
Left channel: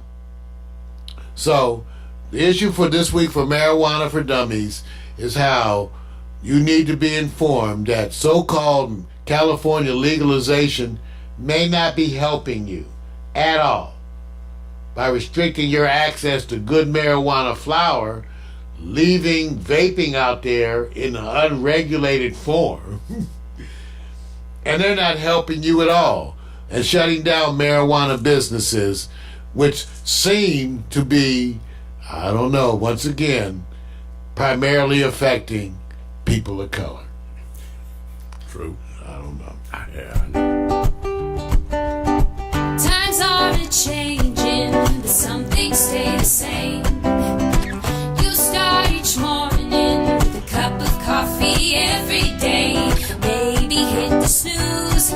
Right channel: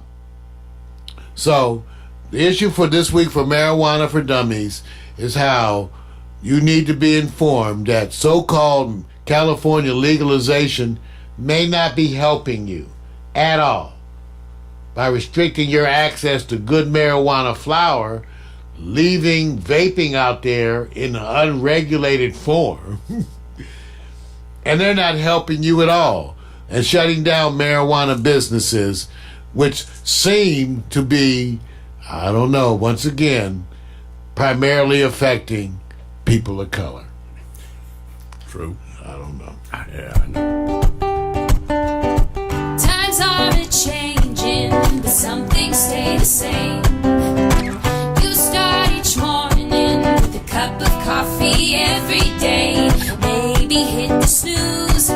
So, the issue for this week for Marijuana for Dummies is how you need to be informed that so-called California legalization may not be helping you at all by restricting your access to good marijuana flower, leaving vaping out there in an unregulated form. And they're not helping you at all, and shutting down marijuana businesses, which seem to be, I don't know, once again, primarily affecting people of color. True. I don't know. Yeah, I know. Times are a-changing, but some things stay the same. You start each morning with a cup of coffee every day. Maybe hit the snooze,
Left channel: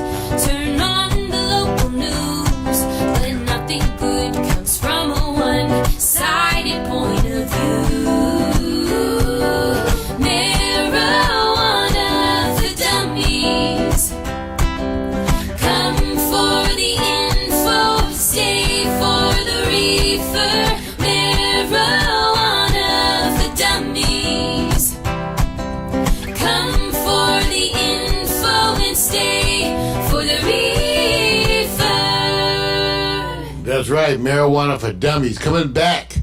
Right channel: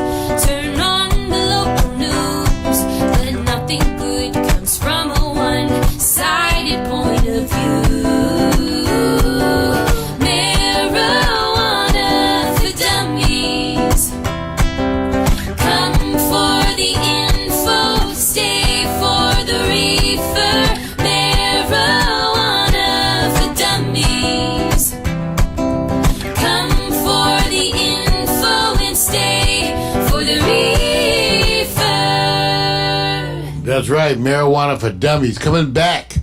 turn on the local news, but nothing good comes from a one-sided point of view. Marijuana for dummies. Come for the info, stay for the reefer. Marijuana for dummies. Come for the info and stay for the reefer. That's right, Marijuana for Dummies coming back.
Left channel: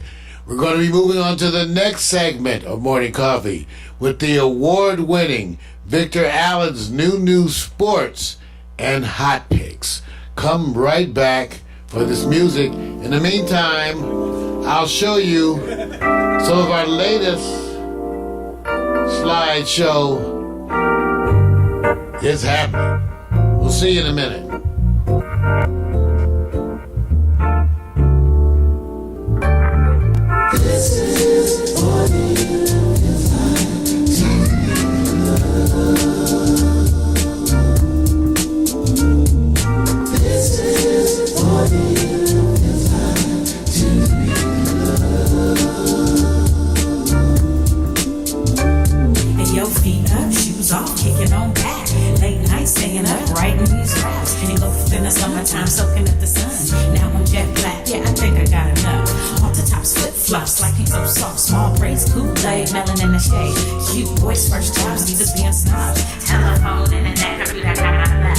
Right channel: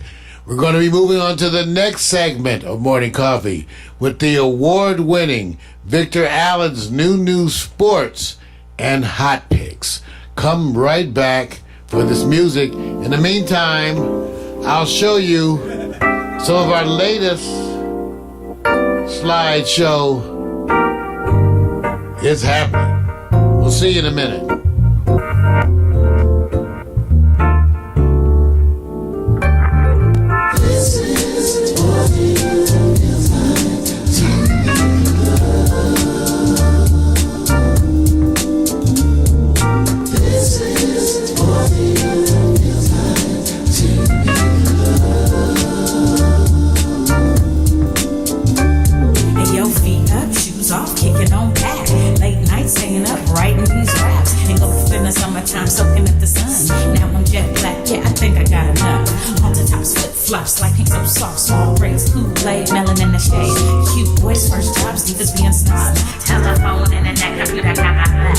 We're going to be moving on to the next segment of Morning Coffee with the award-winning Victor Allen's new sports and hot picks. Come right back for this music. In the meantime, I'll show you some of our latest slideshow. It's happening. We'll see you in a minute. And your feet up, shoes off, kicking on back. Late night staying up, writing these raps. And go in the summertime, soaking up the sun. Now I'm jet black, yeah, I think I got enough. On the tops, flip flops, like so soft, small braids, Kool-Aid, melon in the shade. Cute boys, first jobs, leaders being snobs. Telephone, internet, computer, got my lap.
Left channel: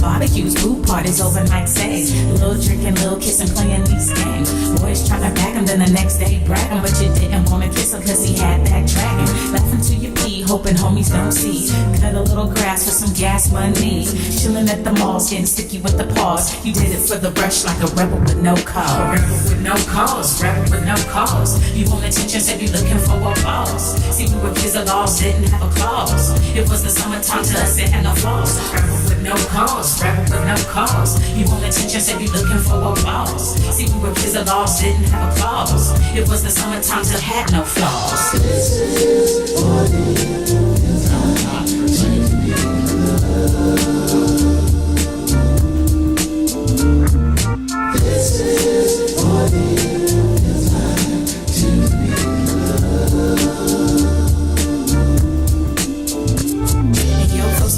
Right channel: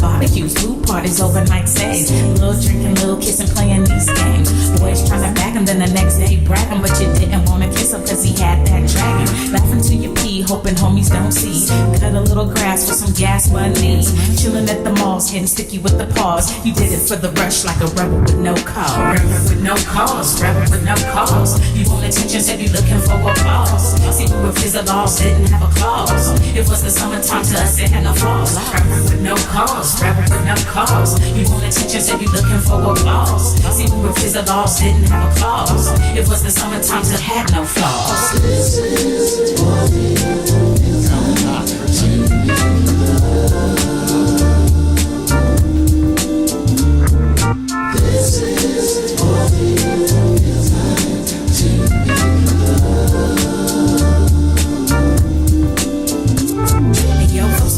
Barbecues, food parties, overnight stays. Little drinking, little kissing, playing these games. Boys trying to back him, then the next day bragging, but you didn't want to kiss him cause he had that dragon. Laughing to your pee, hoping homies don't see. Cut a little grass for some gas money. Chilling at the malls, getting sticky with the paws. You did it for the rush like a rebel with no cause. Rebel with no cause, rebel with no cause. You want attention, said you looking for applause. See, we were fizzle laws, didn't have a clause. It was the summertime to us, it had no flaws. Rebel with no cause, rebel with no cause. You want attention, said you looking for applause. See, we were fizzle laws, didn't have a clause. It was the summertime to had no flaws.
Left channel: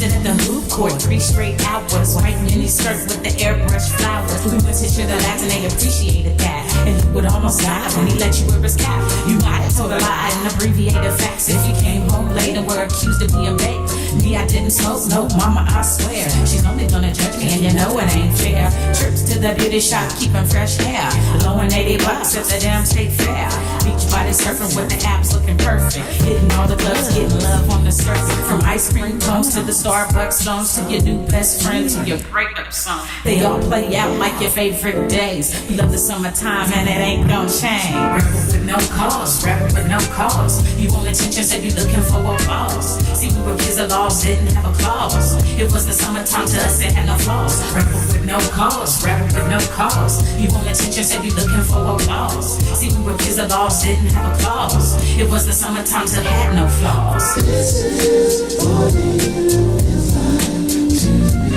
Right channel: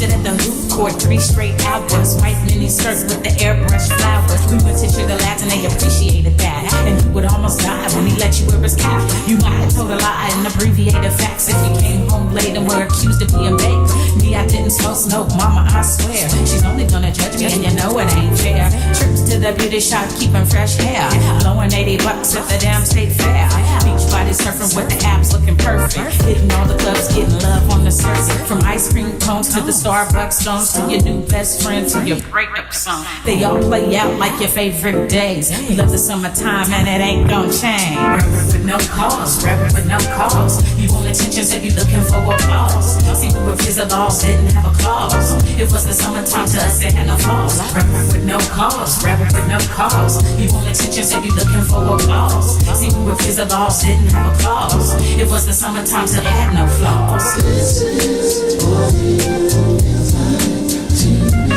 At the food court, 3 straight hours, white mini skirt with the airbrush flowers. We went to sugar labs and they appreciated that. And he would almost die when he let you wear his cap. You might have told a lie and abbreviated facts if you came home late and were accused of being baked. Me, I didn't smoke, mama, I swear. She's only gonna judge me and you know it ain't fair. Trips to the beauty shop, keeping fresh hair. Blowing $80 at the damn state fair. Beach body surfing with the abs looking perfect. Hitting all the clubs, getting love on the surface. From ice cream cones to the Starbucks songs, to your new best friend, to your breakup song. They all play out like your favorite days. You love the summertime and it ain't gon' change. Rebel with no cause, rebel with no cause. You want attention, said you looking for applause. See, we were fizzle laws, didn't have a clause. It was the summertime to us, it had no flaws. Rebel with no cause, rebel with no cause. You want attention, said you looking for applause. See, we were fizzle laws, didn't have a clause. It was the summertime to had no flaws. This is what it feels like to be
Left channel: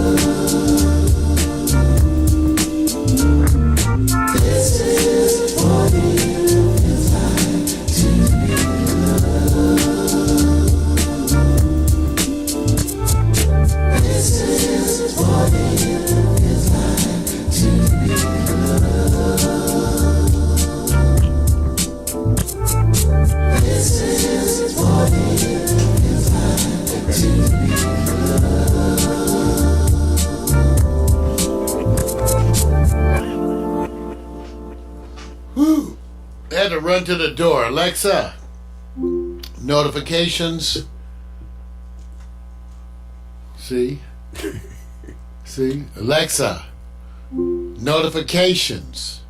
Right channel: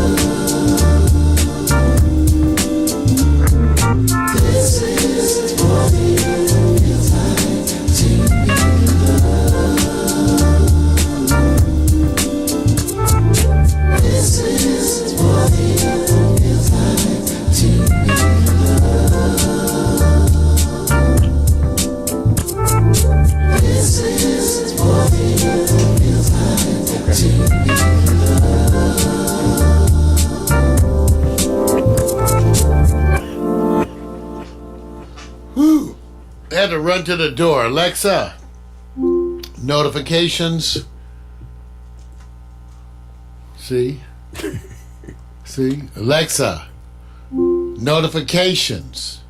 loved. This is what it feels like to be loved. This is what it feels like to be loved. This is what it feels like to be Whew. I had to run to the door. Alexa, notifications. See? See? Alexa, notifications.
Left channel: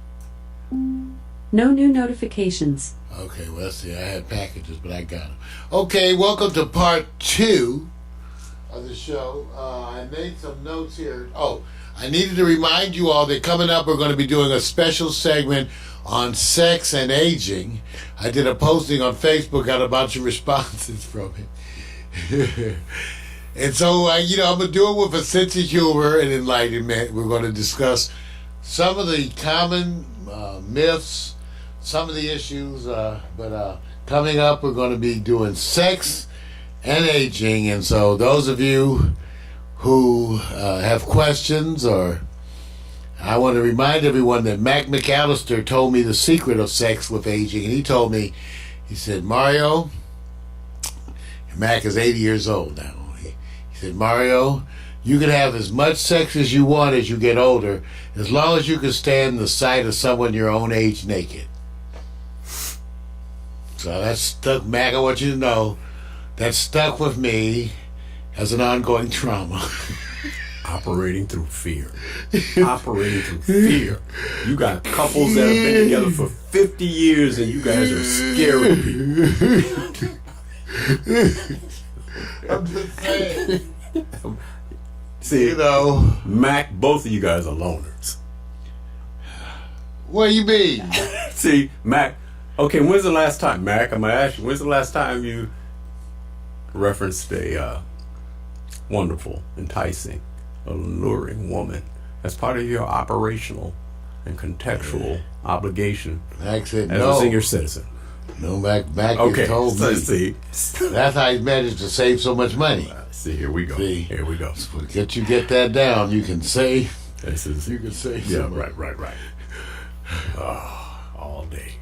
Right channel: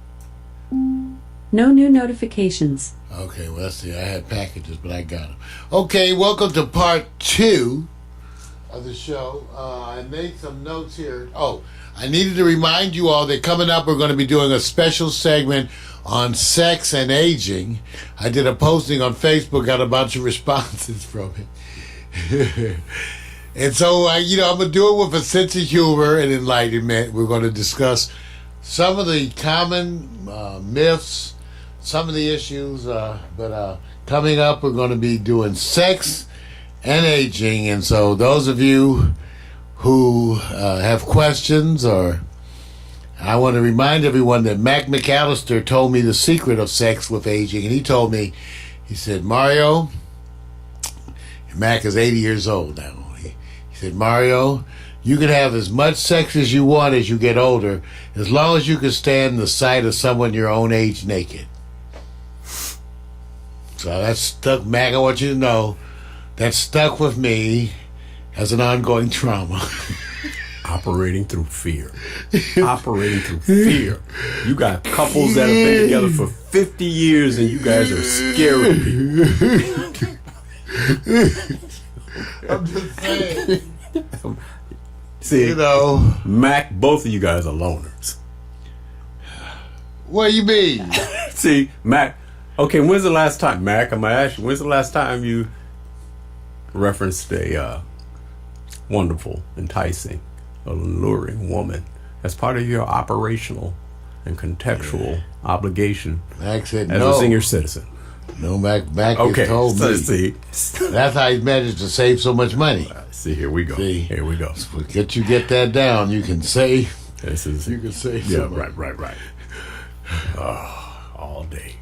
No new notifications. Okay, well, let's see. I had packages, but I got them. Okay, welcome to part 2 of the show. I made some notes here. Oh, I needed to remind you all that coming up we're going to be doing a special segment on sex and aging. I did a posting on Facebook, got a bunch of responses from it. And so, I'm going to do it with a sense of humor and enlightenment. We're going to discuss some of the common myths, some of the issues, but coming up we're going to be doing sex and aging. And so those of you who have questions, or I want to remind everyone that Mac McAllister told me the secret of sex with aging. And he told me, he said, Mario, Mac is 80 years old now. He said, Mario, you can have as much sex as you want as you get older, as long as you can stand the sight of someone your own age naked. So that's stuck, Mac, I want you to know, that stuck with me as an ongoing trauma. Operating through fear. Operating through fear. You got couples that have been together for 50 years and you guys are scaring people. I'm just saying. See, Mac, both of you guys are loners. What do you mean? See, Mac, okay, when's the last time, Mac, I'm going to ask you, when's the last time you referenced a wonderful, enticing, alluring woman as part of your operational and contextual obligation Mac said as no. a senior citizen? No, Mac Okay, has told so me. see. That's how he managed to save so much money. See, here we go. See? Here we go. Get that down, you can save. This is, You can save yeah, so much. right. All day.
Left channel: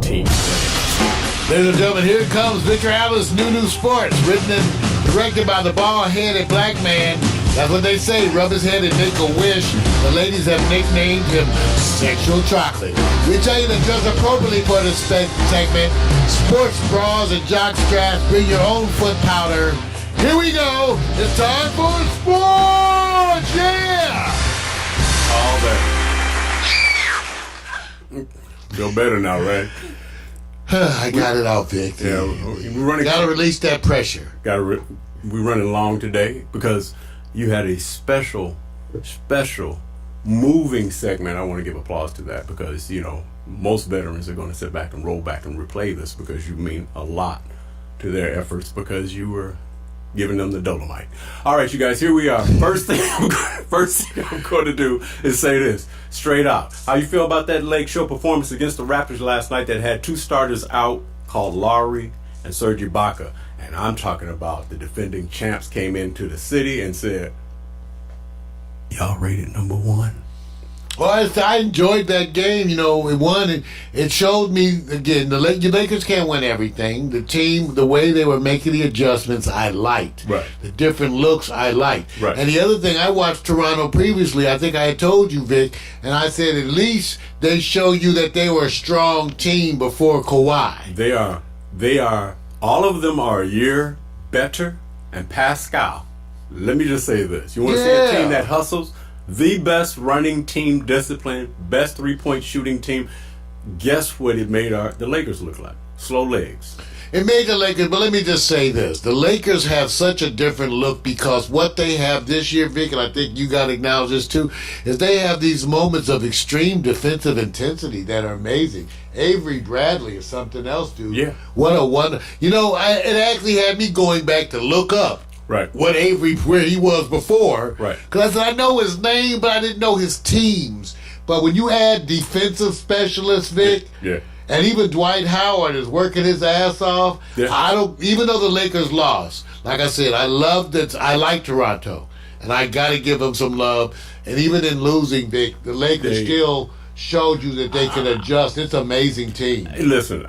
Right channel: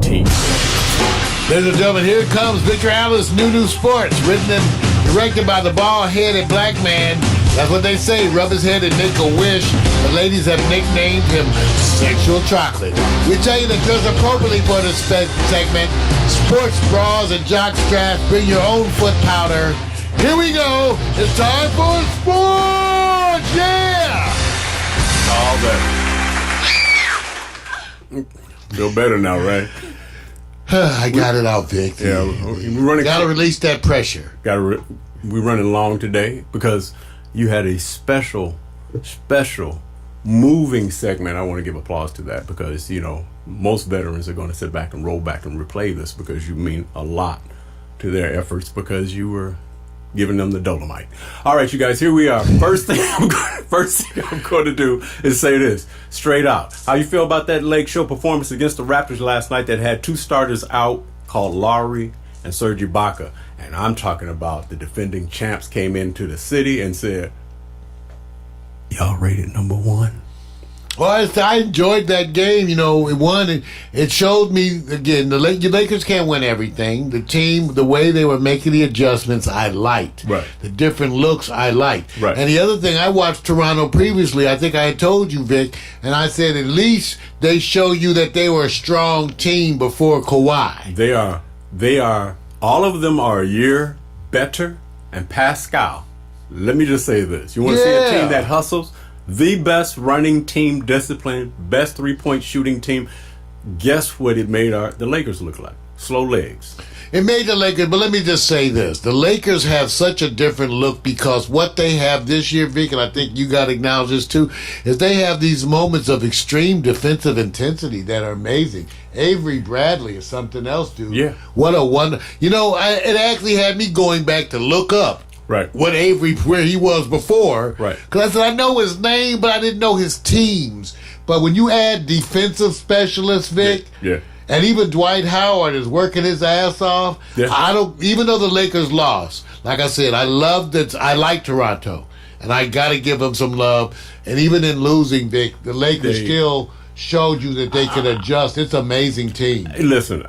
Team. Ladies and gentlemen, here comes Victor Alice, New Sports, written and directed by the bald-headed black man. That's what they say, rub his head and make a wish. The ladies have nicknamed him Sexual Chocolate. We tell you to dress appropriately for this segment. Sports bras and jock straps, bring your own foot powder. Here we go. It's time for sports. Yeah. All day. Feel better now, right? I got it out, Vic. Yeah, we're running. Got to release that pressure. We're running long today because you had a special, moving segment. I want to give applause to that because most veterans are going to sit back and roll back and replay this because you mean a lot to their efforts because you were giving them the Dolomite. All right, you guys, here we are. First thing I'm going to do is say this straight out. How you feel about that Lake Show performance against the Raptors last night that had two starters out called Lowry and Serge Ibaka? And I'm talking about the defending champs came into the city and said, y'all rated number one. Well, I enjoyed that game. It won. It showed me, again, the Lakers can't win everything. The team, the way they were making the adjustments, I liked. Right. The different looks, I liked. Right. And the other thing, I watched Toronto previously. I think I had told you, Vic, and I said at least they show you that they were a strong team before Kawhi. They are, all of them are a year better. And Pascal, let me just say this. You want to see a team that hustles? The best running team discipline, best three-point shooting team. Guess what it made the Lakers look like? Slow legs. It made the Lakers, but let me just say this. The Lakers have such a different look because what they have this year, Vic, and I think you got to acknowledge this too, is they have these moments of extreme defensive intensity that are amazing. Avery Bradley is something else, dude. Yeah. What a wonder. It actually had me going back to look up. Right. What Avery, where he was before. Right. Because I said, I know his name, but I didn't know his teams. But when you add defensive specialists, Vic, Yeah. and even Dwight Howard is working his ass off. Yeah. Even though the Lakers lost, like I said, I love that. I like Toronto, and I got to give them some love. And even in losing, Vic, the Lakers still showed you that they can adjust. It's an amazing team. Hey, listen,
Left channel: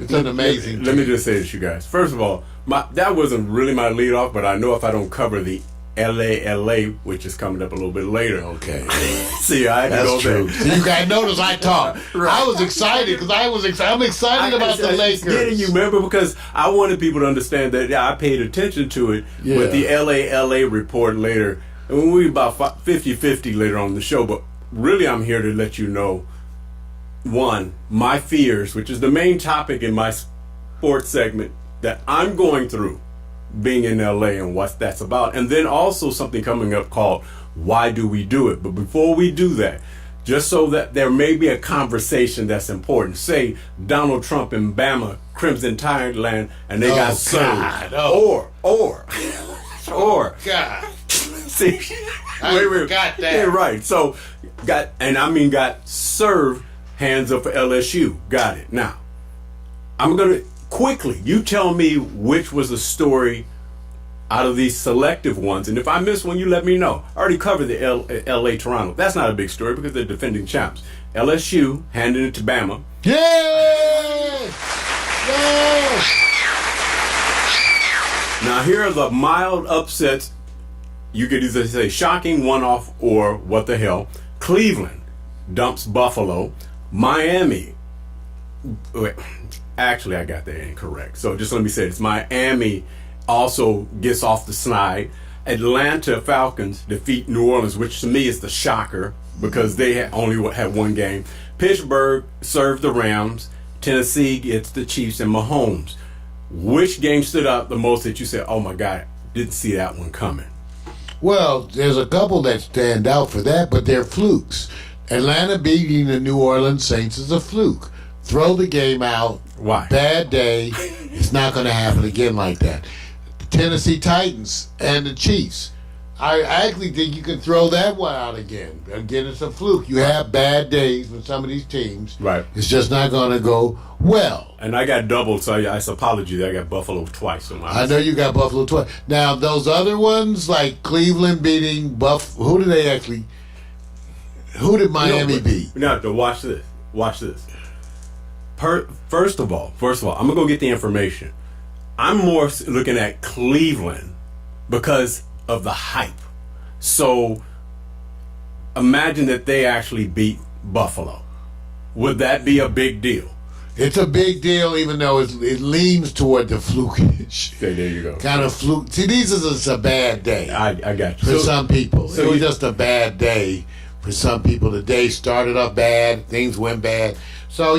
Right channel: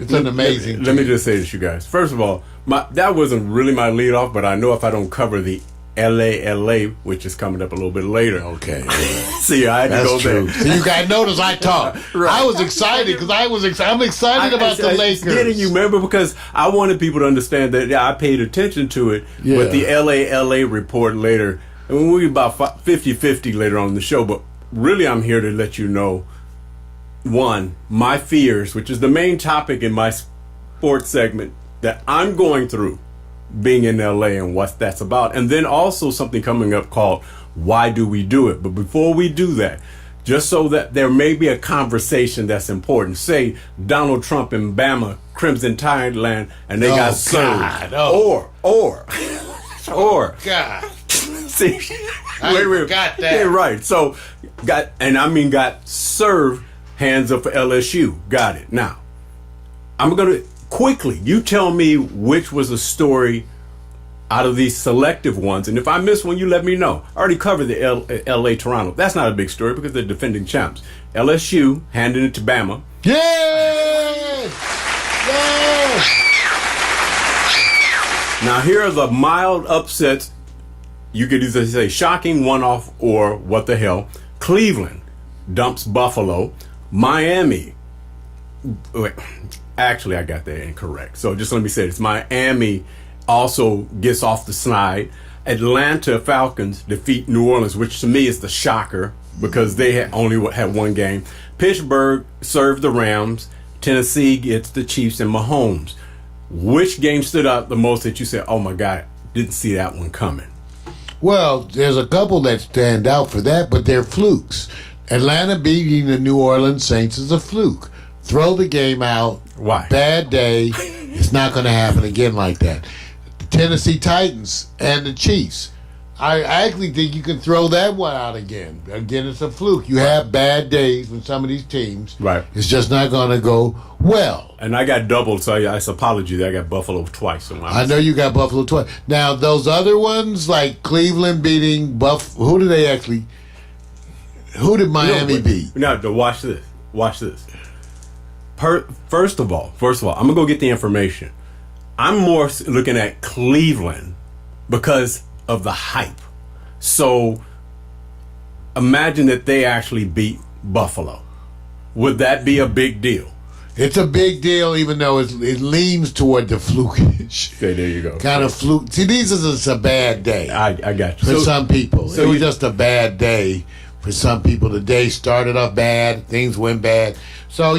It's an amazing team. Let me just say this, you guys. First of all, that wasn't really my lead off, but I know if I don't cover the LA, which is coming up a little bit later. Okay. See, I had to go That's true. there. So you guys notice I talk. Right. I was excited because I'm excited about the Lakers. Getting you, remember, because I wanted people to understand that I paid attention to it with the LA report later. And we'll be about 50-50 later on in the show. But really, I'm here to let you know, one, my fears, which is the main topic in my sports segment that I'm going through being in LA and what that's about. And then also something coming up called Why Do We Do It? But before we do that, just so that there may be a conversation that's important, say Donald Trump in Bama, Crimson Tideland, and they got served. God. Or God. see, I forgot that. Yeah, right. So got served, hands up for LSU. Got it. Now, I'm gonna quickly, you tell me which was the story out of these selective ones, and if I miss one, you let me know. I already covered the LA Toronto. That's not a big story because they're defending champs. LSU handing it to Bama. Yay! Yay! Now here are the mild upsets. You could either say shocking one-off or what the hell. Cleveland dumps Buffalo. Miami. Wait, actually, I got that incorrect. So just let me say this. Miami also gets off the snide. Atlanta Falcons defeat New Orleans, which to me is the shocker because they only had one game. Pittsburgh served the Rams. Tennessee gets the Chiefs and Mahomes. Which game stood out the most that you said, oh my God, didn't see that one coming? Well, there's a couple that stand out for that, but they're flukes. Atlanta beating the New Orleans Saints is a fluke. Throw the game out. Why? Bad day. It's not going to happen again like that. The Tennessee Titans and the Chiefs. I actually think you can throw that one out again. Again, it's a fluke. You have bad days with some of these teams. Right. It's just not going to go well. And I got doubled, so I apology that I got Buffalo twice. So I know you got Buffalo twice. Now, those other ones, like Cleveland beating who did Miami beat? Now, watch this. Watch this. First of all, I'm going to go get the information. I'm more looking at Cleveland because of the hype. So imagine that they actually beat Buffalo. Would that be a big deal? It's a big deal, even though it leans toward the flukish. Okay, there you go. Kind of fluke. See, these is just a bad day. I got you. For some people. So it was just a bad day for some people. The day started off bad. Things went bad. So,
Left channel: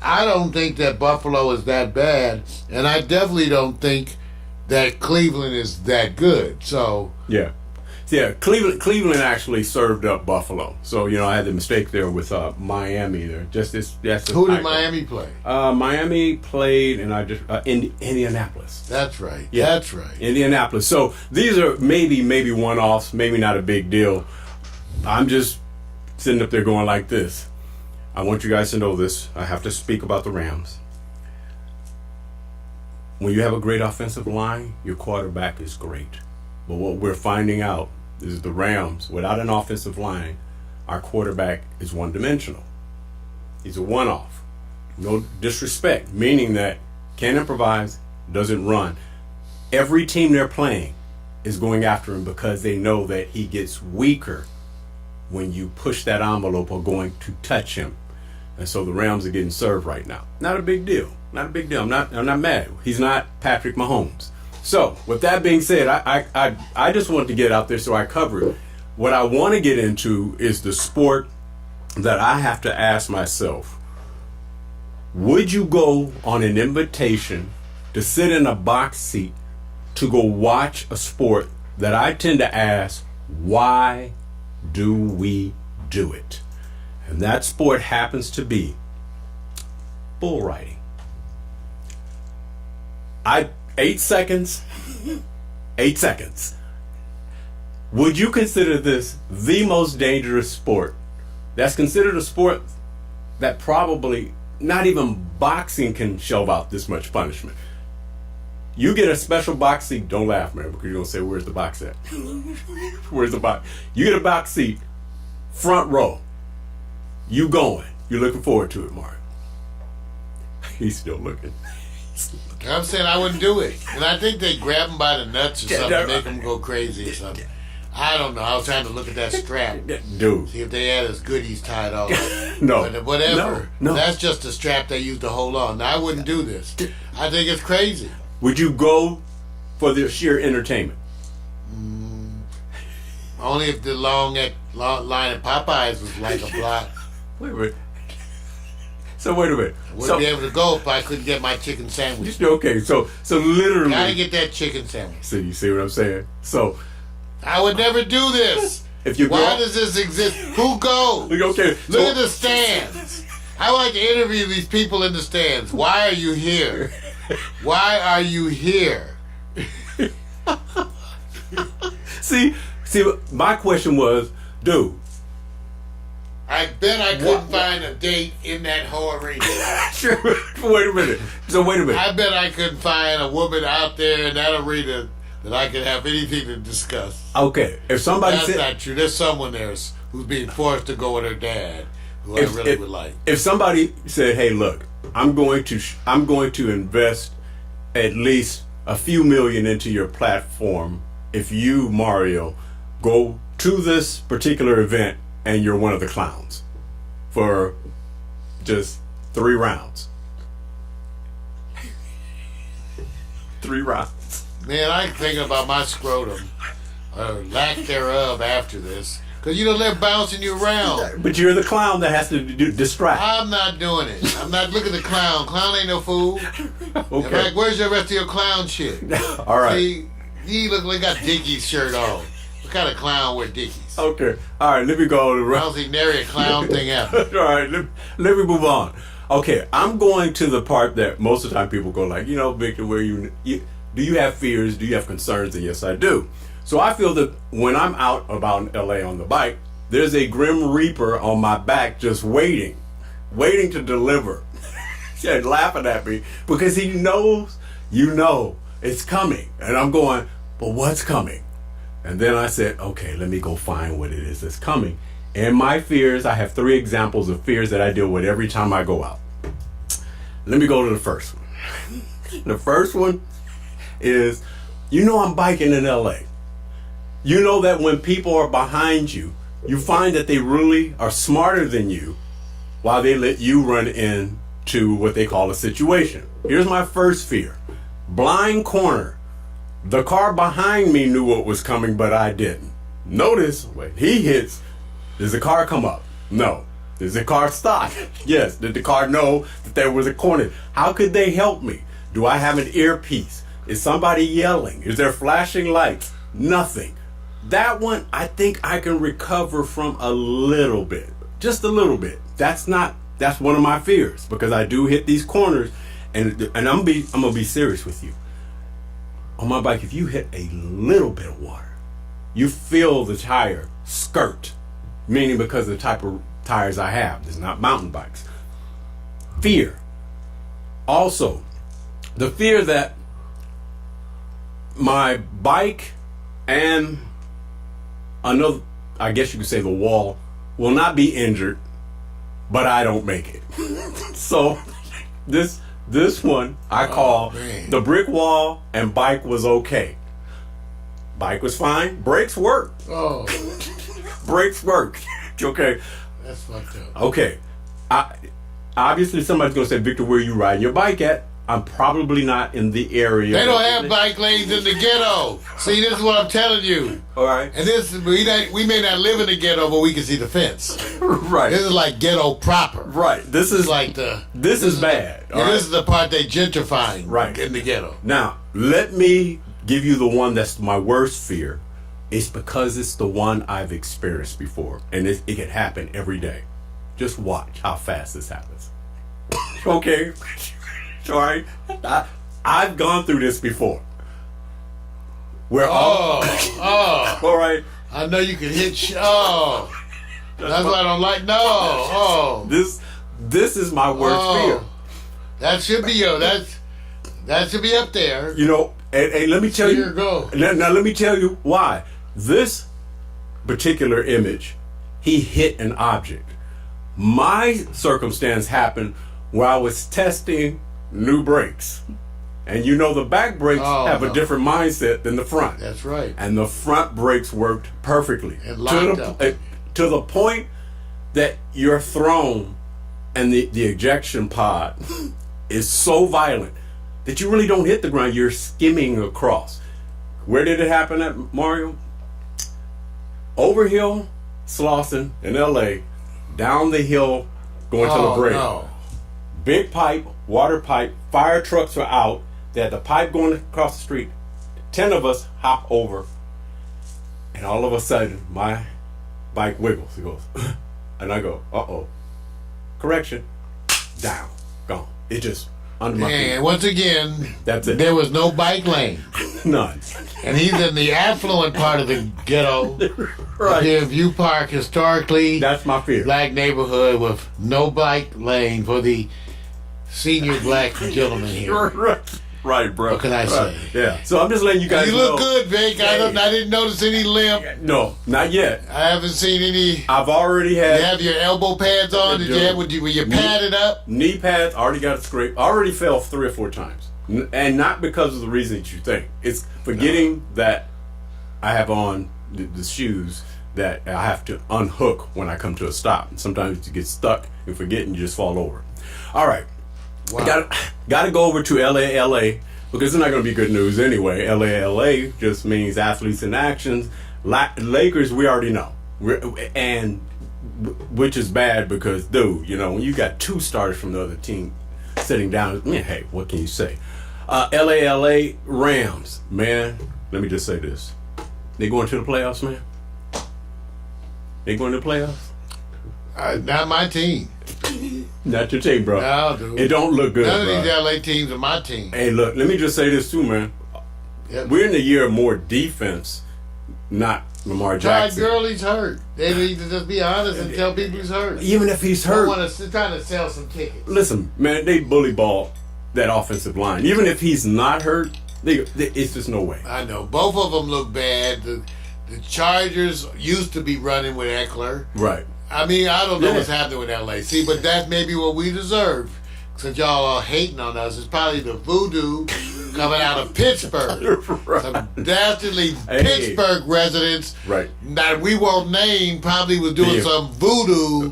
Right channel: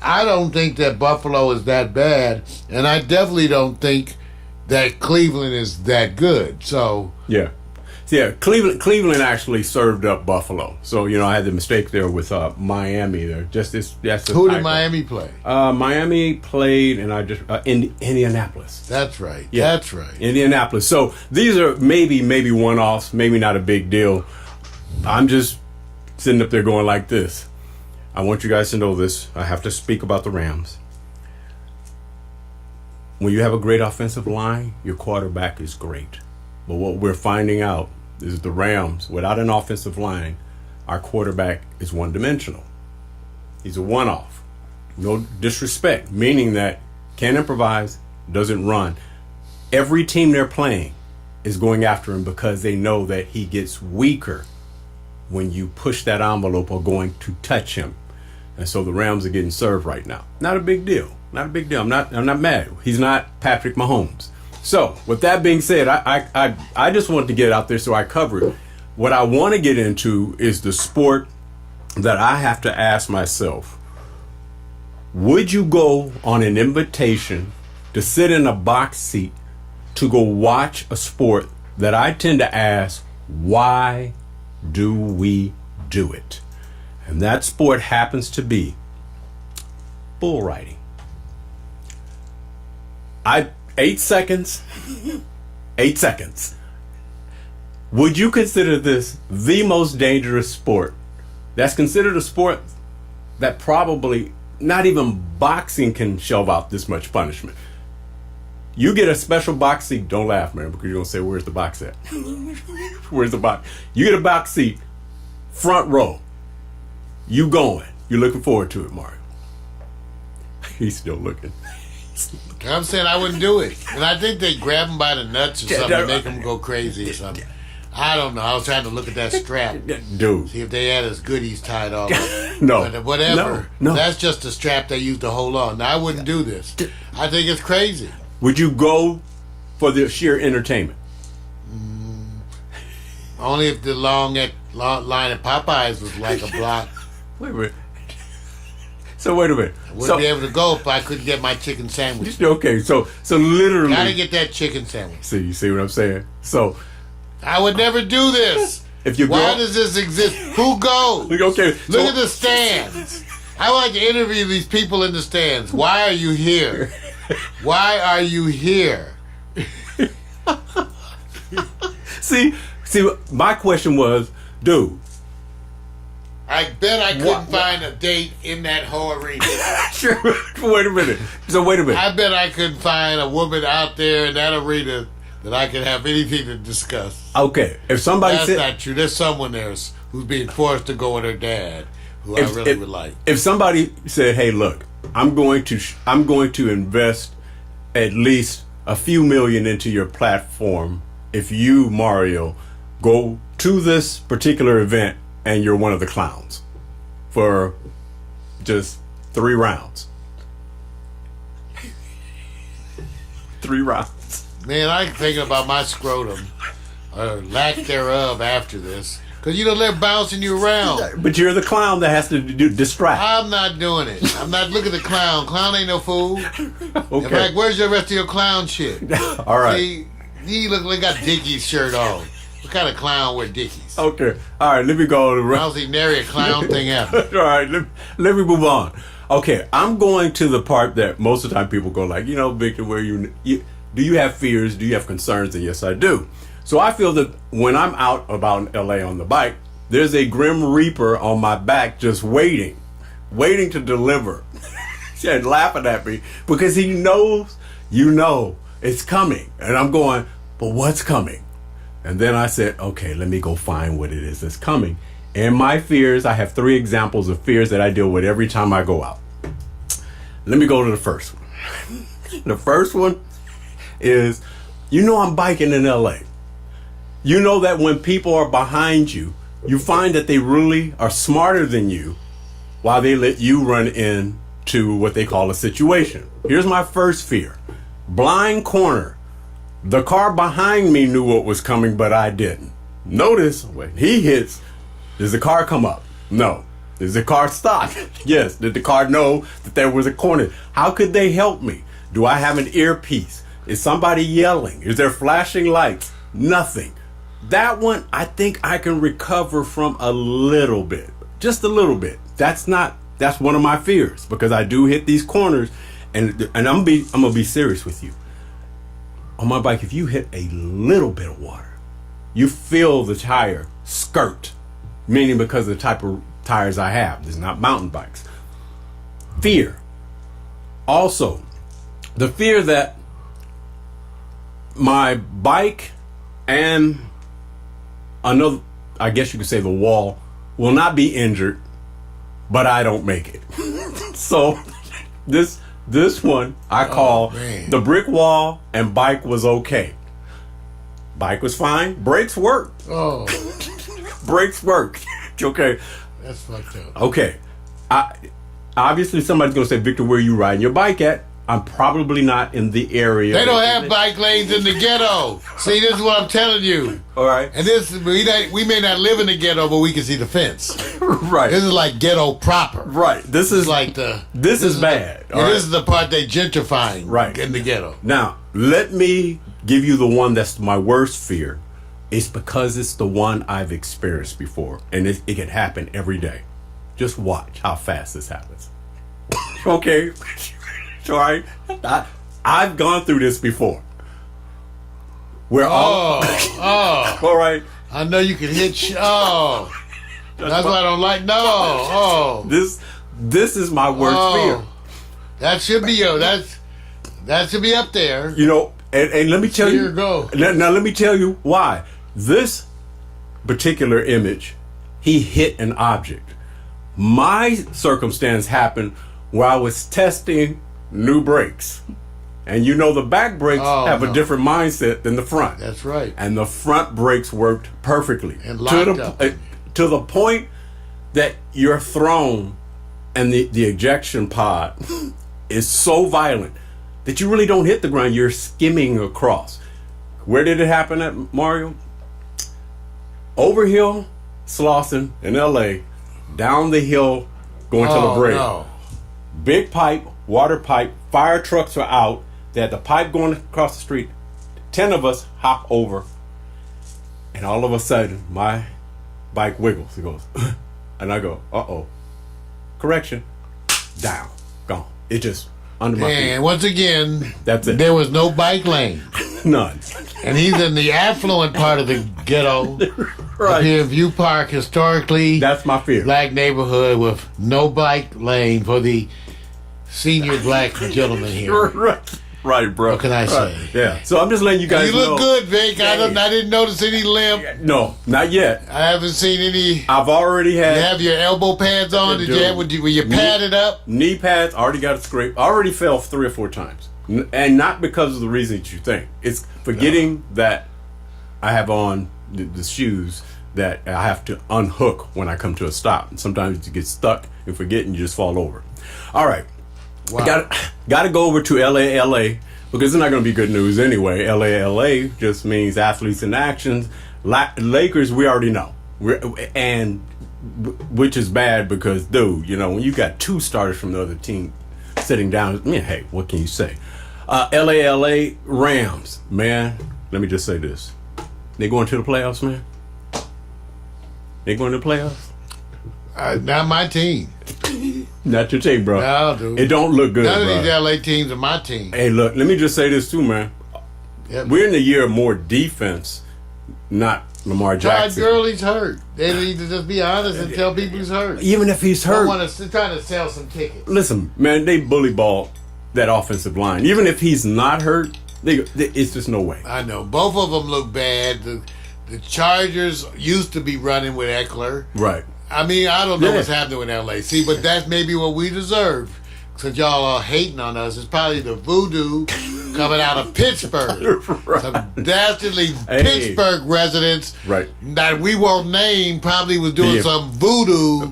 I don't think that Buffalo is that bad. And I definitely don't think that Cleveland is that good. So yeah, Cleveland actually served up Buffalo. So I had the mistake there with Miami there. Who did Miami play? Miami played, and Indianapolis. That's right. Yeah. That's right. Indianapolis. So these are maybe one-offs, maybe not a big deal. I'm just sitting up there going like this. I want you guys to know this. I have to speak about the Rams. When you have a great offensive line, your quarterback is great. But what we're finding out is the Rams, without an offensive line, our quarterback is one-dimensional. He's a one-off. No disrespect, meaning that can't improvise, doesn't run. Every team they're playing is going after him because they know that he gets weaker when you push that envelope or going to touch him. And so the Rams are getting served right now. Not a big deal. Not a big deal. I'm not mad. He's not Patrick Mahomes. So with that being said, I just wanted to get out there so I cover it. What I want to get into is the sport that I have to ask myself. Would you go on an invitation to sit in a box seat to go watch a sport that I tend to ask, why do we do it? And that sport happens to be bull riding. 8 seconds. 8 seconds. Would you consider this the most dangerous sport? That's considered a sport that probably not even boxing can shell out this much punishment. You get a special box seat. Don't laugh, man, because you're going to say, where's the box at? Where's the box? You get a box seat, front row. You going. You're looking forward to it, Mario. He's still looking. I'm saying I wouldn't do it. And I think they grab him by the nuts or something and make him go crazy or something. I don't know. I was trying to look at that strap. Dude. See if they had his goodies tied all up. No. But whatever. No. That's just the strap they use to hold on. Now, I wouldn't do this. I think it's crazy. Would you go for the sheer entertainment? Only if the long line at Popeyes was like a block. Wait. So wait a minute. I wouldn't be able to go if I couldn't get my chicken sandwich. Okay, so literally. Gotta get that chicken sandwich. See, you see what I'm saying? So I would never do this. if you Why go, does this exist? Who goes? okay, Look at the stands. I like to interview these people in the stands. Why are you here? Why are you here? see, my question was, dude. I bet I couldn't find a date in that whole arena. Sure. Wait a minute. So wait a minute. I bet I couldn't find a woman out there in that arena that I could have anything to discuss. Okay, if somebody That's said not true. There's someone there who's being forced to go with her dad, who I really would like. If somebody said, "Hey, look, I'm going to invest at least a few million into your platform if you, Mario, go to this particular event and you're one of the clowns for just 3 rounds." 3 rounds. Man, I'm thinking about my scrotum, or lack thereof after this. Because, they're bouncing you around. But you're the clown that has to distract. I'm not doing it. I'm not looking at the clown. Clown ain't no fool. Okay. In fact, where's the rest of your clown shit? All right. See, he look like got Dickies shirt on. What kind of clown wear Dickies? Okay. All right, let me go to the I don't think nary a clown thing ever. All right, let me move on. Okay, I'm going to the part that most of the time people go like, Victor, where you do you have fears? Do you have concerns? And yes, I do. So I feel that when I'm out about in LA on the bike, there's a grim reaper on my back just waiting to deliver. And laughing at me because he knows, it's coming. And I'm going, but what's coming? And then I said, okay, let me go find what it is that's coming. And my fears, I have 3 examples of fears that I deal with every time I go out. Let me go to the first one. The first one is, I'm biking in LA. You know that when people are behind you, you find that they really are smarter than you while they let you run into what they call a situation. Here's my first fear. Blind corner. The car behind me knew what was coming, but I didn't. Notice when he hits, does the car come up? No. Does the car stop? Yes. Did the car know that there was a corner? How could they help me? Do I have an earpiece? Is somebody yelling? Is there flashing lights? Nothing. That one, I think I can recover from a little bit. Just a little bit. That's one of my fears because I do hit these corners and I'm gonna be serious with you. On my bike, if you hit a little bit of water, you feel the tire skirt, meaning because of the type of tires I have. It's not mountain bikes. Fear. Also, the fear that my bike and another, I guess you could say the wall, will not be injured, but I don't make it. So this one I call the brick wall and bike was okay. Bike was fine. Brakes worked. Oh, Brakes worked. Okay. that's fucked up. Okay. Obviously somebody's going to say, Victor, where you riding your bike at? I'm probably not in the area. They don't have bike lanes in the ghetto. See, this is what I'm telling you. All right. And we may not live in the ghetto, but we can see the fence. Right. This is like ghetto proper. Right. This is like this is bad. This is the part they gentrifying. Right. In the ghetto. Now, let me give you the one that's my worst fear. It's because it's the one I've experienced before, and it can happen every day. Just watch how fast this happens. Okay. All right. I've gone through this before. Where all right. I know you can hit. That's what I don't like. No. This is my worst fear. That should be that should be up there. And let me tell you. Here you go. Now let me tell you why. This particular image, he hit an object. My circumstance happened where I was testing new brakes. And the back brakes have a different mindset than the front. That's right. And the front brakes worked perfectly. And locked up. To the point that you're thrown and the ejection pod is so violent that you really don't hit the ground. You're skimming across. Where did it happen at, Mario? Overhill, Slauson in LA, down the hill, going to La Brea. No. big pipe, water pipe, fire trucks are out. They had the pipe going across the street. 10 of us hop over, and all of a sudden, my bike wiggles. It goes, and I go, uh-oh. Correction. Down. Gone. It just under my feet. And once again, That's it. there was no bike lane. None. And he's in the affluent part of the ghetto. Right. Here in View Park, historically That's my fear. black neighborhood with no bike lane for the senior black gentleman here. Right, bro. What can I say? Yeah. So I'm just letting you guys You know. look good, Vic. I didn't notice any limp. No, not yet. I haven't seen any. I've already had You have your elbow pads on? Yeah, Did you have, were you padded up? knee pads. Already got a scrape. Already fell 3 or 4 times, and not because of the reason that you think. It's forgetting that I have on the shoes that I have to unhook when I come to a stop. And sometimes you get stuck and forget, and you just fall over. All right. Wow. Got to go over to LA, because it's not going to be good news anyway. LA just means athletes in actions. Lakers, we already know. Which is bad because, dude, when you got 2 starters from the other team sitting down, hey, what can you say? LA Rams, man, let me just say this. They going to the playoffs, man? They going to the playoffs? Not my team. Not your team, bro. No, dude. It don't look good, None of bro. these LA teams are my team. Hey, look, let me just say this too, man. Yep. We're in the year of more defense, not Lamar Todd Jackson. Gurley's hurt. They need to just be honest and tell people he's hurt. Even if he's hurt. They're trying to sell some tickets. Listen, man, they bully ball that offensive line. Even if he's not hurt, it's just no way. I know. Both of them look bad. The Chargers used to be running with Eckler. Right. I mean, I don't know Yeah. what's happening with LA. See, but that's maybe what we deserve. Since y'all are hating on us, it's probably the voodoo coming out of Pittsburgh. Right. Some dastardly Hey. Pittsburgh residents Right. that we won't name probably was doing Yeah. some voodoo,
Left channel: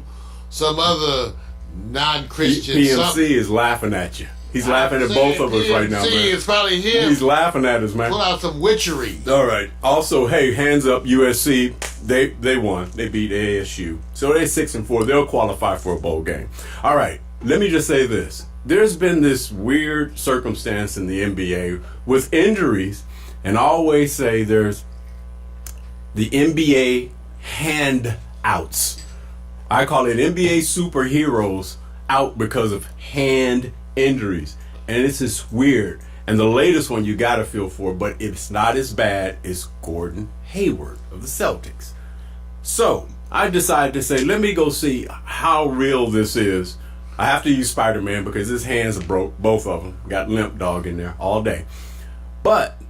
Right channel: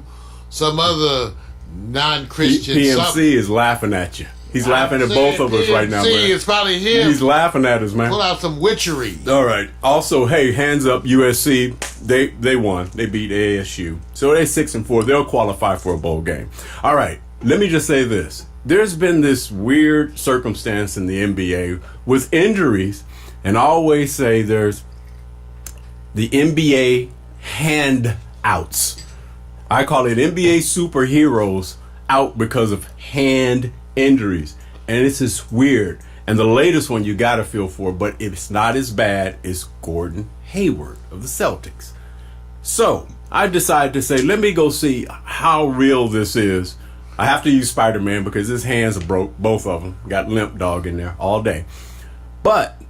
some other non-Christian PMC something. is laughing at you. He's laughing at both of us right now, See, man. it's probably him. He's laughing at us, man. Pull out some witchery. All right. Also, hey, hands up, USC. They won. They beat ASU. So they're 6-4. They'll qualify for a bowl game. All right. Let me just say this. There's been this weird circumstance in the NBA with injuries, and I always say there's the NBA handouts. I call it NBA superheroes out because of hand injuries. And it's just weird. And the latest one you got to feel for, but it's not as bad, is Gordon Hayward of the Celtics. So I decided to say, let me go see how real this is. I have to use Spider-Man because his hands are broke, both of them. Got limp dog in there all day. But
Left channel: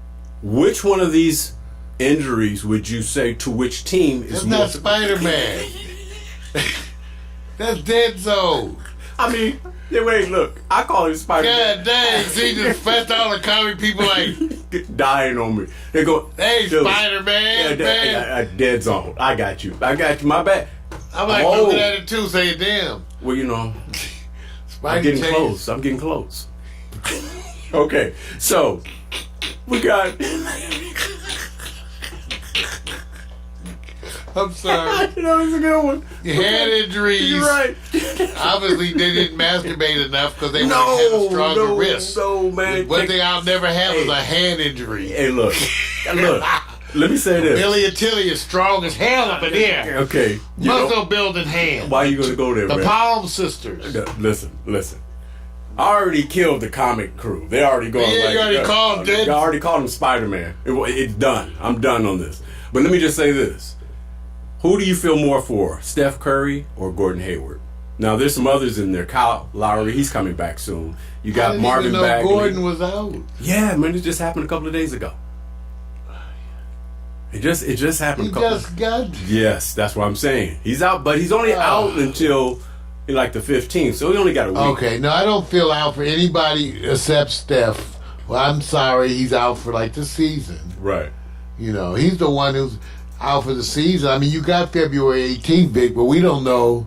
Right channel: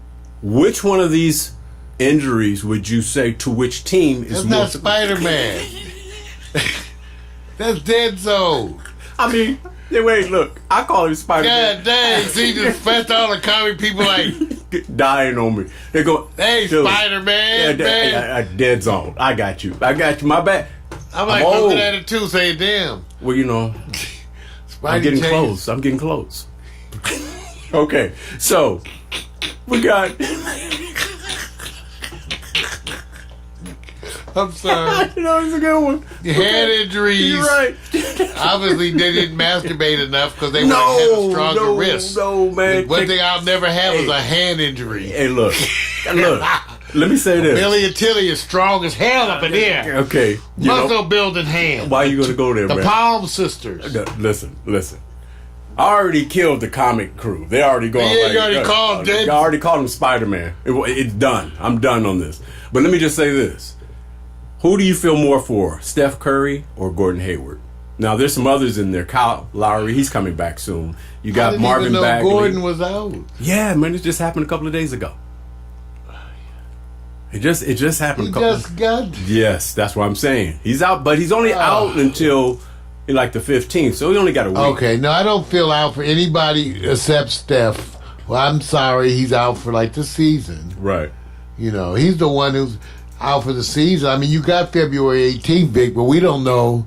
which one of these injuries would you say to which team is That's more? not Spider-Man. That's Dead Zone. I mean, wait, look. I call him Spider-Man. God dang, see, just fessed all the comic people like, Dying on me. They go, hey, dude, Spider-Man, man. Dead zone. I got you. My bad. I'm like old. looking at it too, saying, damn. Well, I'm Spidey getting changed. close. I'm getting close. Okay, so we got. I'm sorry. It's a good one. Hand injuries. You're right. Obviously, they didn't masturbate enough because they would have had a stronger wrist. No, man. One thing I'll never have is Hey. a hand injury. Hey, look. Let me say this. Billy and Tilly is strong as hell up in here. Okay. Muscle building hand. Why you gonna go there, The man? Palm Sisters. Listen. I already killed the comic crew. They already going. Yeah, you already called him dead. I already called him Spider-Man. It's done. I'm done on this. But let me just say this. Who do you feel more for, Steph Curry or Gordon Hayward? Now, there's some others in there. Kyle Lowry, he's coming back soon. You I got didn't Marvin even know Bagley. Gordon was out. Yeah, man, it just happened a couple of days ago. It just happened. He a couple. just got. Yes, that's what I'm saying. He's out, but he's only out until like the 15th, so he only got a week. Okay, no, I don't feel out for anybody except Steph. Well, I'm sorry, he's out for like the season. Right. He's the one who's out for the season. I mean, you got February 18th, Vic, but we don't know.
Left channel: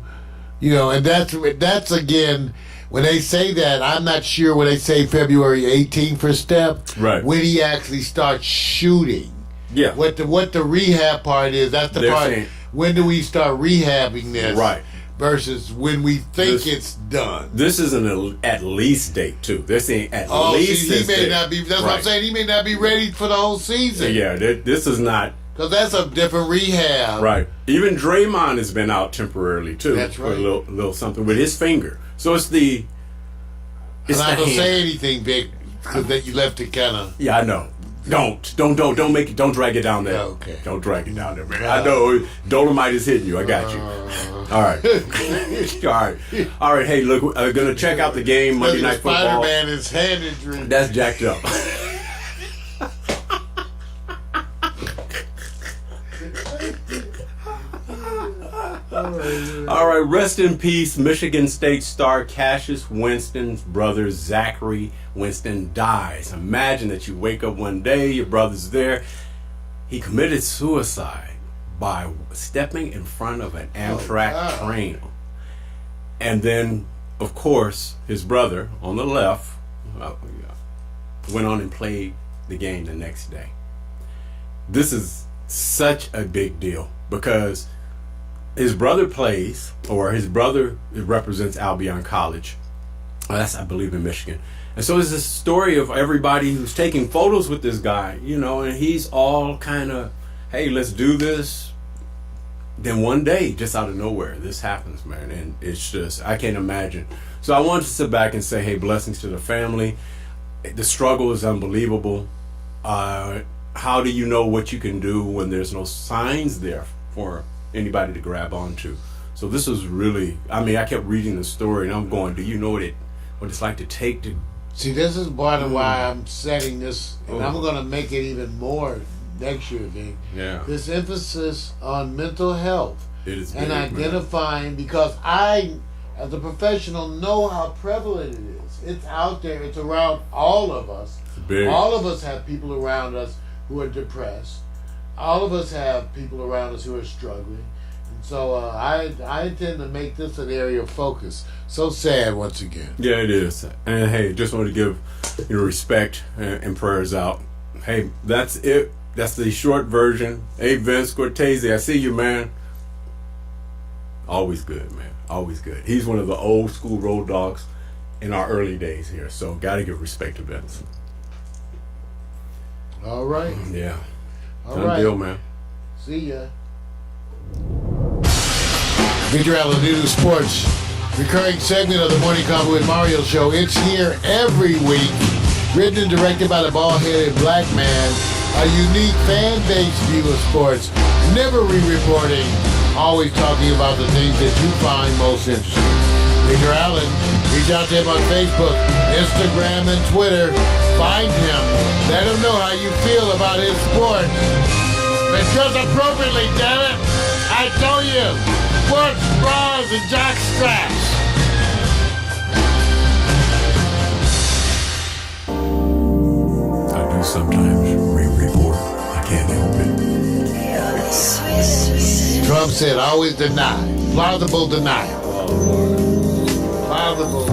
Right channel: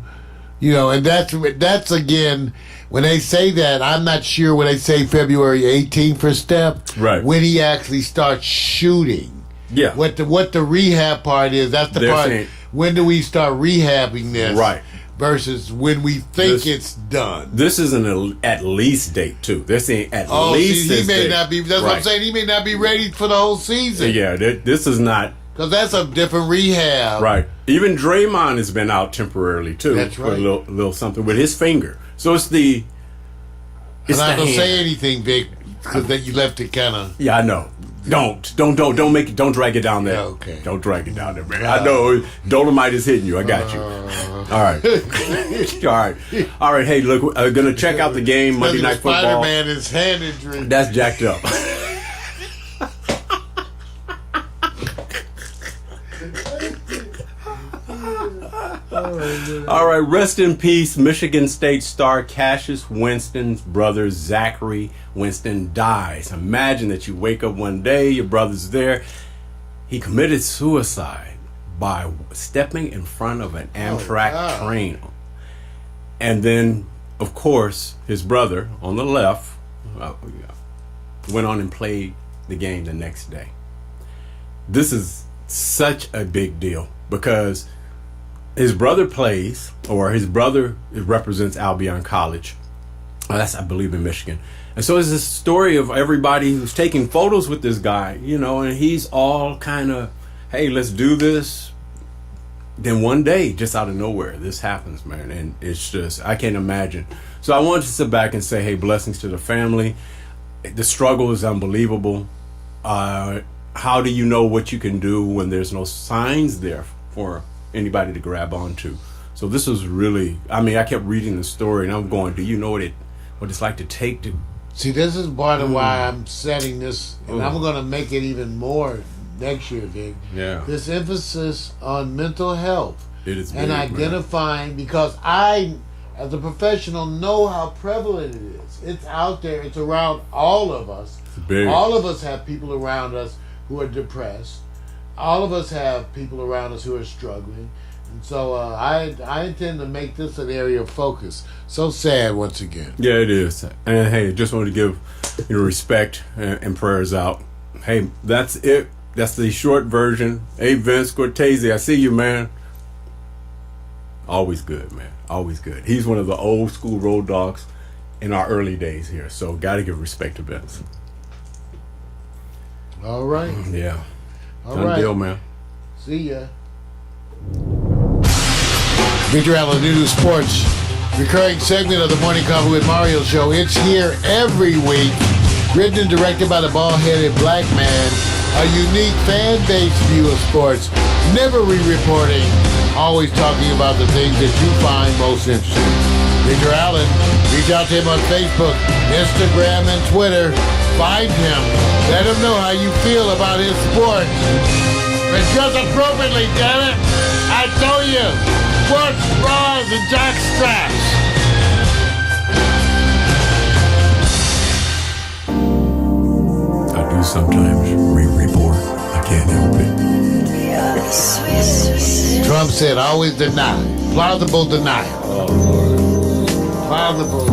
And that's again, when they say that, I'm not sure when they say February 18th for Steph, Right. when he actually starts shooting. Yeah. What the rehab part is, that's the They're part. saying- When do we start rehabbing this? Right. versus when we think it's done. This is an at least date too. They're saying at least. See, he may date. not be. That's what I'm saying. He may not be ready for the whole season. Yeah, this is not. Because that's a different rehab. Right. Even Draymond has been out temporarily too. That's right. For a little something with his finger. So it's the. I'm not gonna say anything, Vic, because that you left it kind of. Yeah, I know. Don't make it. Don't drag it down there. Yeah, okay. Don't drag it down there, man. I know Dolomite is hitting you. I got you. All right. All right. Hey, look, we're gonna check out the game Monday Night Football. Spider-Man is hand injury. That's jacked up. All right, rest in peace, Michigan State star Cassius Winston's brother Zachary Winston dies. Imagine that you wake up one day, your brother's there. He committed suicide by stepping in front of an Amtrak train. And then, of course, his brother on the left went on and played the game the next day. This is such a big deal because his brother plays, or his brother represents Albion College. That's, I believe, in Michigan. And so it's this story of everybody who's taking photos with this guy, you know, and he's all kind of, hey, let's do this. Then one day, just out of nowhere, this happens, man. And it's just, I can't imagine. So I wanted to sit back and say, hey, blessings to the family. The struggle is unbelievable. How do you know what you can do when there's no signs there for anybody to grab onto? So this was really, I mean, I kept reading the story and I'm going, do you know what it's like to take to... See, this is part of why I'm setting this, and I'm going to make it even more next year, Vic. Yeah. This emphasis on mental health. It is and big, identifying, man. Because I, as a professional, know how prevalent it is. It's out there. It's around all of us. It's big. All of us have people around us who are depressed. All of us have people around us who are struggling. And so I intend to make this an area of focus. So sad once again. Yeah, it is. And hey, just wanted to give respect and prayers out. Hey, that's it. That's the short version. Hey, Vince Cortese, I see you, man. Always good, man. Always good. He's one of the old school road dogs in our early days here. So got to give respect to Vince. All right. Yeah. All Done right. deal, man. See ya. Victor Allen, New Sports, recurring segment of the Morning Coffee with Mario show. It's here every week, written and directed by the bald-headed black man, a unique fan-based view of sports, never re-reporting, always talking about the things that you find most interesting. Victor Allen, reach out to him on Facebook, Instagram, and Twitter. Find him. Let him know how you feel about his sport. But dress appropriately, damn it! I told you! Sports bras and jock straps! I do sometimes re-report. I can't help it. Trump said always deny. Plausible denial. Plausible.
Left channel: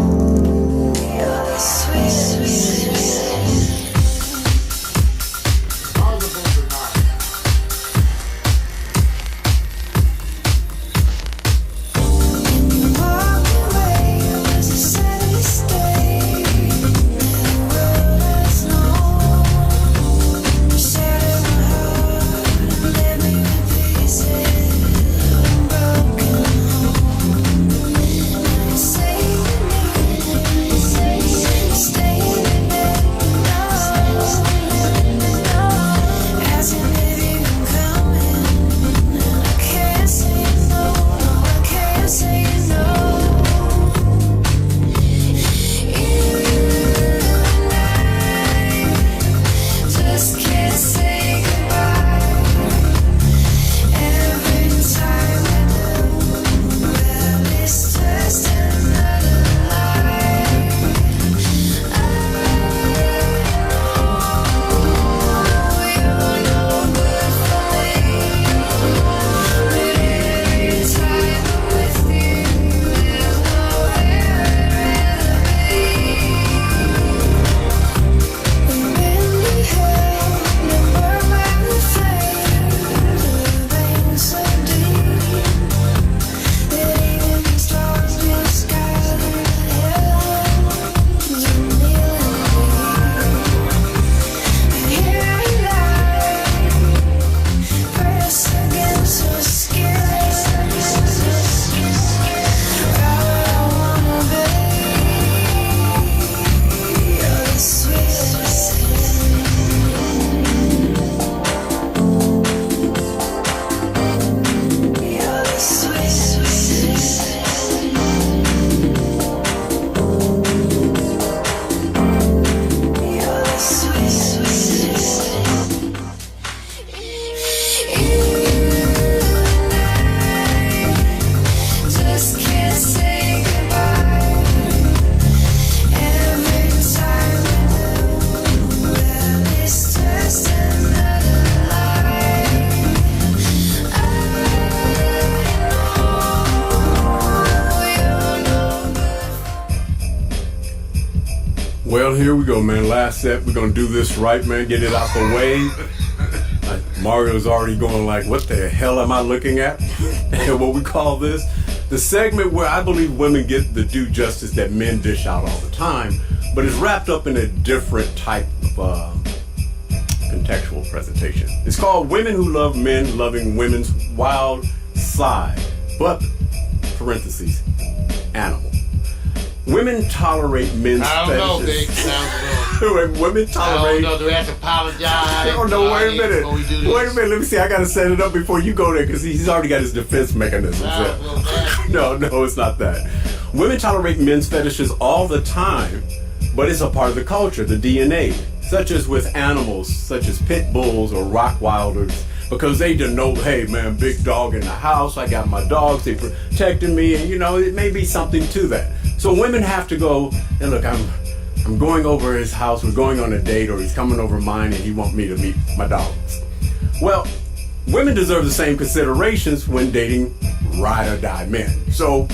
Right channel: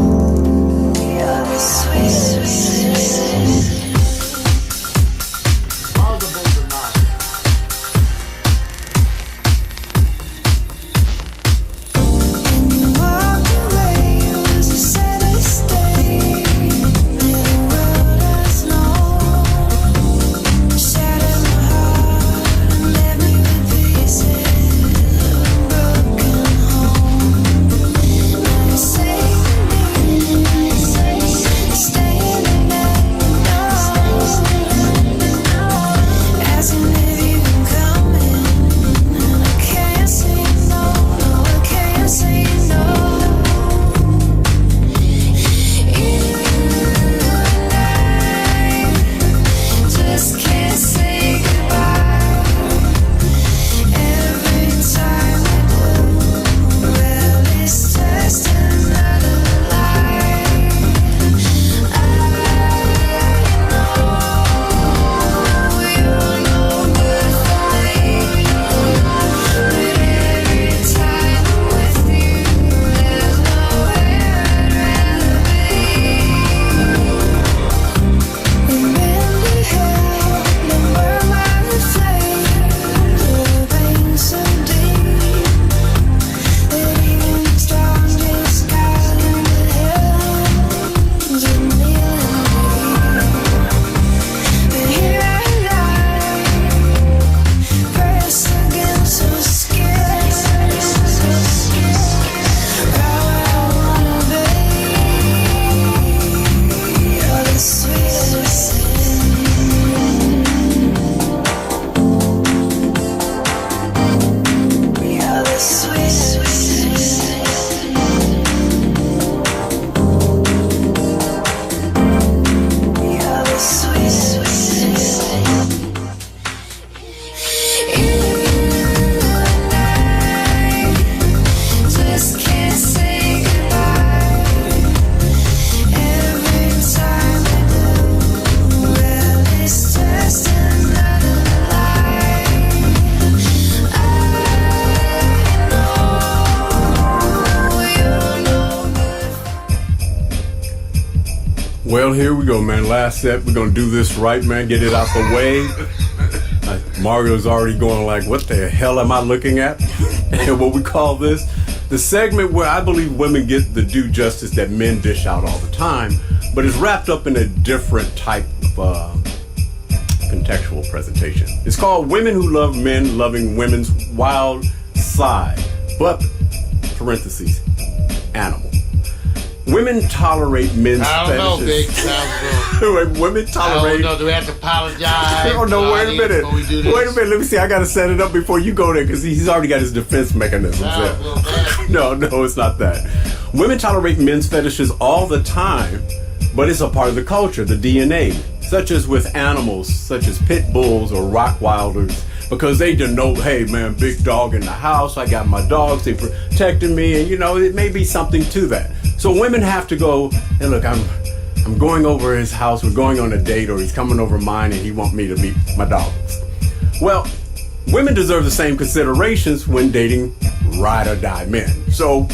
Staying Well, here we go, man. Last set. We're gonna do this right, man. Get it out the way. Mario's already going like, what the hell am I looking at? And what we call this, the segment where I believe women get the due justice that men dish out all the time, but it's wrapped up in a different type of contextual presentation. It's called Women Who Love Men Loving Women's Wild Side, but, parentheses, animal. Women tolerate men's I don't know, Big. fetishes. Sounds good. Women I tolerate... don't know. Do we have to apologize? Oh, no, wait a minute. before we do this? Wait a minute. Let me see. I got to set it up before you go there because he's already got his defense mechanisms Sounds a little bad. No, it's not that. Women tolerate men's fetishes all the time, but it's a part of the culture, the DNA, such as with animals, such as pit bulls or Rockwilders, because they denote, hey, man, big dog in the house. I got my dogs. They protecting me, and, it may be something to that. So women have to go, and look, I'm going over his house, we're going on a date, or he's coming over mine and he want me to meet my dogs. Well, women deserve the same considerations when dating ride or die men. So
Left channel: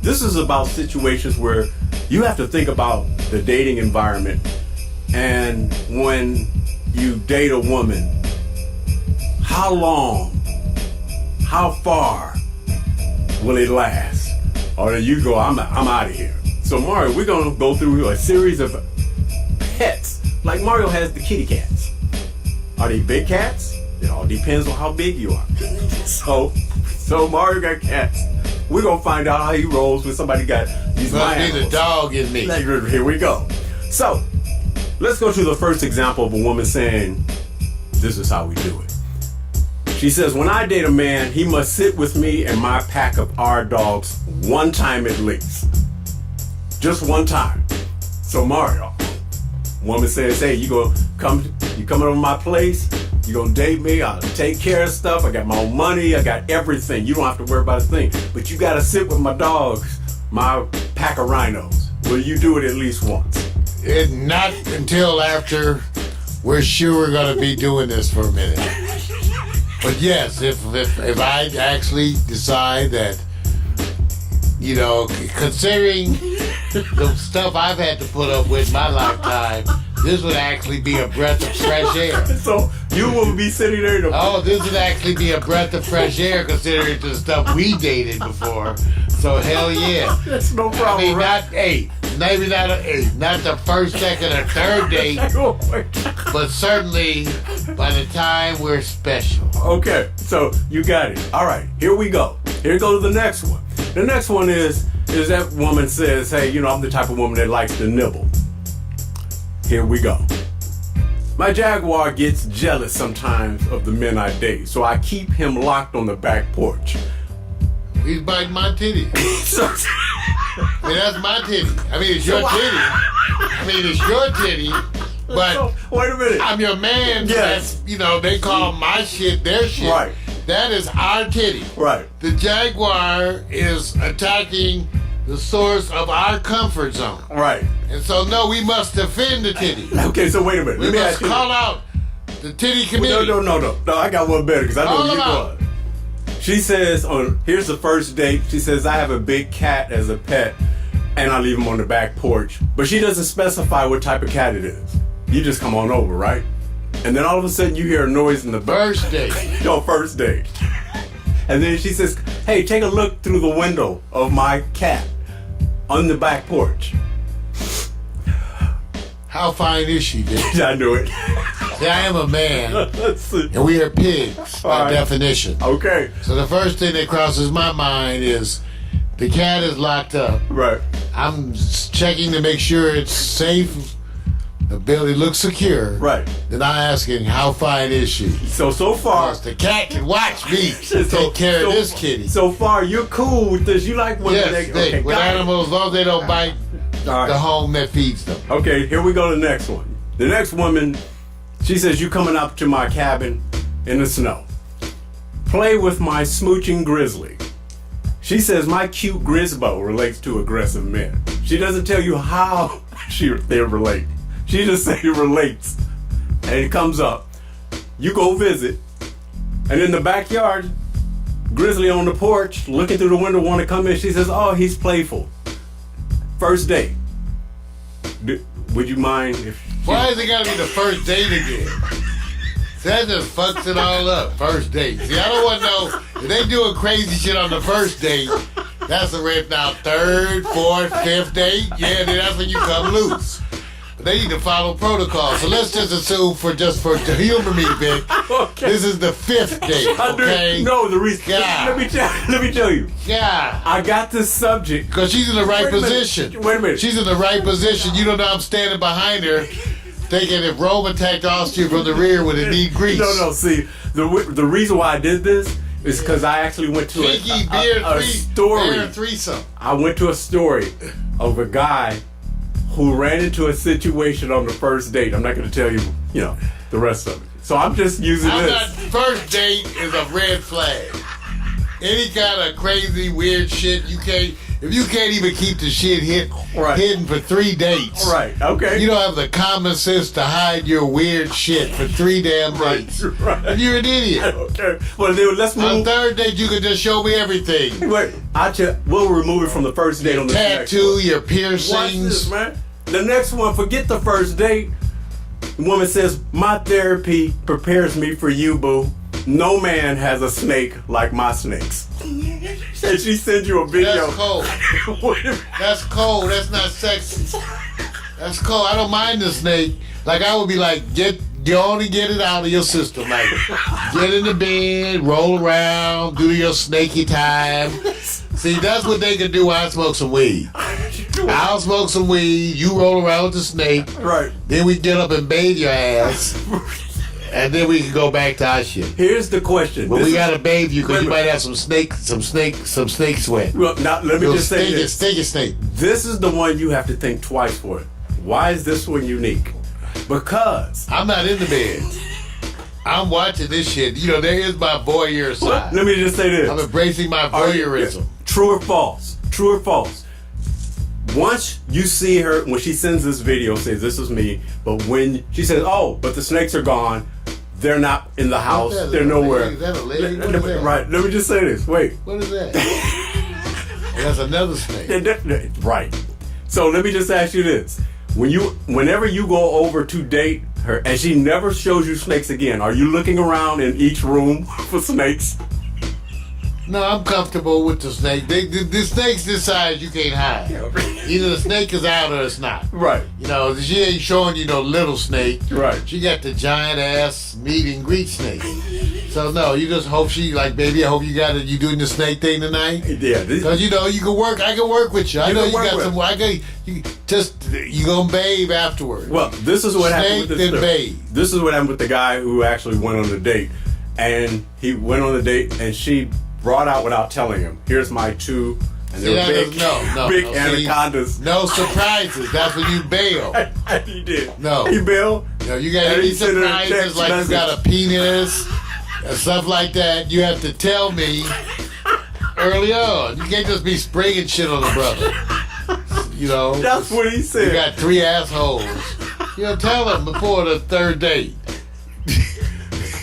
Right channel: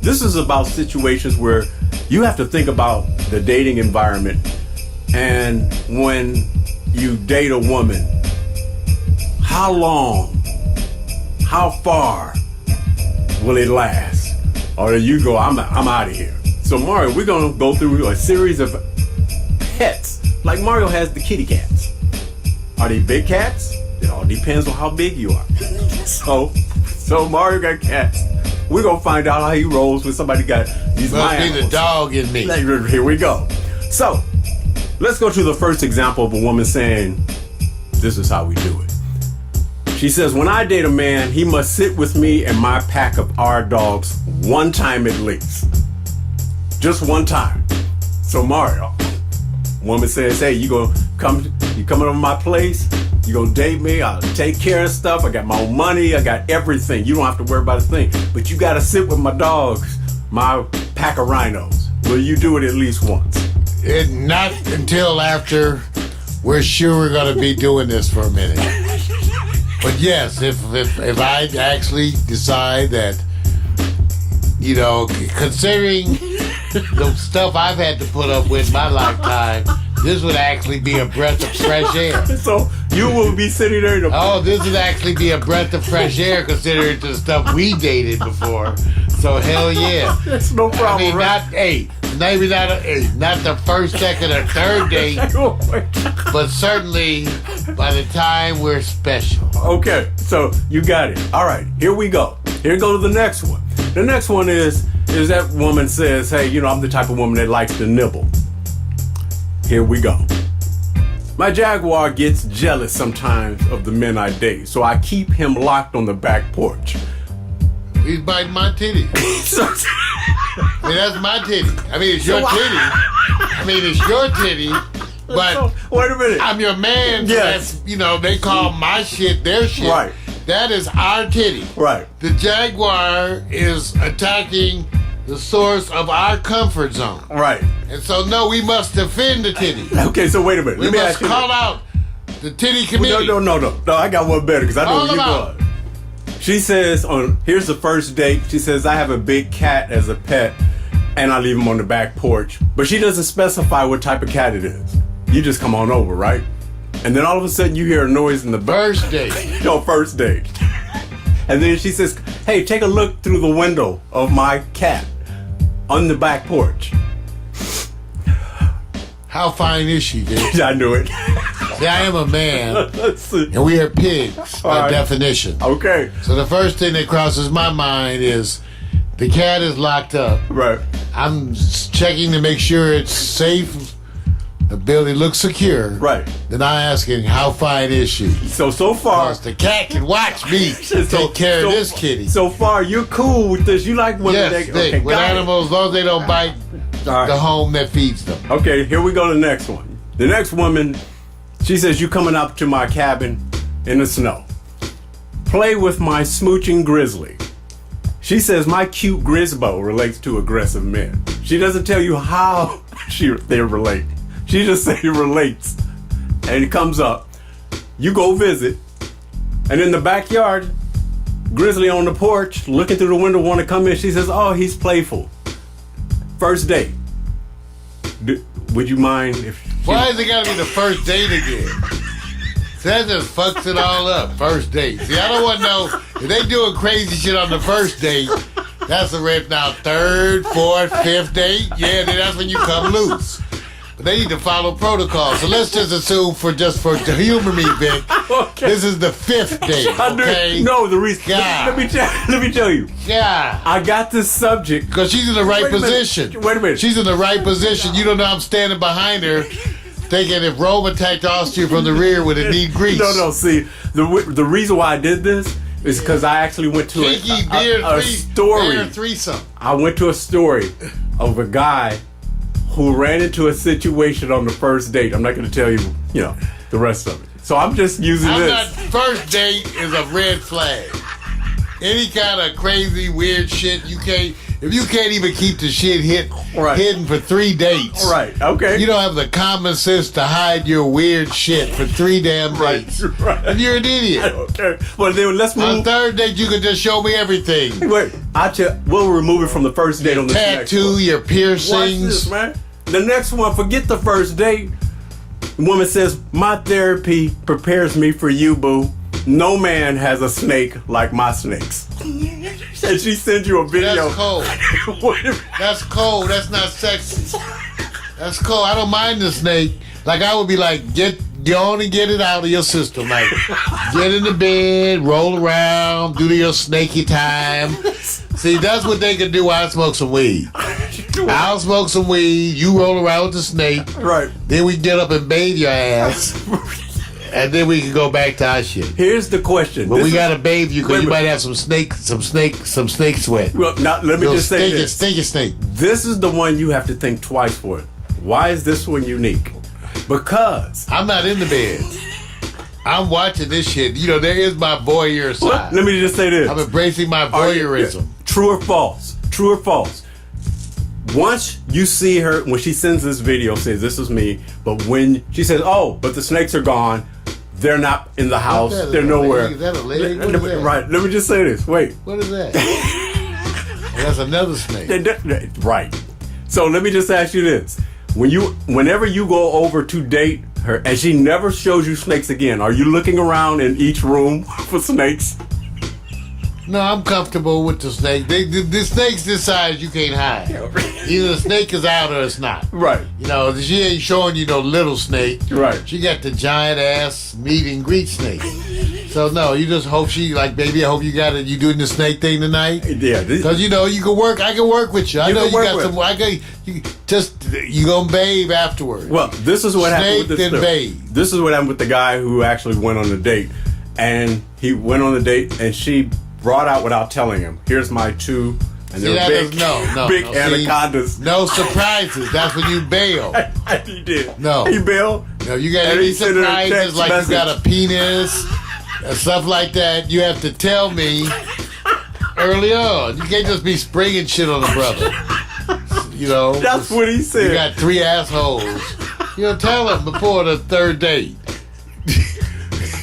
this is about situations where you have to think about the dating environment, and when you date a woman, how long, how far will it last? Or you go, I'm out of here. So Mario, we're gonna go through a series of pets. Like Mario has the kitty cats. Are they big cats? It all depends on how big you are. So Mario got cats. We're gonna find out how he rolls when somebody got these Must be the animals. dog in me. Here we go. So let's go to the first example of a woman saying, this is how we do it. She says, when I date a man, he must sit with me and my pack of our dogs one time at least. Just one time. So Mario, woman says, hey, you coming over my place? You gonna date me? I'll take care of stuff. I got my own money. I got everything. You don't have to worry about a thing. But you gotta sit with my dogs, my pack of rhinos. Will you do it at least once? Not until after we're sure we're gonna be doing this for a minute. But yes, if I actually decide that, considering the stuff I've had to put up with my lifetime, this would actually be a breath of fresh air. So you will be sitting there. This would actually be a breath of fresh air considering the stuff we dated before. So hell yeah. That's no problem, right? Not the first, second, or third date, but certainly by the time we're special. Okay, so you got it. All right, here we go. Here goes the next one. The next one is that woman says, hey, I'm the type of woman that likes to nibble. Here we go. My Jaguar gets jealous sometimes of the men I date, so I keep him locked on the back porch. He's biting my titty. That's my titty. It's your titty. It's your titty. But so, wait a minute. I'm your man. So yes. They call my shit their shit. Right. That is our titty. Right. The Jaguar is attacking the source of our comfort zone. Right. And so, no, we must defend the titty. Okay, so wait a minute. We must call out the titty committee. No, I got one better because I know where you're going. She says, here's the first date. She says, I have a big cat as a pet, and I leave him on the back porch. But she doesn't specify what type of cat it is. You just come on over, right? And then all of a sudden you hear a noise in the first date. First date. And then she says, hey, take a look through the window of my cat on the back porch. How fine is she, dude? I knew it. See, I am a man, and we are pigs by definition. Okay. So the first thing that crosses my mind is the cat is locked up. Right. I'm checking to make sure it's safe. The building looks secure. Right. Then I'm asking, how fine is she? So far... Because the cat can watch me take care of this kitty. So far, you're cool with this. You like women that... with animals, as long as they don't bite the home that feeds them. Okay, here we go to the next one. The next woman, she says, you coming up to my cabin in the snow. Play with my smooching grizzly. She says my cute Grisbo relates to aggressive men. She doesn't tell you how they relate. She just says it relates. And it comes up. You go visit. And in the backyard, Grizzly on the porch, looking through the window, want to come in. She says, oh, he's playful. First date. would you mind if? Why is it gotta be the first date again? See, that just fucks it all up. First date. See, I don't want to know if they doing crazy shit on the first date. That's a red now. Third, fourth, fifth date. Yeah, then that's when you come loose. But they need to follow protocol. So let's just assume to humor me, Vic. Okay. This is the fifth date. Okay. No, the reason. God. Let me tell you. Yeah. I got this subject Because she's in the right Wait a minute. position. Wait a minute. She's in the right position. You don't know I'm standing behind her, thinking if Rome attacked Austria from the rear, would it need grease? No. See, the reason why I did this is because I actually went to Kinky a story. beer threesome. I went to a story of a guy who ran into a situation on the first date. I'm not going to tell you, the rest of it. So I'm just using this. First date is a red flag. Any kind of crazy, weird shit, if you can't even keep the shit hidden for 3 dates. Right, okay. You don't have the common sense to hide your weird shit for 3 damn dates. Right. You're an idiot. Okay. Well, then let's move. On third date, you can just show me everything. Wait, we'll remove it from the first date on the next Tattoo, one. your Watch piercings. this, man. The next one, forget the first date. The woman says, my therapy prepares me for you, boo. No man has a snake like my snakes. And she sends you a video. That's cold. That's cold. That's not sexy. That's cold. I don't mind the snake. Like, I would be like, get on and get it out of your system. Like, get in the bed, roll around, do your snaky time. See, that's what they can do while I smoke some weed. I'll smoke some weed, you roll around with the snake. Right. Then we get up and bathe your ass. And then we can go back to our shit. Here's the question. But we gotta bathe you because you might have some snake sweat. Well, now let me just say this. Stinky snake. This is the one you have to think twice for. Why is this one unique? Because I'm not in the bed. I'm watching this shit. There is my voyeur side. let me just say this. I'm embracing my voyeurism. True or false? True or false? Once you see her, when she sends this video, says this is me, but when she says, oh, but the snakes are gone, they're not in the house, they're nowhere. Is that a leg? What is that? Right, let me just say this. Wait. What is that? That's another snake. Right. So let me just ask you this. Whenever you go over to date her, and she never shows you snakes again, are you looking around in each room for snakes? No, I'm comfortable with the snake. The snake's this size, you can't hide. Either the snake is out or it's not. Right. She ain't showing you no little snake. Right. She got the giant ass meet and greet snake. So no, you just hope she baby, I hope you doing the snake thing tonight. Yeah. Because you can work. I can work with you. I know you got some. You gonna bathe afterwards. Well, this is what happened with this. Snake then bathe. This is what happened with the guy who actually went on the date, and he went on the date, and she brought out without telling him. Here's my 2, and they're big, big anacondas. No surprises. That's when you bail. He did. No. He bailed. No, you got any surprises like you got a penis and stuff like that. You have to tell me early on. You can't just be springing shit on a brother. That's what he said. You got 3 assholes. Tell him before the third date.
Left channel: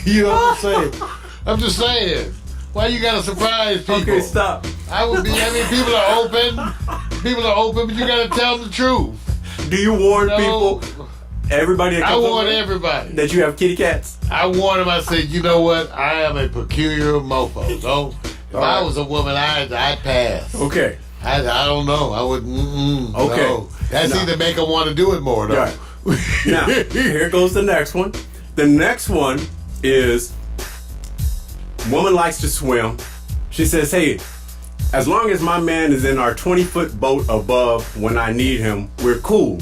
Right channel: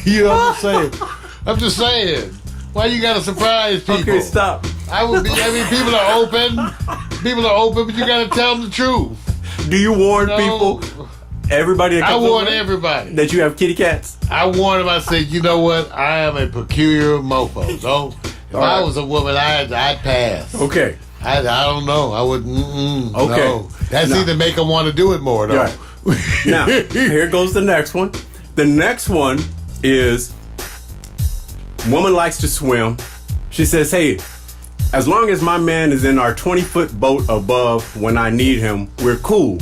You know what I'm saying? I'm just saying. Why you gotta surprise people? Okay, stop. People are open. People are open, but you gotta tell them the truth. Do you warn people? Everybody that comes I warn over everybody. That you have kitty cats? I warn them. I said, you know what? I am a peculiar mofo. If I was a woman, I'd pass. Okay. I don't know. I wouldn't. Okay. No. That's either make them want to do it more, though. Right. Now, here goes the next one. The next one is woman likes to swim. She says, hey, as long as my man is in our 20-foot boat above when I need him, we're cool.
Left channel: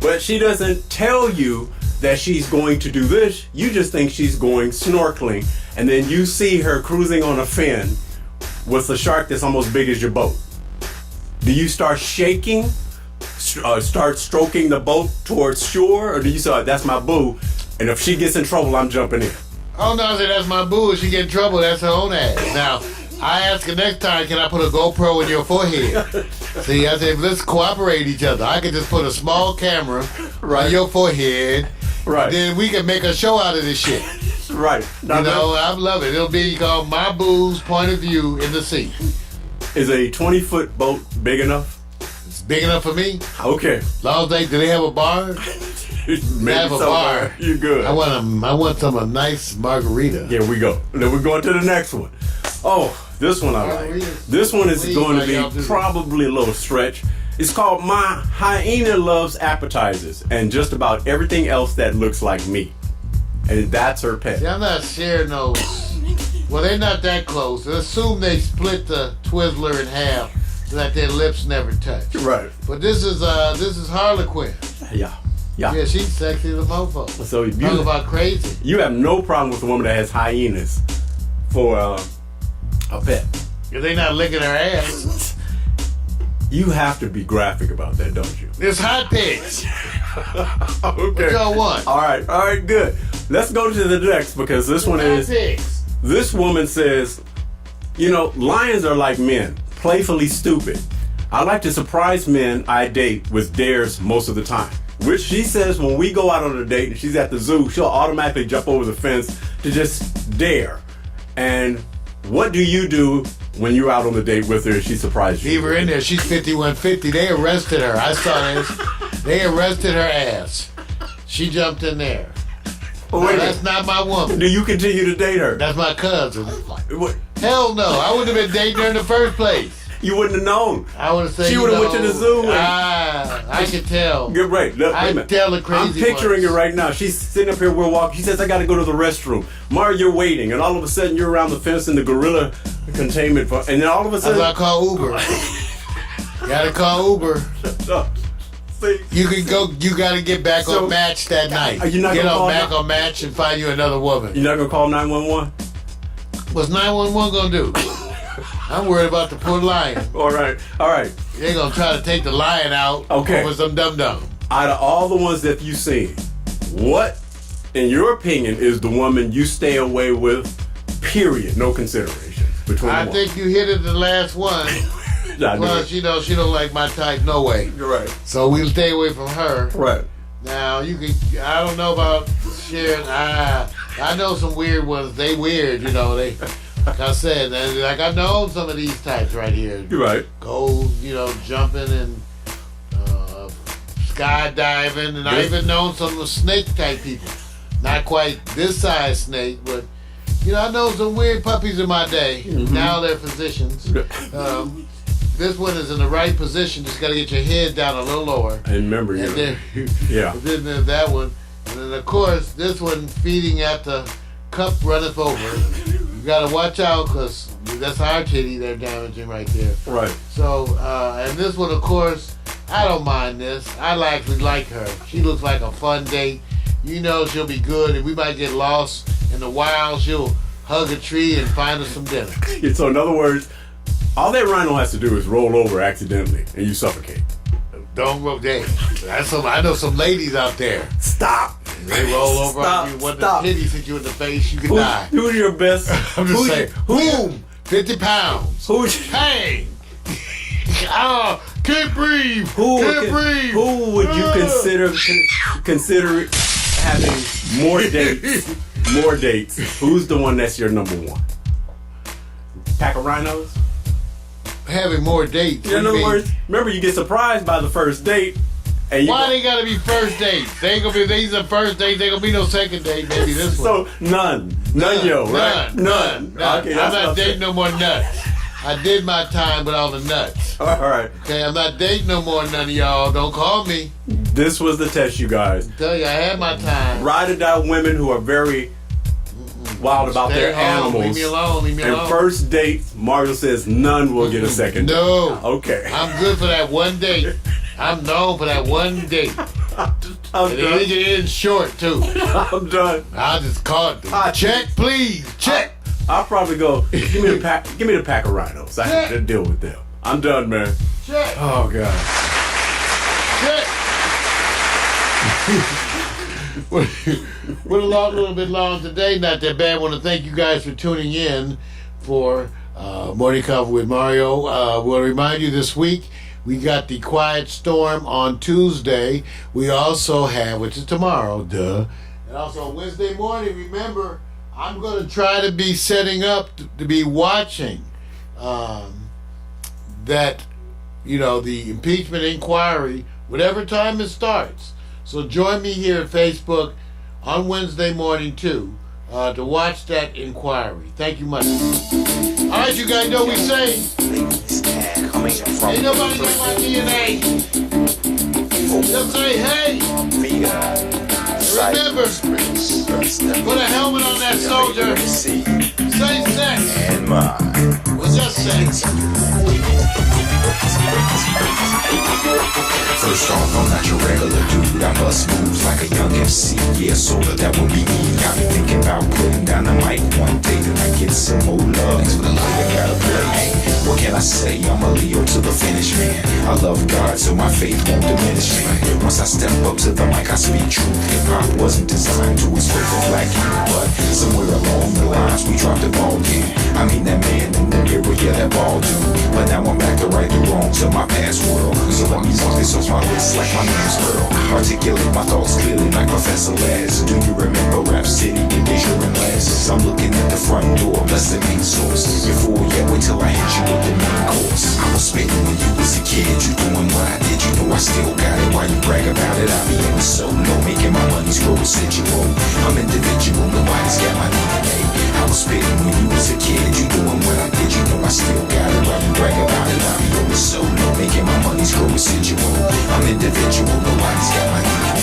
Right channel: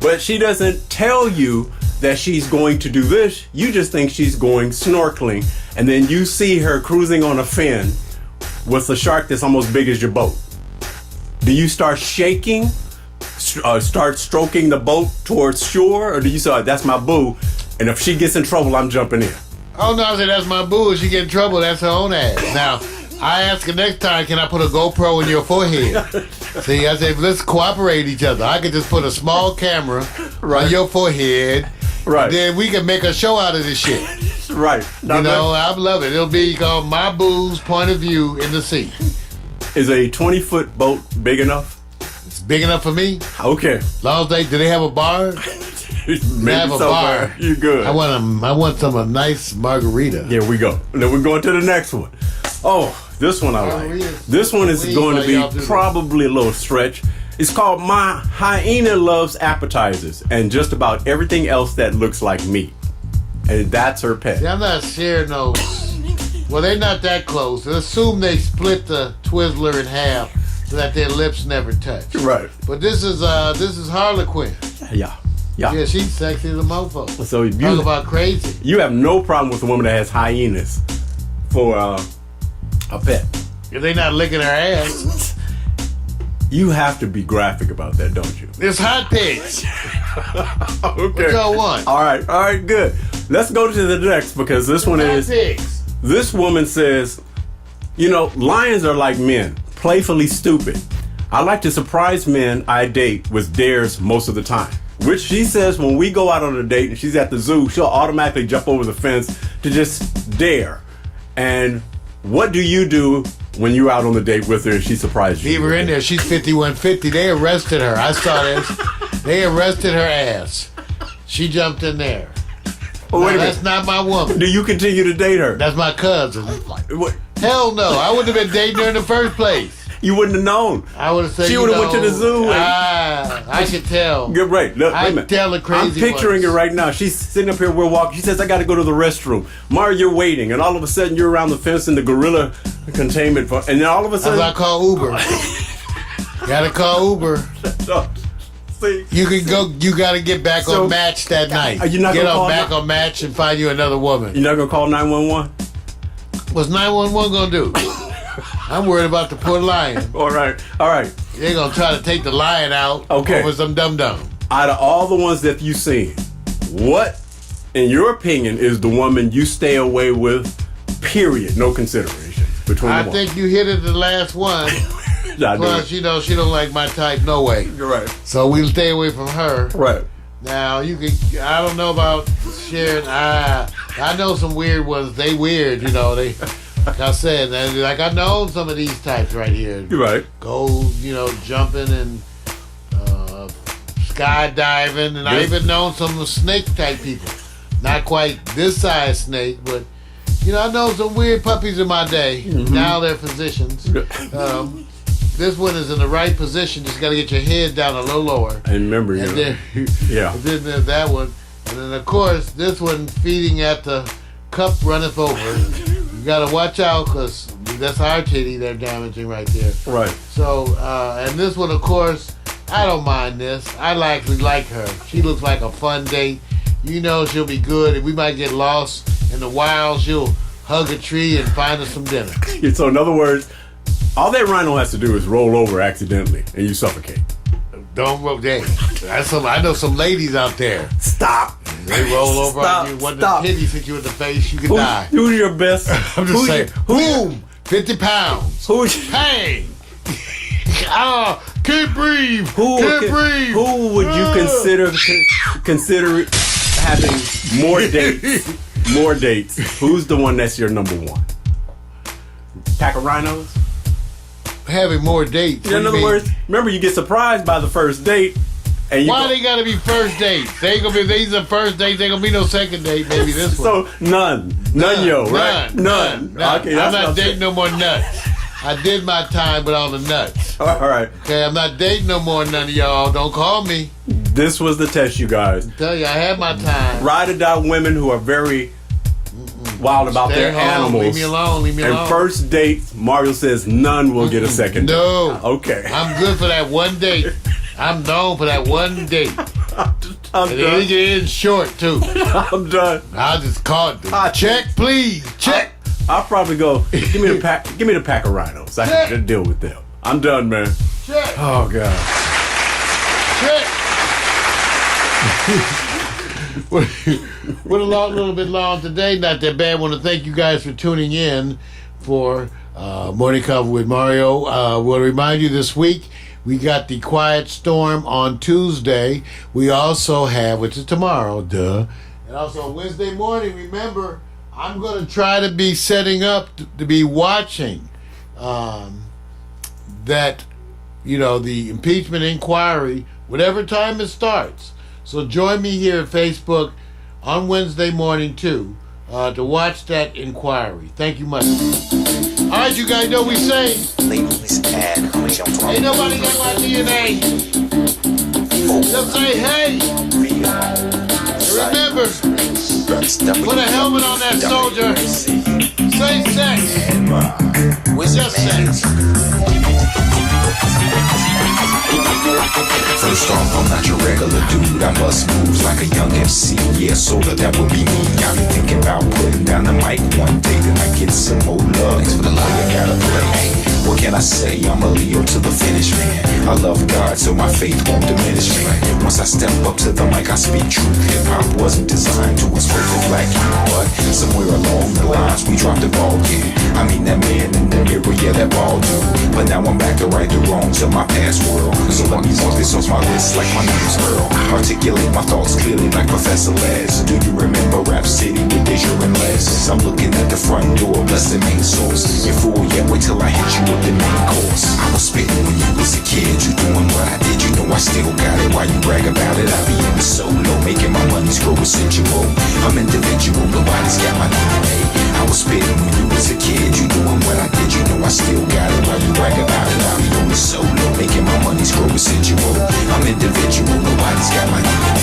But she doesn't tell you that she's going to do this. You just think she's going snorkeling. And then you see her cruising on a fin with a shark that's almost big as your boat. Do you start shaking, start stroking the boat towards shore? Or do you say, that's my boo, and if she gets in trouble, I'm jumping in? Oh, no, I said, that's my boo. If she get in trouble, that's her own ass. Now, I ask her next time, can I put a GoPro in your forehead? See, I said, let's cooperate each other. I could just put a small camera on your forehead. Right. And then we can make a show out of this shit. Right. I love it. It'll be called My Boo's Point of View in the Sea. Is a 20-foot boat big enough? It's Big enough for me. Okay. Long as do they have a bar? Maybe have a so bar. far. You're good. I want some a nice margarita. Here we go. Then we're going to the next one. Oh, this one I like. This one is going to be probably a little stretch. It's called My Hyena Loves Appetizers and just about everything else that looks like meat. And that's her pet. See, I'm not sharing those. Well, they're not that close. Assume they split the Twizzler in half so that their lips never touch. Right. But this is Harlequin. Yeah. Yeah, she's sexy as a mofo. So Talk about crazy. You have no problem with a woman that has hyenas for a pet. If they not licking her ass. You have to be graphic about that, don't you? It's hot pigs. Okay. What y'all want? All right, good. Let's go to the next because this one is. Pigs. This woman says, lions are like men, playfully stupid. I like to surprise men I date with dares most of the time. Which she says when we go out on a date and she's at the zoo, she'll automatically jump over the fence to just dare. And what do you do when you're out on the date with her and she surprised you? Leave her in there. She's 5150. They arrested her. I saw this. They arrested her ass. She jumped in there. Oh, wait a minute. That's not my woman. Do you continue to date her? That's my cousin. What? Hell no. I wouldn't have been dating her in the first place. You wouldn't have known. I would have said, she would have went to the zoo. I could tell. Get right. Look, I wait a minute. tell the crazy I'm picturing ones. it right now. She's sitting up here. We're walking. She says, "I got to go to the restroom." Mario, you're waiting, and all of a sudden you're around the fence in the gorilla containment, and then all of a sudden I call Uber. Gotta call Uber. See, You can go. You gotta get back So, on Match that night. are you not get gonna call back now? on Match and find you another woman. you're not gonna call 911. What's 911 gonna do? I'm worried about the poor lion. All right. They're gonna try to take the lion out Okay. over some dum-dum. Out of all the ones that you've seen, what, in your opinion, is the woman you stay away with? Period. No consideration between I the think you hit it the last one. I knew Plus, it. she don't like my type no way. You're right. So we'll stay away from her. Right. Now you can. I don't know about sharing. I know some weird ones. They weird. They. Like I said, like I know some of these types right here. You're right. Go, jumping and skydiving, and I even known some snake type people. Not quite this size snake, but I know some weird puppies in my day. Mm-hmm. Now they're physicians. This one is in the right position. Just got to get your head down a little lower. I remember you. And then, Yeah. then there's that one, and then of course this one feeding at the cup runneth over. You gotta watch out because that's our titty they're damaging right there. Right. So, and this one, of course, I don't mind this. I actually like her. She looks like a fun date. She'll be good. If we might get lost in the wild, she'll hug a tree and find us some dinner. So in other words, all that rhino has to do is roll over accidentally and you suffocate. Don't roll there. I know some ladies out there. Stop. They roll over on you. When the titties hit you in the face, you can die. Who's your best? I'm just saying. Who? Boom! 50 pounds. Who's Bang! Can't breathe. Can't breathe. Who would you consider having more dates? More dates. Who's the one that's your number one? Pack of rhinos? Having more dates. In other words, remember you get surprised by the first date. And Why they gotta be first dates? They ain't gonna be. These are first dates. They gonna be no second date. Maybe this one. So none, right? None. Okay, I'm that's not dating no more nuts. I did my time with all the nuts. All right. Okay, I'm not dating no more none of y'all. Don't call me. This was the test, you guys. Tell you, I had my time. Ride or die women who are very wild about Stay their home. animals. Leave me alone. Leave me And alone. first date, Mario says none will get a second date. No. Okay. I'm good for that one date. I'm known for that one date. I'm And it done. get in short too. I'm done. I'll just call it. Check, please. Check. I'll probably go. Give me the pack. Give me the pack of rhinos. I can deal with them. I'm done, man. Check. Oh God. Check. We're a little bit long today. Not that bad. I want to thank you guys for tuning in for Morning Cover with Mario. We'll remind you this week we got the Quiet Storm on Tuesday. We also have, which is tomorrow, and also Wednesday morning. Remember, I'm going to try to be setting up to be watching that the impeachment inquiry, whatever time it starts. So join me here at Facebook on Wednesday morning too, to watch that inquiry. Thank you much. All right, you guys know we say, ain't nobody got my DNA. Just say hey. And remember, put a helmet on that soldier. Say sex. With just sex. First off, I'm not your regular dude. I bust moves like a young MC. Yeah, sorta, that would be me. I've been thinking about putting down the mic one day, then I get some more love. Thanks for the love I gotta play. What can I say? I'm a Leo to the finish, man. I love God, so my faith won't diminish me. Once I step up to the mic, I speak truth. Hip-hop wasn't designed to express the black youth, but somewhere along the lines, we dropped the ball, yeah. I mean, that man in the mirror, yeah, that ball dude. But now I'm back to right the wrongs of my past world. So let me walk this off my list like my name's Earl. Articulate my thoughts clearly like Professor Laz. Do you remember Rap City with Deja and Les? I'm looking at the front door, bless the main source. You fool, yeah, wait till I hit you with the main course. I was spitting when you was a kid, you doing what I did, you know I still got it. Why you brag about it? I be in the solo, making my money screw residual. I'm individual, nobody's got my DNA. I was spitting when you was a kid, you doing what I did, you know I still got it. Why you brag about it? I be on the solo, making my money screw residual. I'm individual, nobody's got my DNA.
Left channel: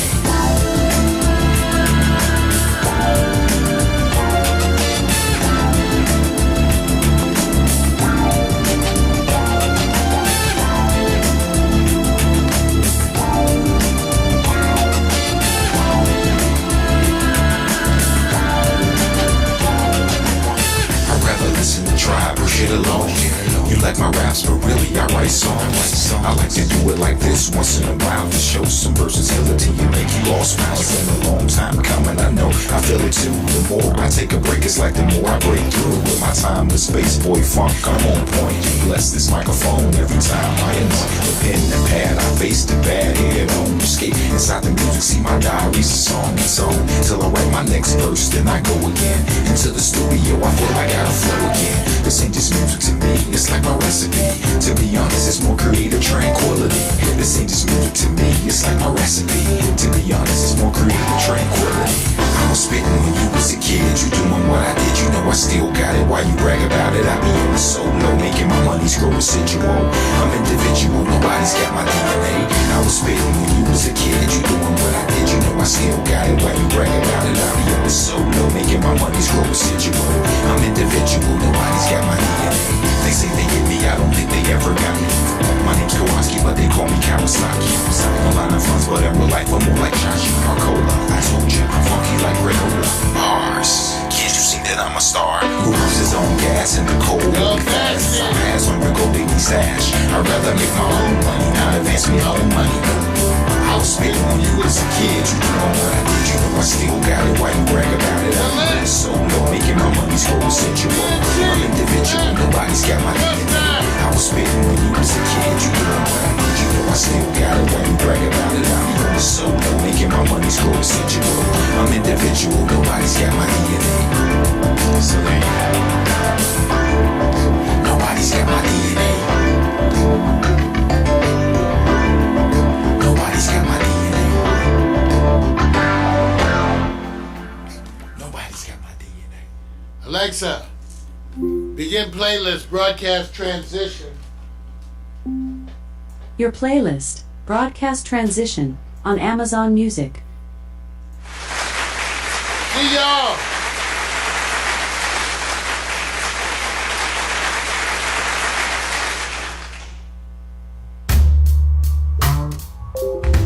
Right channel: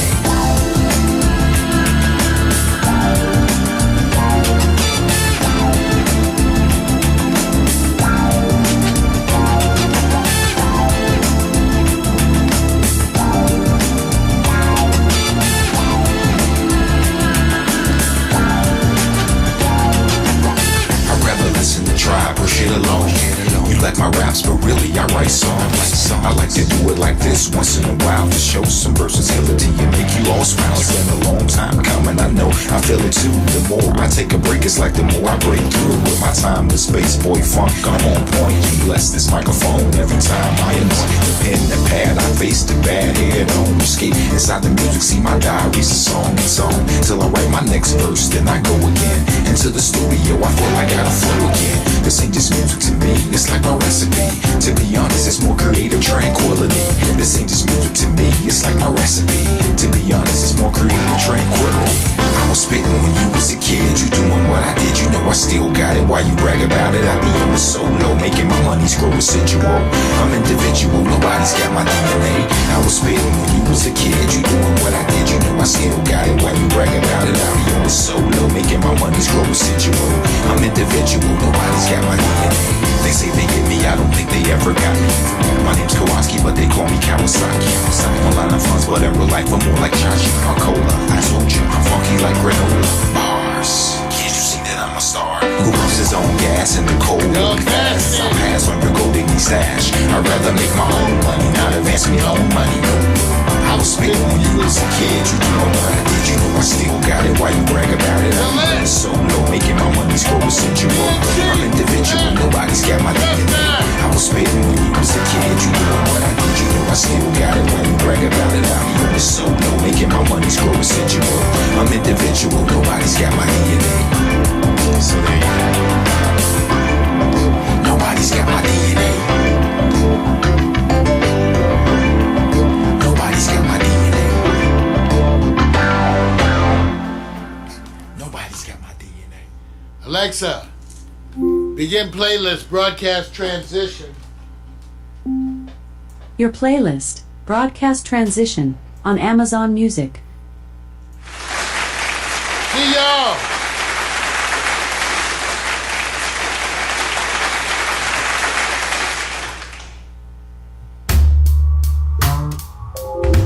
You like my raps, but really I write songs. I like to do it like this once in a while to show some versatility and make you all smile. It's been a long time coming, I know, I feel it too. The more I take a break, it's like the more I break through. With my timeless space boy funk, I'm on point. Bless this microphone every time I anoint the pen and pad. I face the bad head on escape inside the music. See my diary's a song and song till I write my next verse, then I go again into the studio. I feel I gotta flow again. This ain't just music to me, it's like my recipe. To be honest, it's more creative tranquility. This ain't just music to me, it's like my recipe. To be honest, it's more creative tranquility. I was spitting when you was a kid, you doing what I did, you know I still got it. Why you brag about it? I be on the solo, making my money screw residual. I'm individual, nobody's got my DNA. I was spitting when you was a kid, you doing what I did, you know I still got it. Why you brag about it? I be on the solo, making my money screw residual. I'm individual, nobody's got my DNA. They say they get me, I don't think they ever got me. My name's Kowalski, but they call me Kawasaki. A lot of funds, but in real life I'm more like Chachi or Cola. I told you, I'm funky like granola. Bars, can't you see that I'm a star? Who puts his own gas in the cold? Fast. I pass on your gold digging stash. I'd rather make my own money, not advance me own money. I was spitting when you was a kid, you doing what I did, you know I still got it. Why you brag about it? I'm solo, making my money screw residual. I'm individual, nobody's got my DNA. I was spitting when you was a kid, you doing what I did, you know I still got it. Why you brag about it? I'm solo, making my money screw residual. I'm individual, nobody's got my DNA. So there you go. Nobody's got my DNA. Nobody's got my DNA. Nobody's got my DNA. Alexa, begin playlist broadcast transition. Your playlist, Broadcast Transition, on Amazon Music.